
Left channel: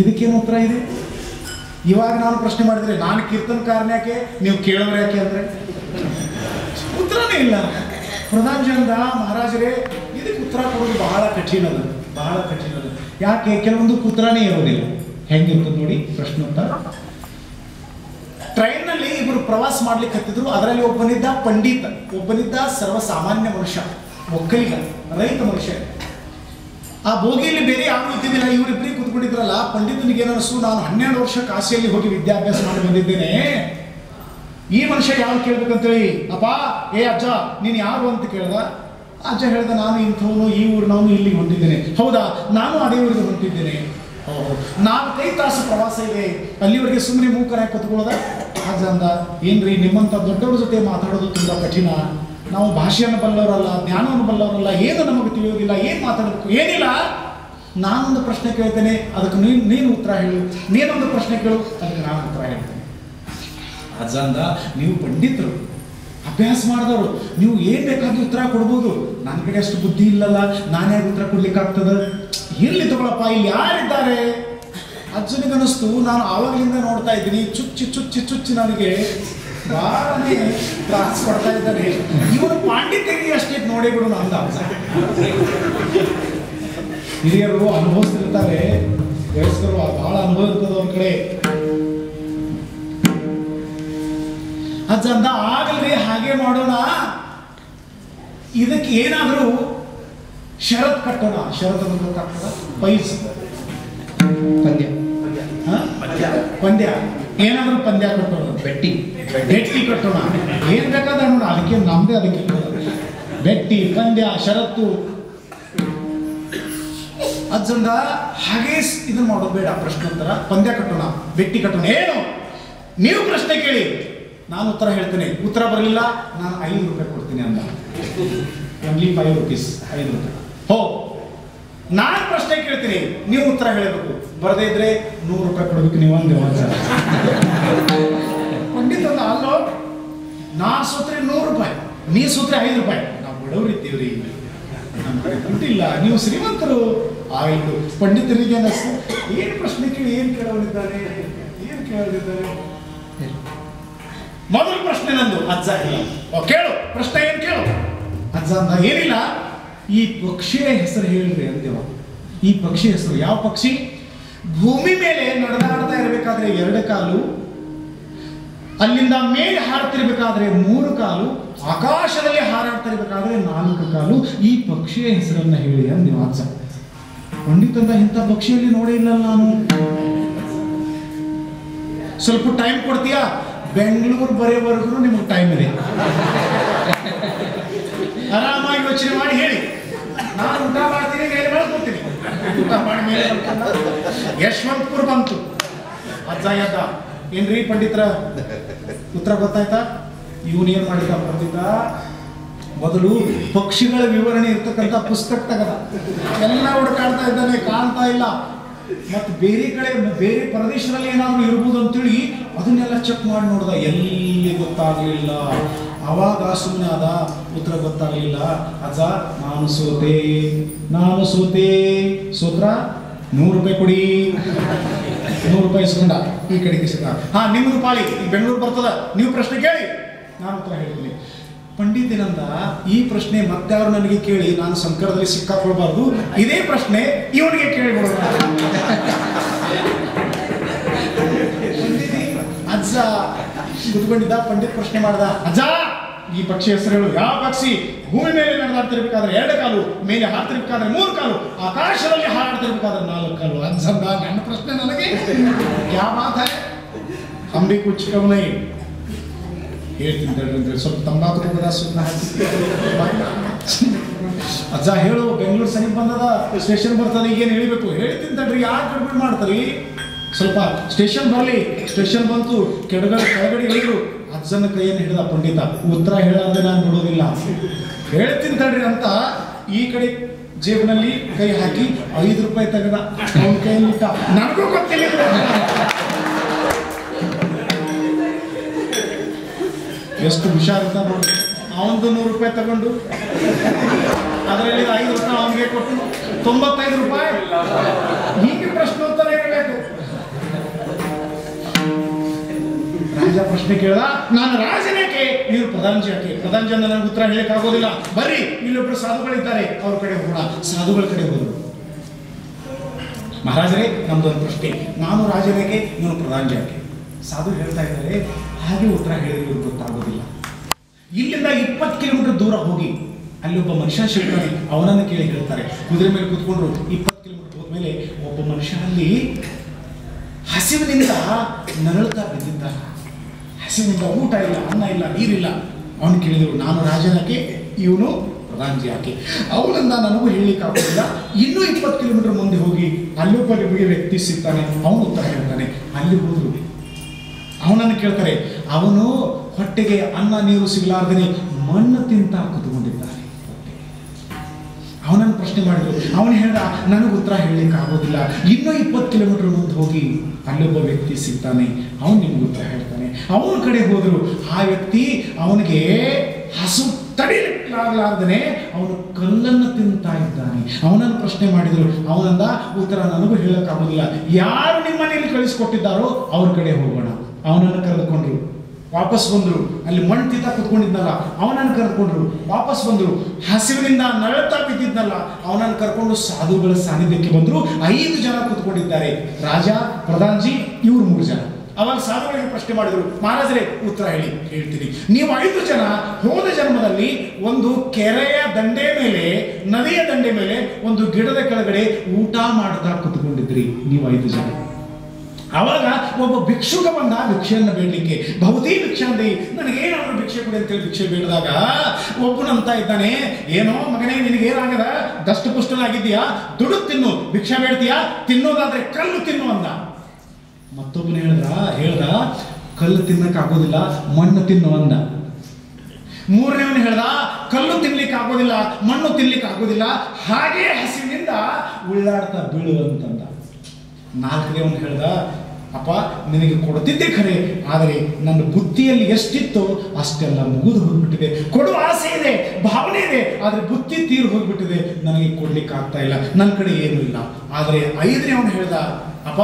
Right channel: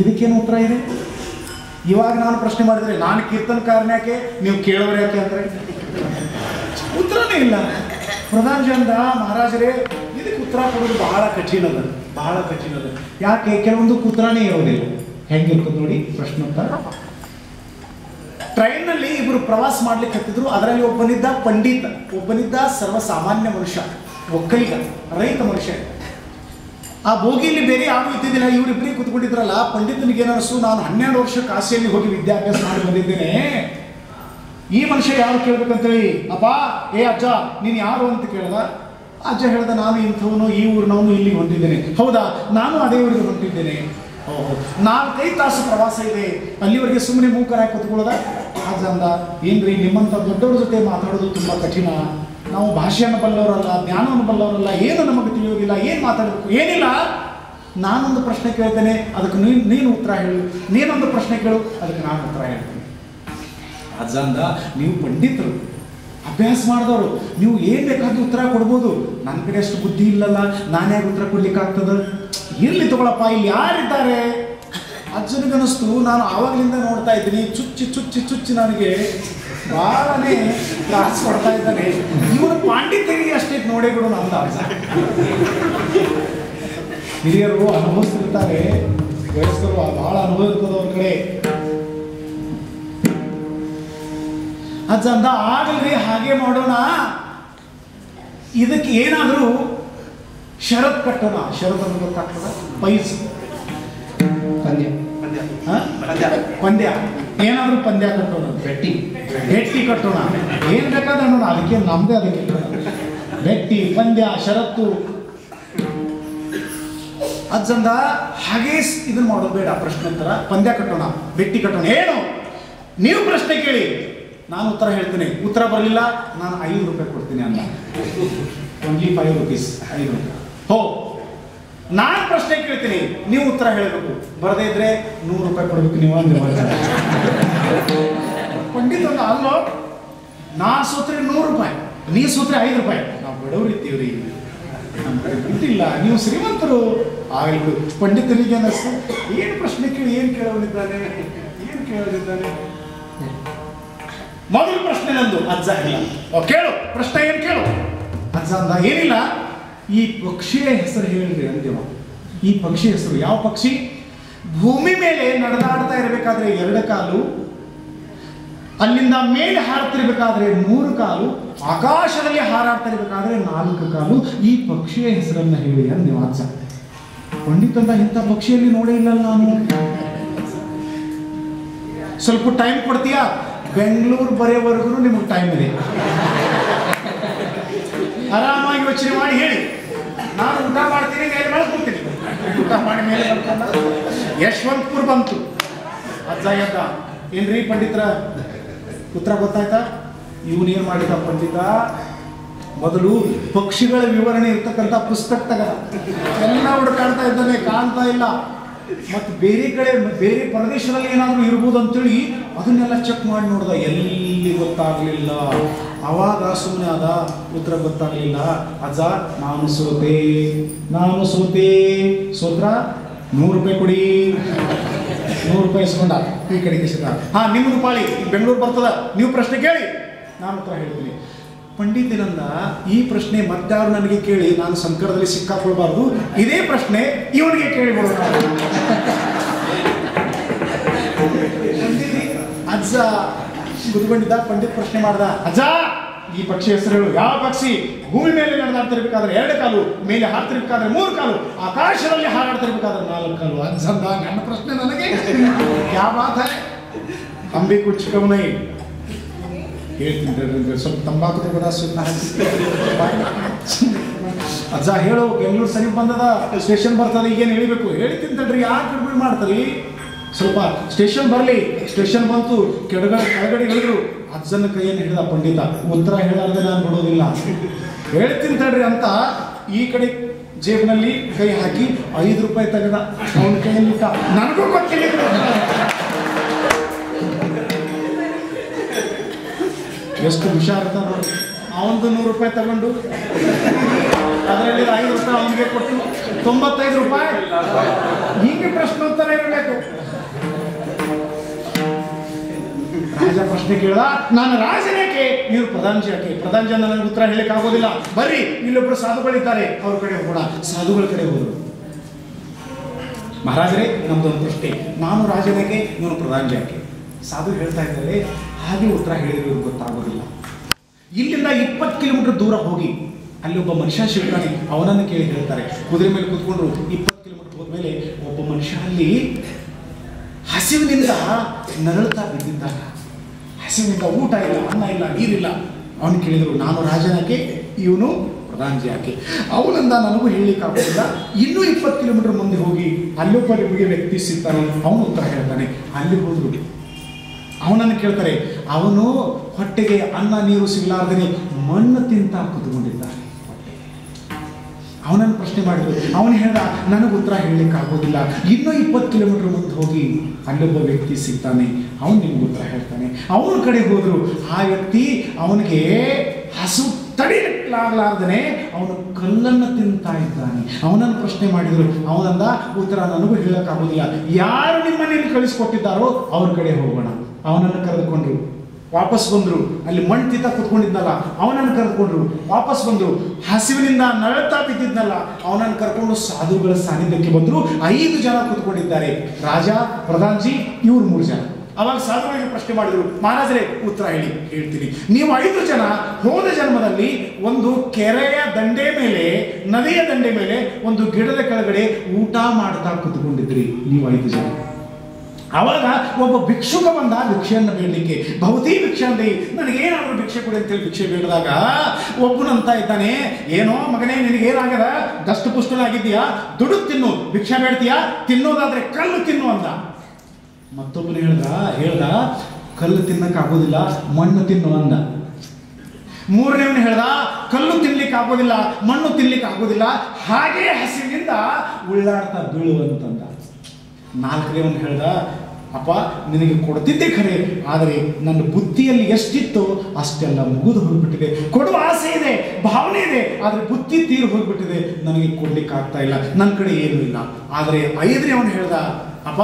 ಇದಕ್ಕೇನು ಉತ್ತರ ಇದೆ? ಇವಾಗ ನಾನು ಪ್ರಶ್ನೆ ಮಾಡಿದ್ರೆ ನಾನು ಕೀರ್ತನಕಾರನ ಯಾಕೆ, ನೀವು ಕೇಳೋರು ಯಾಕೆ ಅಂದ್ರೆ ಉತ್ತರನೇ ಇಲ್ಲ. ಪ್ರಧಾನಜಿ ಅಂದ, ಮಹಾರಾಜರೇ ಇದಕ್ಕೆ ಉತ್ತರ ಕೊಡೋದು ಬಹಳ ಕಠಿಣ ಅದ. ಯಾಕೆ? ಕೆಲವೊಂದು ಉತ್ತರನೇ ಇರೋದಿಲ್ಲ. ಹೆಂಗಿರ್ತದೆ ನೋಡಿ ಪ್ರಶ್ನೋತ್ತರ. ಟ್ರೈನ್ನಲ್ಲಿ ಇಬ್ಬರು ಪ್ರವಾಸ ಮಾಡ್ಲಿಕ್ಕೆ ಹತ್ತಿದ್ರು. ಅದರಲ್ಲಿ ಒಬ್ಬನಿದ್ದ ಪಂಡಿತ, ಒಬ್ಬನಿದ್ದ ಸರ್ವಸಾಮಾನ್ಯ ಮನುಷ್ಯ, ಒಕ್ಕಲಿಗ, ರೈತ ಮನುಷ್ಯ. ಆ ಬೋಗಿಯಲ್ಲಿ ಬೇರೆ ಯಾರು ಇದ್ದಿದ್ದಿಲ್ಲ. ಇವರಿಬ್ಬರಿಗೆ ಕೂತ್ಕೊಂಡಿದ್ರಲ್ಲ. ಪಂಡಿತನಿಗೆ ಏನನ್ನಿಸು, ನಾನು 12 ವರ್ಷ ಕಾಶಿಯಲ್ಲಿ ಹೋಗಿ ವಿದ್ಯಾಭ್ಯಾಸ ಮಾಡಿ ಬಂದಿದ್ದೇನೆ, ಈ ಮನುಷ್ಯ ಯಾರು ಕೇಳ್ಬೇಕಂತೇಳಿ. ಅಪ್ಪ, ಏ ಅಜ್ಜ ನೀನು ಯಾರು ಅಂತ ಕೇಳ್ದ. ಅಜ್ಜ ಹೇಳ್ದ, ನಾನು ಇಂಥವನು, ಈ ಊರಿನವನು, ಇಲ್ಲಿಗೆ ಹೊಂಟಿದ್ದೇನೆ. ಹೌದಾ, ನಾನು ಅದೇ ಊರಿಗೆ ಹೊಂಟಿದ್ದೇನೆ. 4-5 ತಾಸು ಪ್ರವಾಸ ಇದೆ, ಅಲ್ಲಿವರೆಗೆ ಸುಮ್ಮನೆ ಮೂಕರಾಗಿ ಕತ್ಕೊಳ್ಳೋದ. ಅಜ್ಜ ಅಂದ, ಏನ್ರಿ ನಿಮ್ಮಂಥ ದೊಡ್ಡವ್ರ ಜೊತೆ ಮಾತಾಡೋದು ತುಂಬ ಕಠಿಣ. ನಾವು ಭಾಷೆಯನ್ನು ಬಲ್ಲವರಲ್ಲ, ಜ್ಞಾನವನ್ನು ಬಲ್ಲವರಲ್ಲ, ಏನು ನಮಗೆ ತಿಳಿಯೋದಿಲ್ಲ, ಏನು ಮಾತಾಡಬೇಕು ಏನಿಲ್ಲ. ನಾನೊಂದು ಪ್ರಶ್ನೆ ಕೇಳ್ತೇನೆ, ಅದಕ್ಕೆ ನೀನು ಉತ್ತರ ಹೇಳು. ನೀನೊಂದು ಪ್ರಶ್ನೆ ಕೇಳು, ಅದಕ್ಕೆ ನಾನು ಉತ್ತರ ಹೇಳ್ತೇನೆ. ಅಜ್ಜ ಅಂದ, ನೀವು ಪಂಡಿತರು, ಅಭ್ಯಾಸ ಮಾಡಿದವರು ನೀವು ಏನು ಬೇಕಾದ್ರೂ ಉತ್ತರ ಕೊಡ್ಬೋದು. ನನ್ನ ಕಡೆ ಅಷ್ಟು ಬುದ್ಧಿ ಇಲ್ಲಲ್ಲ, ನಾನು ಯಾಕೆ ಉತ್ತರ ಕೊಡ್ಲಿಕ್ಕೆ ಆಗ್ತದೆ? ಇರ್ಲಿ ತಗೊಳಪ್ಪ, ಇಲ್ಲಿ ಯಾರಿದ್ದಾರೆ? ಅಜ್ಜನಿಗೆ ಅನ್ನಿಸ್ತು, ನಾನು ಆವಾಗಲಿಂದ ನೋಡ್ತಾ ಇದ್ದೀನಿ, ಚುಚ್ಚಿ ಚುಚ್ಚಿ ಚುಚ್ಚಿ ನನಗೆ ಭಾಳನೇ ತ್ರಾಸ ಕೊಡ್ತಾ ಇದ್ದಾನೆ. ಇವನು ಪಾಂಡಿತ್ಯರಿಗೆ ಅಷ್ಟೇ ನೋಡೇ ಬಿಡು ನಂದು ಅಜ್ಜ. ಹಿರಿಯರು ಅನುಭವಿಸ್ತಿರ್ತಾರೆ, ವಯಸ್ಕರು ಬಹಳ ಅನುಭವ ಇರ್ತದೆ ಅವ್ರ ಕಡೆ. ಅಜ್ಜ ಅಂದ, ಆಗಲ್ರಿ ಹಾಗೆ ಮಾಡೋಣ, ಇದಕ್ಕೆ ಏನಾದರೂ ಷರತ್ ಕಟ್ಟೋಣ. ಷರತ್ ಅಂತ ಗೊತ್ತಾಗ್ತದ? ಪೈಸ್ ಪಂದ್ಯ ಪಂದ್ಯ, ಏನಾದರೂ ಪಂದ್ಯ ಕಟ್ಟೋಣ, ಬೆಟ್ಟಿ ಕಟ್ಟೋಣ, ಏನ್ ಬೇಕಾದ ನೋಡ, ಅದಕ್ಕೆ ನಮ್ದೇ ಅದಕ್ಕೆ ಬೆಟ್ಟಿ, ಪಂದ್ಯ, ಷರತ್ತು. ಅಜ್ಜಂದ ಹಾಗೇ ಇದನ್ನ ಮಾಡೋದು ಬೇಡ, ಪ್ರಶ್ನೋತ್ತರ ಪಂದ್ಯ ಕಟ್ಟೋಣ, ಬೆಟ್ಟಿ ಕಟ್ಟೋಣ. ಏನು ನೀವು ಪ್ರಶ್ನೆ ಕೇಳಿ, ನಾನು ಉತ್ತರ ಹೇಳ್ತೇನೆ. ಉತ್ತರ ಬರಲಿಲ್ಲ, ನಾನು 5 ರೂಪಾಯಿ ಕೊಡ್ತೀನಿ ಅಂದ. ಓನ್ಲಿ 5 ರೂಪೀಸ್, 5 ರೂಪಾಯಿ. ಹೋ, ನಾನು ಪ್ರಶ್ನೆ ಕೇಳ್ತೀನಿ, ನೀವು ಉತ್ತರ ಹೇಳಬೇಕು. ಬರದೇ ಇದ್ರೆ 100 ರೂಪಾಯಿ ಕೊಡ್ಬೇಕು ನೀವು ಅಂದಿರುವ. ಪಂಡಿತ ಅಂದ, ಅಲ್ಲೋ ನಾ ಸೋತ್ರೆ 100 ರೂಪಾಯಿ, ನೀ ಸೋತ್ರೆ 5 ರೂಪಾಯಿ. ನಾವು ಬಡವ್ರು ಇದ್ದೀವ್ರಿ, ನಮ್ಮ ಕಡೆ ದುಡ್ಡಿಲ್ಲ, ನೀವು ಶ್ರೀಮಂತರು. ಆಯ್ತು, ಪಂಡಿತನಿಗೆ ಅನ್ನಿಸ್ತು, ಏನು ಪ್ರಶ್ನೆ ಕೇಳಿ, ಏನು ಕೇಳೋನಿದ್ದಾನೆ, ಏನು ಕೇಳೋನಿದ್ದಾನೆ. ಮೊದಲು ಪ್ರಶ್ನೆ ನಂದು. ಅಜ್ಜ ಇಲ್ಲ, ಕೇಳು ಪ್ರಶ್ನೆ, ಏನು ಕೇಳು. ಅಜ್ಜ ಅಂದ, ಏನಿಲ್ಲ, ಈ ಪಕ್ಷಿಯ ಹೆಸರು ಹೇಳ್ರಿ ಅಂದೇವ. ಈ ಪಕ್ಷಿ ಹೆಸರು ಯಾವ ಪಕ್ಷಿ? ಭೂಮಿ ಮೇಲೆ ನಡೆದಾಡ್ತಾ ಇರಬೇಕಾದ್ರೆ 2 ಕಾಲು, ಅಲ್ಲಿಂದ ಮೇಲೆ ಹಾಡ್ತಿರ್ಬೇಕಾದ್ರೆ 3 ಕಾಲು, ಆಕಾಶದಲ್ಲಿ ಹಾರಾಡ್ತಾ ಇರಬೇಕಾದ್ರೆ 4 ಕಾಲು. ಈ ಪಕ್ಷಿಯ ಹೆಸರನ್ನ ಹೇಳಿ ಅಂದೇವ ಅಜ್ಜ. ಪಂಡಿತಂದ, ಇಂಥ ಪಕ್ಷಿಯಲ್ಲಿ ನೋಡೇ ಇಲ್ಲ ನಾನು. ಸ್ವಲ್ಪ ಟೈಮ್ ಕೊಡ್ತೀಯಾ? ಬೆಂಗಳೂರು ಬರೆಯವರೆಗೂ ನಿಮಗೆ ಟೈಮ್ ಇದೆ, ಆರಾಮಾಗಿ ಯೋಚನೆ ಮಾಡಿ ಹೇಳಿ. ನಾನು ಊಟ ಮಾಡ್ತೀನಿ, ಮೇಲೆ ಮಾಡ್ಕೊಡ್ತೀನಿ. ಊಟ ಮಾಡಿ ಮೇಲೆ ಮಾಡ್ಕೊಂಡ ಯಶವಂತಪುರ ಬಂತು. ಅಜ್ಜ ಎದ್ದ, ಏನ್ರಿ ಪಂಡಿತರ ಉತ್ತರ ಗೊತ್ತಾಯ್ತಾ? ಇವನೇನ್ ಮಾಡಿದ ಪಂಡಿತ, ಮೊದಲು ಪಕ್ಷಿಗಳ ವಿವರಣೆ ಇರ್ತಕ್ಕಂಥ ಪುಸ್ತಕ ತಗದ, ಎಲ್ಲ ಹುಡುಕಾಡ್ತಾ ಇದ್ದಾನೆ, ಕಾಣ್ತಾ ಇಲ್ಲ. ಮತ್ತು ಬೇರೆ ಕಡೆ ಬೇರೆ ಪ್ರದೇಶದಲ್ಲಿ ಏನಾದರೂ ಇರ್ಬೋದು ಅಂತೇಳಿ ಅದನ್ನೆಲ್ಲ ಚೆಕ್ ಮಾಡಿ ನೋಡ್ದ, ಎಲ್ಲಿ ಗೊತ್ತಾಗಲಿಲ್ಲ. ಅವಾಗ ಸುಮ್ಮನೆ ಆದ, ಉತ್ತರ ಗೊತ್ತಾಗಲಿಲ್ಲ. ಅಜ್ಜ, ನಾನು ಸೋತೆ. ಸೋತ್ರ 100 ರೂಪಾಯಿ ಕೊಡಿ. 100 ರೂಪಾಯಿ ಇಸ್ಕೊಂಡ, ಈ ಕಡೆಗೆ ಸಿಗ. ಹಾ, ನಿಮ್ದು ಪಾಳಿ, ಬೆಂಗಳೂರು ಬರ್ತದ, ನೀವು ಪ್ರಶ್ನೆ ಕೇಳಿ, ನಾನು ಉತ್ತರ ಹೇಳ್ತೀನಿ. ಪಂಡಿತನಂದ, ಈ ಪ್ರಶ್ನೆ ಮತ್ತಾರು ನನಗೆ ಕೇಳಿ ನಾನು ಸಂಕಟದಲ್ಲಿ ಸಿಕ್ಕಾಕೊಳ್ಬಾರ್ದು, ಇದೇ ಪ್ರಶ್ನೆ ಇವನಿಗೆ ಕೇಳಿಬಿಡೋಣ. ಅಜ್ಜ ಕುತ್ಕೊಂಡಿದ್ದ, ಪಂಡಿತ್ ಪ್ರಶ್ನೆ ಮಾಡ್ದ, ಅಜ್ಜ ಈ ಪಕ್ಷಿ ಹೆಸರು ಹೇಳು. ಯಾವ ಪಕ್ಷಿ ಭೂಮಿ ಮೇಲೆ ನಡೆದಾಡ್ತಿರ್ಬೇಕಾದ್ರೆ 2 ಕಾಲು, ಮೇಲೆ ಹಾರ್ತಿರ್ಬೇಕಾದ್ರೆ 3 ಕಾಲು, ಆಕಾಶದಲ್ಲಿ ಹಾರಾಡ್ತಿರ್ಬೇಕಾದ್ರೆ 4 ಕಾಲು. ಅಜ್ಜಂದ, ನನ್ನ ಪ್ರಶ್ನೆ ನನಗೆ ಯಾವ ಮಾತ ಅಂಬಿ ಕುಚ್ಕವನೈ ಹೇಳ್ತೀನಿ, ಸ್ವಲ್ಪ ತಂಬಾಕು ಪದಾರ್ಥನ ಹಾಕಿ. ಅಜ್ಜ ಹೇಳು, ಬೆಂಗಳೂರು ಸರಿ ಬಂದದ, ಸ್ಟೇಷನ್ ಬರ್ತದೆ, ಈಗೇನು ಹೇಳಿಬೇಕು? ಹೇಳ್ತೀನಿ ತಡ್ರಿ, ಯಾಕೆ ಗಡ್ಬಿಡಿ ಮಾಡ್ತಾರೆ? ಸ್ವಲ್ಪ ಸ್ಟೇಷನ್ ಬರಲಿ. ಸ್ಟೇಷನ್ ಬಂತು, ಕೆಳಗಡೆ ಇಳಿದ್ರು. ಅಜ್ಜನ ಕೈಯನ್ನು ಹಿಡಿದ ಪಂಡಿತ, ಉತ್ತರ ಹೇಳೋದ್ರೆ ನಾನು ನೋಡೋದಿಲ್ಲ, ಹೇಳ್ತೀನಿ ತಡ್ರಿ ಅಂತ ಈ ಕಡೆ ಜೇಬಿನಲ್ಲಿ ಕೈ ಹಾಕಿ 5 ರೂಪಾಯಿ ತೆಗೆದ, ಅವನ ಕೈಯಲ್ಲಿಟ್ಟ. ನನಗೂ ಗೊತ್ತಿಲ್ಲ. ಎಷ್ಟು ಹುಷಾರಿದ್ದ ನೋಡಿ. ಅವನದು 100 ರೂಪಾಯಿ ತಗೊಂಡು ಅದರಲ್ಲಿ 5 ರೂಪಾಯಿ ಅವನಿಗೆ ಕೊಟ್ಟು 95 ರೂಪಾಯಿ. ಹೀಗೆ ಪ್ರಶ್ನೋತ್ತರ ಇರಬೇಕು. ರಾಜ ಪ್ರಶ್ನೆ ಕೇಳ್ದ, ನಾನು ರಾಜನೇಕೆ, ನೀವು ಪ್ರಧಾನಜಿ ಯಾಕೆ? ಪ್ರಧಾನಜಿ ಅಂದ, ನನಗೆ ಉತ್ತರ ಹೇಳಕ್ ಆಗೋದಿಲ್ಲ, ಬರ್ರಿ ಇಲ್ಲೊಬ್ರು ಸಾಧುಗಳಿದ್ದಾರೆ, ಅವ್ರ ಕಡೆ ಹೋಗೋಣ. ಸಾಧುಗಳ ಕಡೆ ಹೋದ್ರು. ಮಹಾರಾಜರೇ, ನಮ್ದೊಂದು ಪ್ರಶ್ನೆ, ನಾನು ರಾಜನೇಕೆ, ಇವನು ಪ್ರಧಾನಜಿ ಯಾಕೆ? ಸಾಧು ಹೇಳ್ತಾ ಇದ್ದಾರೆ, ಹಾಗೆ ಉತ್ತರ ಹೇಳಿದ್ರೆ ಗೊತ್ತಾಗೋದಿಲ್ಲ. ಇಲ್ಲಿಂದ 20 ಕಿಲೋಮೀಟರ್ ದೂರ ಹೋಗಿ ಅಲ್ಲಿ ಒಬ್ಬ ಮನುಷ್ಯ ಸಿಗ್ತಾನೆ, ಅವನನ್ನು ಕೇಳಿ ಹೇಳ್ತಾರೆ. ಕುದುರೆ ಮೇಲೆ ಕೂತ್ಕೊಂಡ್ರು. 20 ಕಿಲೋಮೀಟರ್ ಹೋದ್ಮೇಲೆ ಒಬ್ಬ ಮನುಷ್ಯ ಅಲ್ಲಿ ಹಸಿವಿನಿಂದ ನರಳುತ್ತಾ ಬಿದ್ದಿದ್ದಾನೆ. ಹಸಿವಿನಿಂದ ಊಟ ಇಲ್ಲ, ಅನ್ನ ಇಲ್ಲ, ನೀರಿಲ್ಲ. ಅವನು ಕೇಳಿದರು, ನಾನು ರಾಜನಾಕೆ, ಇವನು ಪ್ರಧಾನಜಿ ಯಾಕೆ? ಅವನಂದ, ನನಗೂ ಹೇಳಲಿಕ್ಕೆ ಆಗೋದಿಲ್ಲ. ಇನ್ನೂ 20 ಕಿಲೋಮೀಟರ್ ಮುಂದೆ ಹೋಗಿ ಅಲ್ಲೊಬ್ಬ ನಿಮಗೆ ವ್ಯಕ್ತಿ ಸಿಗ್ತಾನೆ, ಅವನು ಉತ್ತರ ಹೇಳ್ತಾನೆ. ಅಲ್ಲಿ ಹೋದ್ರು. ಅವನನ್ನು ಕೇಳ್ತಾರೆ, ಅವನು ಹೊಟ್ಟೆಗೆ ಅನ್ನ ನೀರು ಸಿಗಲಾರ್ದೇ ಮಣ್ಣು ತಿಂತ ಕೂತ್ಕೊಂಡಿದ್ದಾನೆ. ಅವನನ್ನು ಪ್ರಶ್ನೆ ಮಾಡಿದ್ರು. ಅವನು ಹೇಳ್ದ, ನನಗೆ ಉತ್ತರ ಹೇಳಲಿಕ್ಕೆ ಆಗೋದಿಲ್ಲ, ಇನ್ನೂ 20 ಕಿಲೋಮೀಟರ್ ಮುಂದೆ ಹೋಗಿ ಅಲ್ಲೊಬ್ಬ ವ್ಯಕ್ತಿ ಸಿಗ್ತಾನೆ, ಅವನು ನಿಮ್ಗೆ ಉತ್ತರ ಹೇಳ್ತಾನೆ. ಅವನ ಕಡೆ ಹೋದ್ರು. ಆ ವ್ಯಕ್ತಿ ಅವನಿಗೆ ಹಸು ತಡಿಲಿಕ್ಕಾಗಲಾರ್ದೇ ಅವನು ಕಲ್ಲನ್ನು ತಿಂತಾ ಇದ್ದಾನೆ. ಅವನನ್ನು ಪ್ರಶ್ನೆ ಮಾಡಿದ್ರು. ಅವನಂದ, ಉತ್ತರ ನನಗೂ ಹೇಳಕ್ಕಾಗೋದಿಲ್ಲ, ಯಾರು ನಿಮ್ಮನೇಲಿ ಕಳಿಸ್ಕೊಟ್ಟಿದ್ದಾರೋ ಅವ್ರ ಕಡೆ ಹೋಗೋಣ. ಅವನನ್ನು ಕರೆದುಕೊಂಡ್ರು, ವಾಪಸ್ ಬಂದರು. ಅಲ್ಲಿ ಮಣ್ಣು ತಿಂತ ಕೂತ್ಕೊಂಡಿದ್ನಲ್ಲ ಅವನನ್ನು ಕರೆದುಕೊಂಡ್ರು, ವಾಪಸ್ ಬಂದರು. ಹಸಿವಿನಿಂದ ನರಳ್ತಾ ಬಿದ್ದಿದ್ನಲ್ಲ ಅವನನ್ನು ಕರ್ಕೊಂಡು ಸಾಧುಗಳ ಸಾನ್ನಿಧ್ಯಕ್ಕೆ ಬಂದರು. 5 ಜನ ಕೂತ್ಕೊಂಡಿದ್ದಾರೆ, ರಾಜ, ಪ್ರಧಾನ್ಜಿ, ಇವ್ರು 3 ಜನ. ಅವಾಗ ಸಾಧುಗಳಿಗೆ ಪ್ರಶ್ನೆ ಮಾಡಿದ್ರು, ಮಹಾರಾಜರೇ ಉತ್ತರ ಹೇಳ್ತೀನಿ. ನೀವು 5 ಜನ ಹೋದ ಜನ್ಮದಲ್ಲಿ ಒಂದು ಕೆರೆಯ ದಂಡೆ ಮೇಲೆ, ನದಿಯ ದಂಡೆ ಮೇಲೆ ಒಂದು ಗಿಡದ ಕೆಳಗಡೆ ಊಟ ಮಾಡ್ತಾ ಕೂತ್ಕೊಂಡಿದ್ರಿ ನೀವು 5 ಜನ. ಅವಾಗ ಒಬ್ಬ ಭಿಕ್ಷುಕ ಬಂದ ಭಿಕ್ಷೆಯನ್ನು ಬೇಡಲಿಕ್ಕೆ. ಭವತಿ ಭಿಕ್ಷೆ ಅಂದೆ, ನನಗೇನಾದ್ರೂ ಭಿಕ್ಷೆ ಕೊಡಿ ಅಂತೇಳಿ ಭಿಕ್ಷೆ ಬೇಡಿದಾಗ ಒಬ್ಬನಂತ ಇದ್ದಾನೆ, ಏನೋ ಮಗನೇ ನಿನಗೇನಾಗದ, ದಷ್ಟಪುಷ್ಟನಾಗಿದ್ದೀಯಾ, ದುಡ್ಡು ತಿನ್ನು, ಭಿಕ್ಷೆ ಬೇಡ್ತೀಯಾ, ತಿನ್ನೋದಾದ್ರೆ ಕಲ್ಲು ತಿನ್ನು ಅಂದ. ಮತ್ತೊಬ್ಬನು ಹೇಳ್ದ ಕಲ್ಲು ತಿನ್ನಕ್ಕಾಗೋದಿಲ್ಲ, ಮಣ್ಣು ತಿನ್ನು ಅಂದ. 3ನೇವನು ಹೇಳ್ದ, ಕಲ್ಲು ತಿನ್ಲಿಕ್ಕೆ ಆಗೋದಿಲ್ಲ, ಮಣ್ಣು ತಿನ್ಲಿಕ್ಕೆ ಆಗೋದಿಲ್ಲ, ಹಾಗೇ ಹಸಿವಿನಿಂದ ಉಳ್ಳಾಡ್ತಾ ಬೀಳುವಂತಂದ. 4ನೇವನು ಹೇಳ್ದ, ಅಪ್ಪ ನಿನಗೆ ಕೊಡ್ತಿದ್ದೆ ಖರೆ, ಆದರೆ ನನ್ನ ಬುದ್ಧಿಯಲ್ಲಿ ಎಷ್ಟಿತ್ತೋ ಅಷ್ಟೆಲ್ಲ ಮುಗಿದು ಹೋಗ್ಬಿಟ್ಟಿದೆ. ಕೊಡುವ ಆಸೆ ಇದೆ, ಭಾವನೆ ಇದೆ, ಆದರೆ ಬುದ್ಧಿ ತೀರು ಹೋಗ್ಬಿಟ್ಟಿದೆ, ನನಗೆ ಕೊಡ್ಲಿಕ್ಕೆ ಆಗ್ತಾ ಇಲ್ಲ, ನನ್ನ ಕಡೆ ಏನೂ ಇಲ್ಲ. ಆದರೆ 5ನೇವನು ಹೇಳ್ದ, ಅಪ್ಪ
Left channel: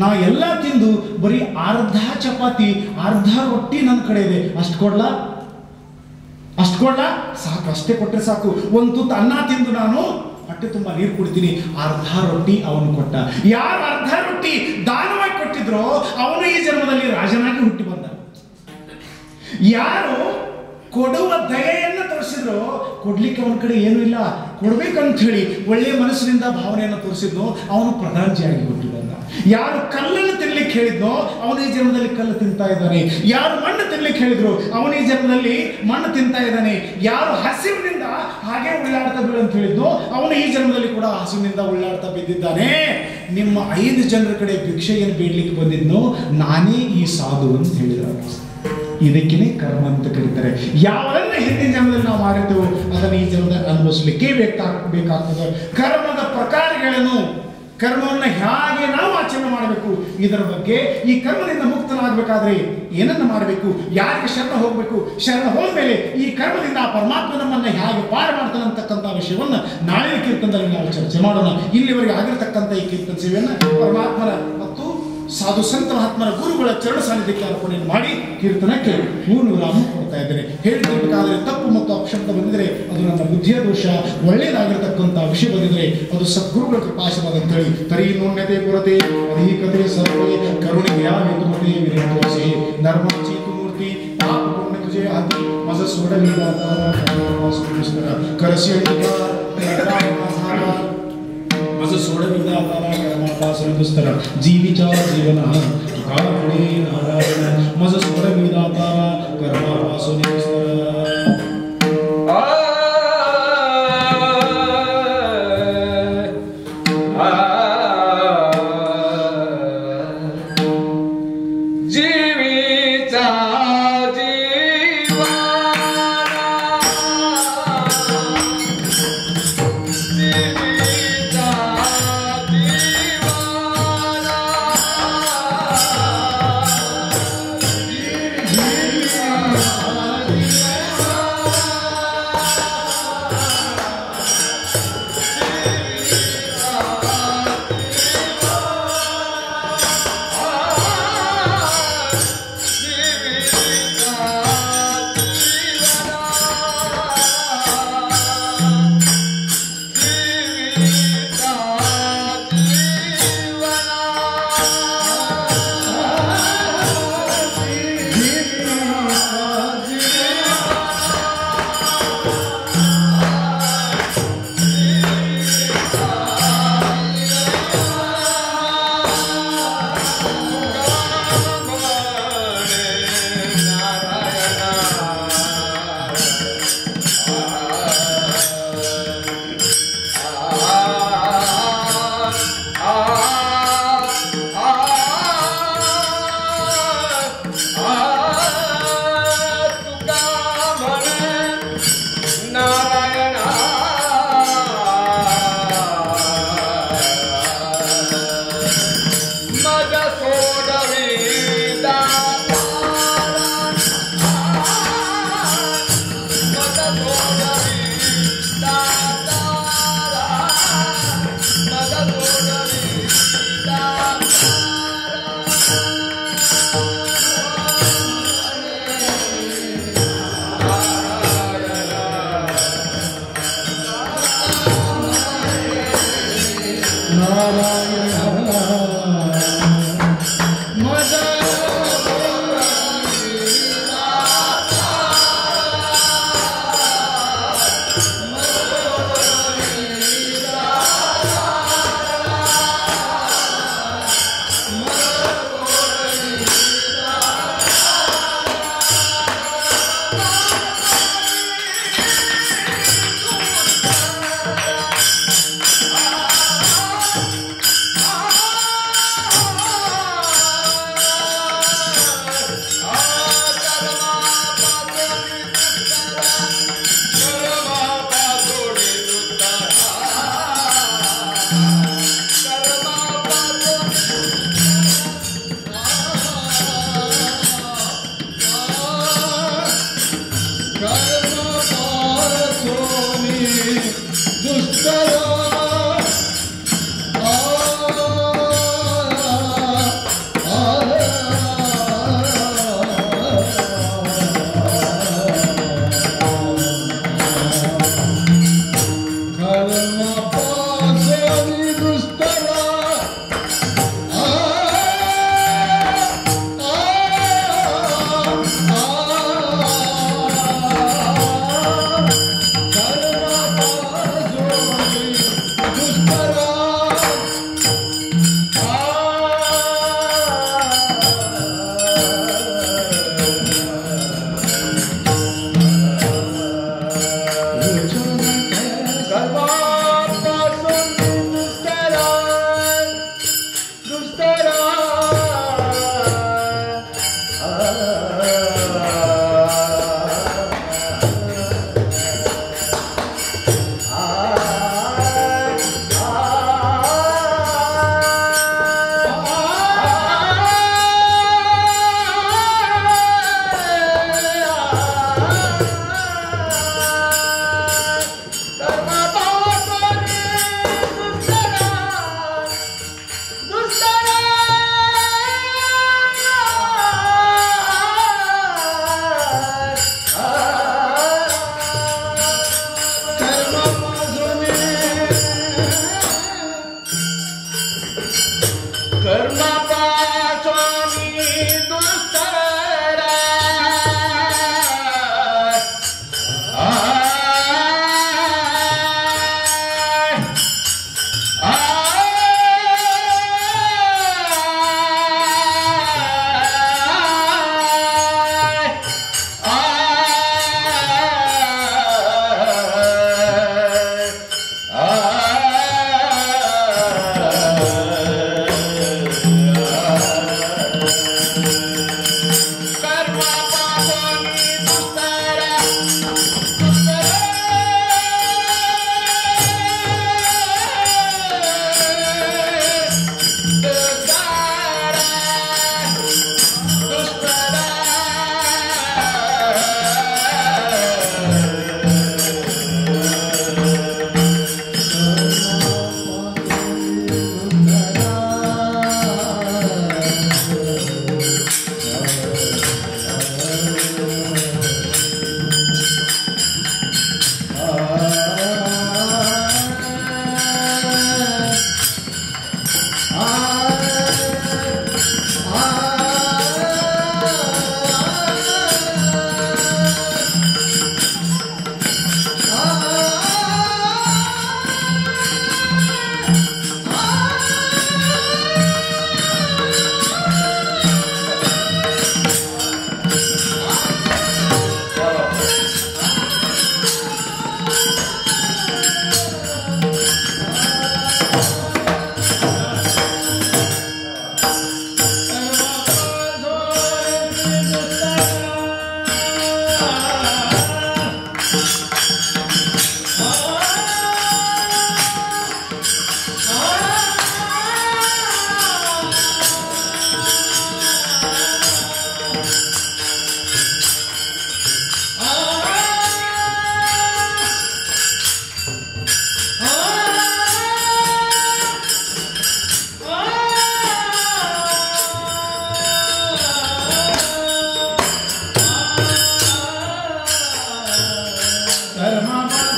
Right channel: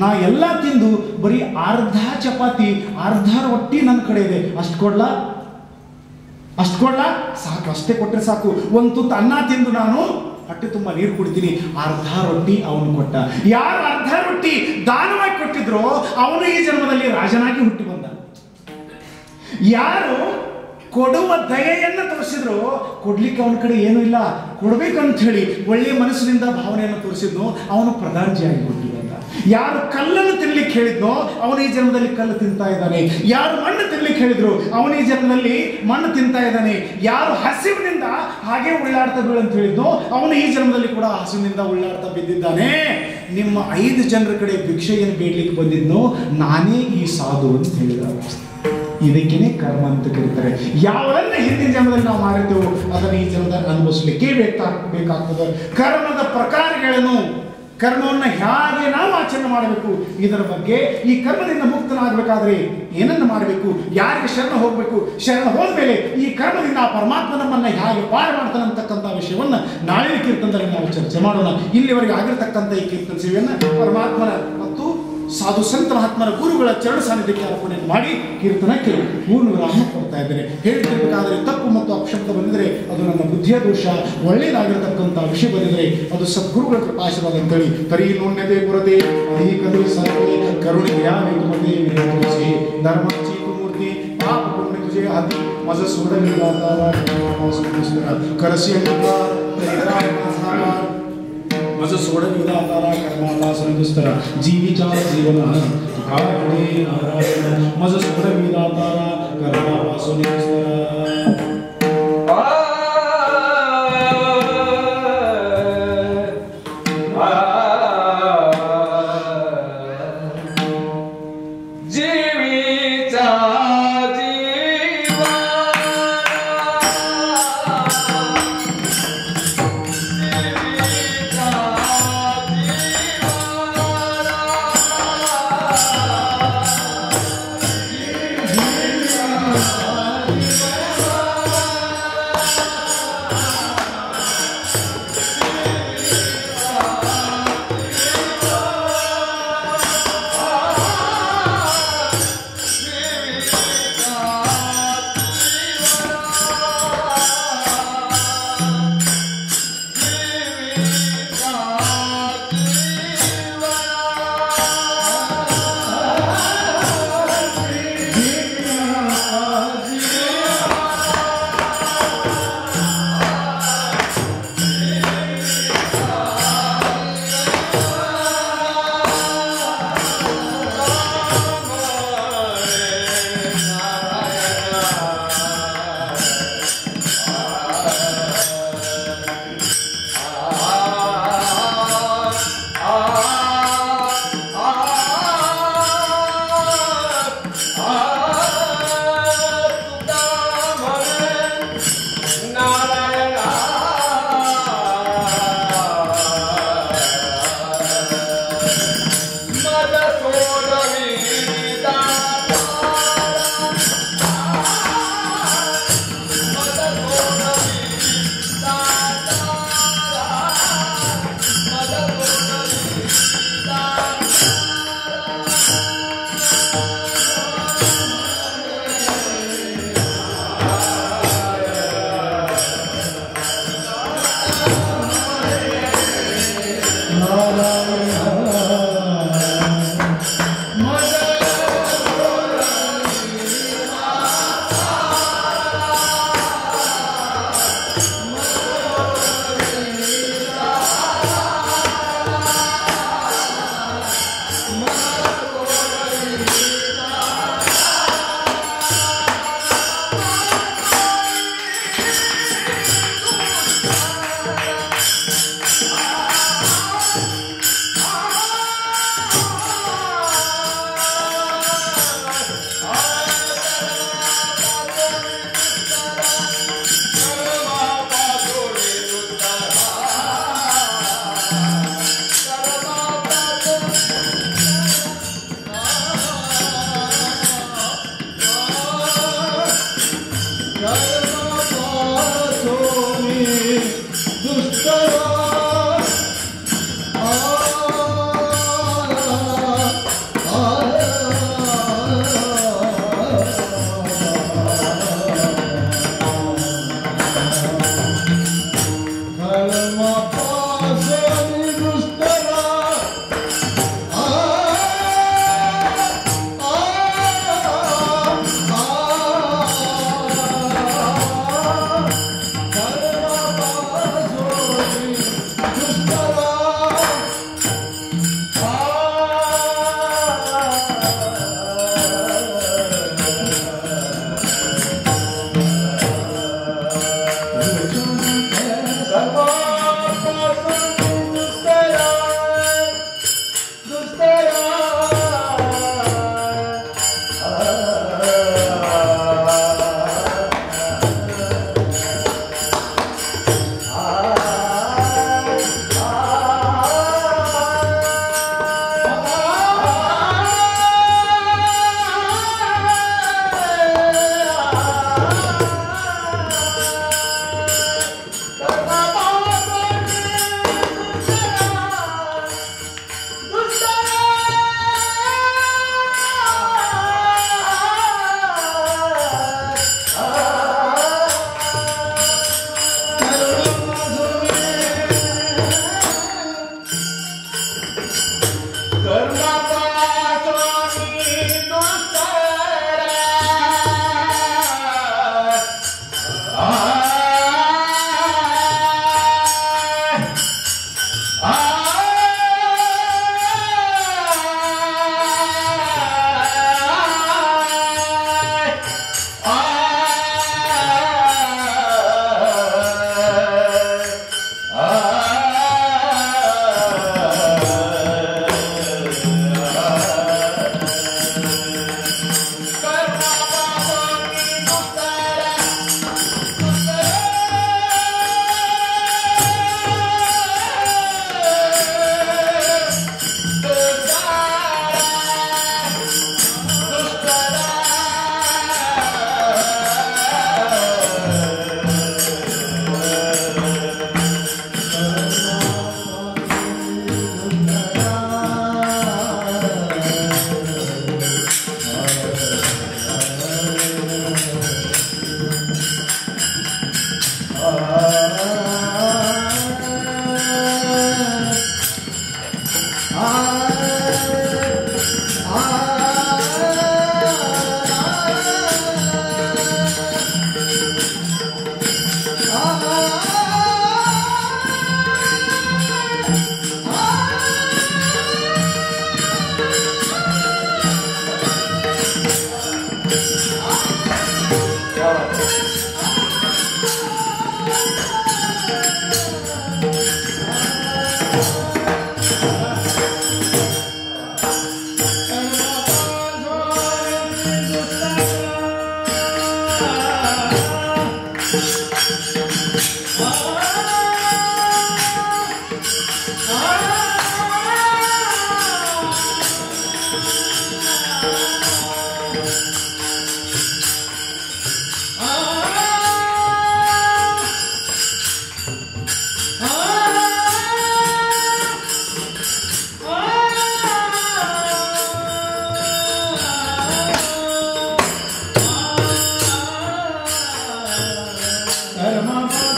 ನಾ ಎಲ್ಲ ತಿಂದು ಬರೀ ಅರ್ಧ ಚಪಾತಿ, ಅರ್ಧ ರೊಟ್ಟಿ ನನ್ನ ಕಡೆ ಇದೆ, ಅಷ್ಟು ಕೊಡ್ಲಾ ಸಾಕು, ಅಷ್ಟೇ ಕೊಟ್ಟರೆ ಸಾಕು. ಒಂದು ತುತ್ತು ಅನ್ನ ತಿಂದು ನಾನು ಹೊಟ್ಟೆ ತುಂಬ ನೀರು ಕುಡಿತೀನಿ. ಅರ್ಧ ರೊಟ್ಟಿ ಅವನು ಕೊಟ್ಟ. ಯಾರು ಅರ್ಧ ರೊಟ್ಟಿ ದಾನವಾಗಿ ಕೊಟ್ಟಿದ್ರೋ ಅವನು ಈ ಜನ್ಮದಲ್ಲಿ ರಾಜನಾಗಿ ಹುಟ್ಟಿ ಬಂದ. ಯಾರು ಕೊಡುವ ದಯೆಯನ್ನು ತೋರಿಸಿದ್ರು, ಕೊಡ್ಲಿಕ್ಕೆ ಅವನ ಕಡೆ ಏನೂ ಇಲ್ಲ, ಕೊಡ್ಬೇಕಂತ ಹೇಳಿ ಒಳ್ಳೆಯ ಮನಸ್ಸಿನಿಂದ ಭಾವನೆಯನ್ನು ತೋರಿಸಿದ್ನೋ ಅವನು ಪ್ರಧಾನಜಿಯಾಗಿ ಹುಟ್ಟಿ ಬಂದ. ಯಾರು ಕಲ್ಲನ್ನು ತಿನ್ಲಿಕ್ಕೆ ಹೇಳಿದ್ನೋ ಅವನು ಈ ಜನ್ಮದಲ್ಲಿ ಕಲ್ಲು ತಿಂತಾ ಇದ್ದಾನೆ. ಯಾರು ಮಣ್ಣು ತಿನ್ಲಿಕ್ಕೆ ಹೇಳಿದ್ರು ಅವನು ಈ ಜನ್ಮದಲ್ಲಿ ಮಣ್ಣು ತಿಂತಾ ಇದ್ದಾನೆ. ಯಾರು ಹಸಿವಿನಿಂದ ಹಾಗೆ ಉಳ್ಳಾಡ್ತಾ ಬೀಳು ಅಂತ ಹೇಳಿದ್ನೋ ಅವನು ಈ ಜನ್ಮದಲ್ಲಿ ಕೂಡ ಹಸಿವಿನಿಂದ ಉಳ್ಳಾಡ್ತಾ ಬಿದ್ದಿದ್ದಾನೆ. ನಿಮ್ಮ 5 ಜನರ ಕಡೆ ಭಿಕ್ಷೆಯನ್ನು ಬೇಡ್ಲಿಕ್ಕೆ ಬಂದಿದ್ನೋ ನಾನೇ ಈ ಸಾಧು ಅಂತ ಹೇಳಿದ. ಇದಕ್ಕೇನೆ ಕರ್ಮ ಅಂತ ಕರೀತಾರೆ. ಯಾವನ್ನ ಹಿಂದಿನ ಜನ್ಮದಲ್ಲಿ ನಾವು ಮಾಡಿರ್ತೇವೋ ಅದನ್ನು ಈ ಜನ್ಮದಲ್ಲಿ ಅನುಭವಿಸಲಿಕ್ಕೆ ಬೇಕಾಗ್ತದೆ. ಕರ್ಮದ ಪ್ರಕಾರಗಳೇನು, ಕರ್ಮವನ್ನು ಹೇಗೆ ನಾವು ಆಚರಣೆ ಮಾಡಬೇಕು, ಇದರ ಬಗ್ಗೆ, ಈ ಕರ್ಮದಿಂದ ಮುಕ್ತನಾಗಬೇಕಾದ್ರೆ ಏನನ್ನು ಮಾಡಬೇಕು, ಯಾರಿಗೆ ಶರಣ ಹೋಗಬೇಕು, ಶರಣ ಹೋದ್ಮೇಲೆ ಈ ಕರ್ಮದಿಂದ ಆ ಪರಮಾತ್ಮ ನಮ್ಮನ್ನು ಹೇಗೆ ಪಾರ ಮಾಡ್ತಾನೆ ಅಂತಕ್ಕಂಥ ವಿಷಯವನ್ನು ನಾಳಿನ ಕೀರ್ತನದಲ್ಲಿ ನಾವು ಚರ್ಚೆ ಮಾಡೋಣ. ಇಲ್ಲಿವರೆಗೆ ಆಗಿರ್ತಕ್ಕಂಥ ಈ ಕೀರ್ತನ ಸೇವೆಯನ್ನು ಪರಮಾತ್ಮನ ಮತ್ತು ಸಾಧು ಸಂತ ಮಹಾತ್ಮರ ಗುರುಗಳ ಚರಣ ಸಾನ್ನಿಧ್ಯಕ್ಕೆ ಅರ್ಪಣೆಯನ್ನು ಮಾಡಿ ಕೀರ್ತನಕ್ಕೆ ಪೂರ್ಣ ವಿರಾಮ ಕೊಡ್ತಾ ಇದ್ದೇನೆ. ಹೇಳಿತಿರ್ಬೇಕಾದ್ರೆ ತಪ್ಪು ಮತ್ತು ಅಪಶಬ್ದ ಬಂದಿದ್ರೆ ಅದು ನನ್ನ ಬುದ್ಧಿಯ ದೋಷ, ಒಳ್ಳೆಯದಾಗಿರತಕ್ಕಂಥ ವಿಷಯ ಬಂದಿದ್ರೆ ಅದು ಸದ್ಗುರುಗಳ ಕೃಪಾಶೀರ್ವಾದ ಅಂತೇಳಿ ತರಿ ನೂನ್ಯತೆ ಪುರತೆ ಅಧಿಕತೆ ಸರ್ವೇ ಕರುಣಿಗೆ ಹೇತುಮತಿ ವಿನಯತೋಸಿ ಧರ್ಮ ಚೀತು ಮೂರ್ತಿ ಪಾಪ ಪುಣ್ಯ ತುಜೆ ಅತಿ ಮಜ ಸೋಡಲಿದಾತಾರ ಕರಸಿ मज सोड विदातारा कर्मापासन दुस्तर जीविचा जीवन काळे नारायण मज सोड विदातारा कर्मापासन दुस्तर Thank you.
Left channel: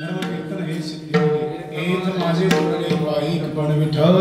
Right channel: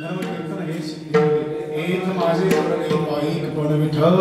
धर्मकीर्तन हे सिद्धी एथ माझे सोडले पाईक पण विठ्ठल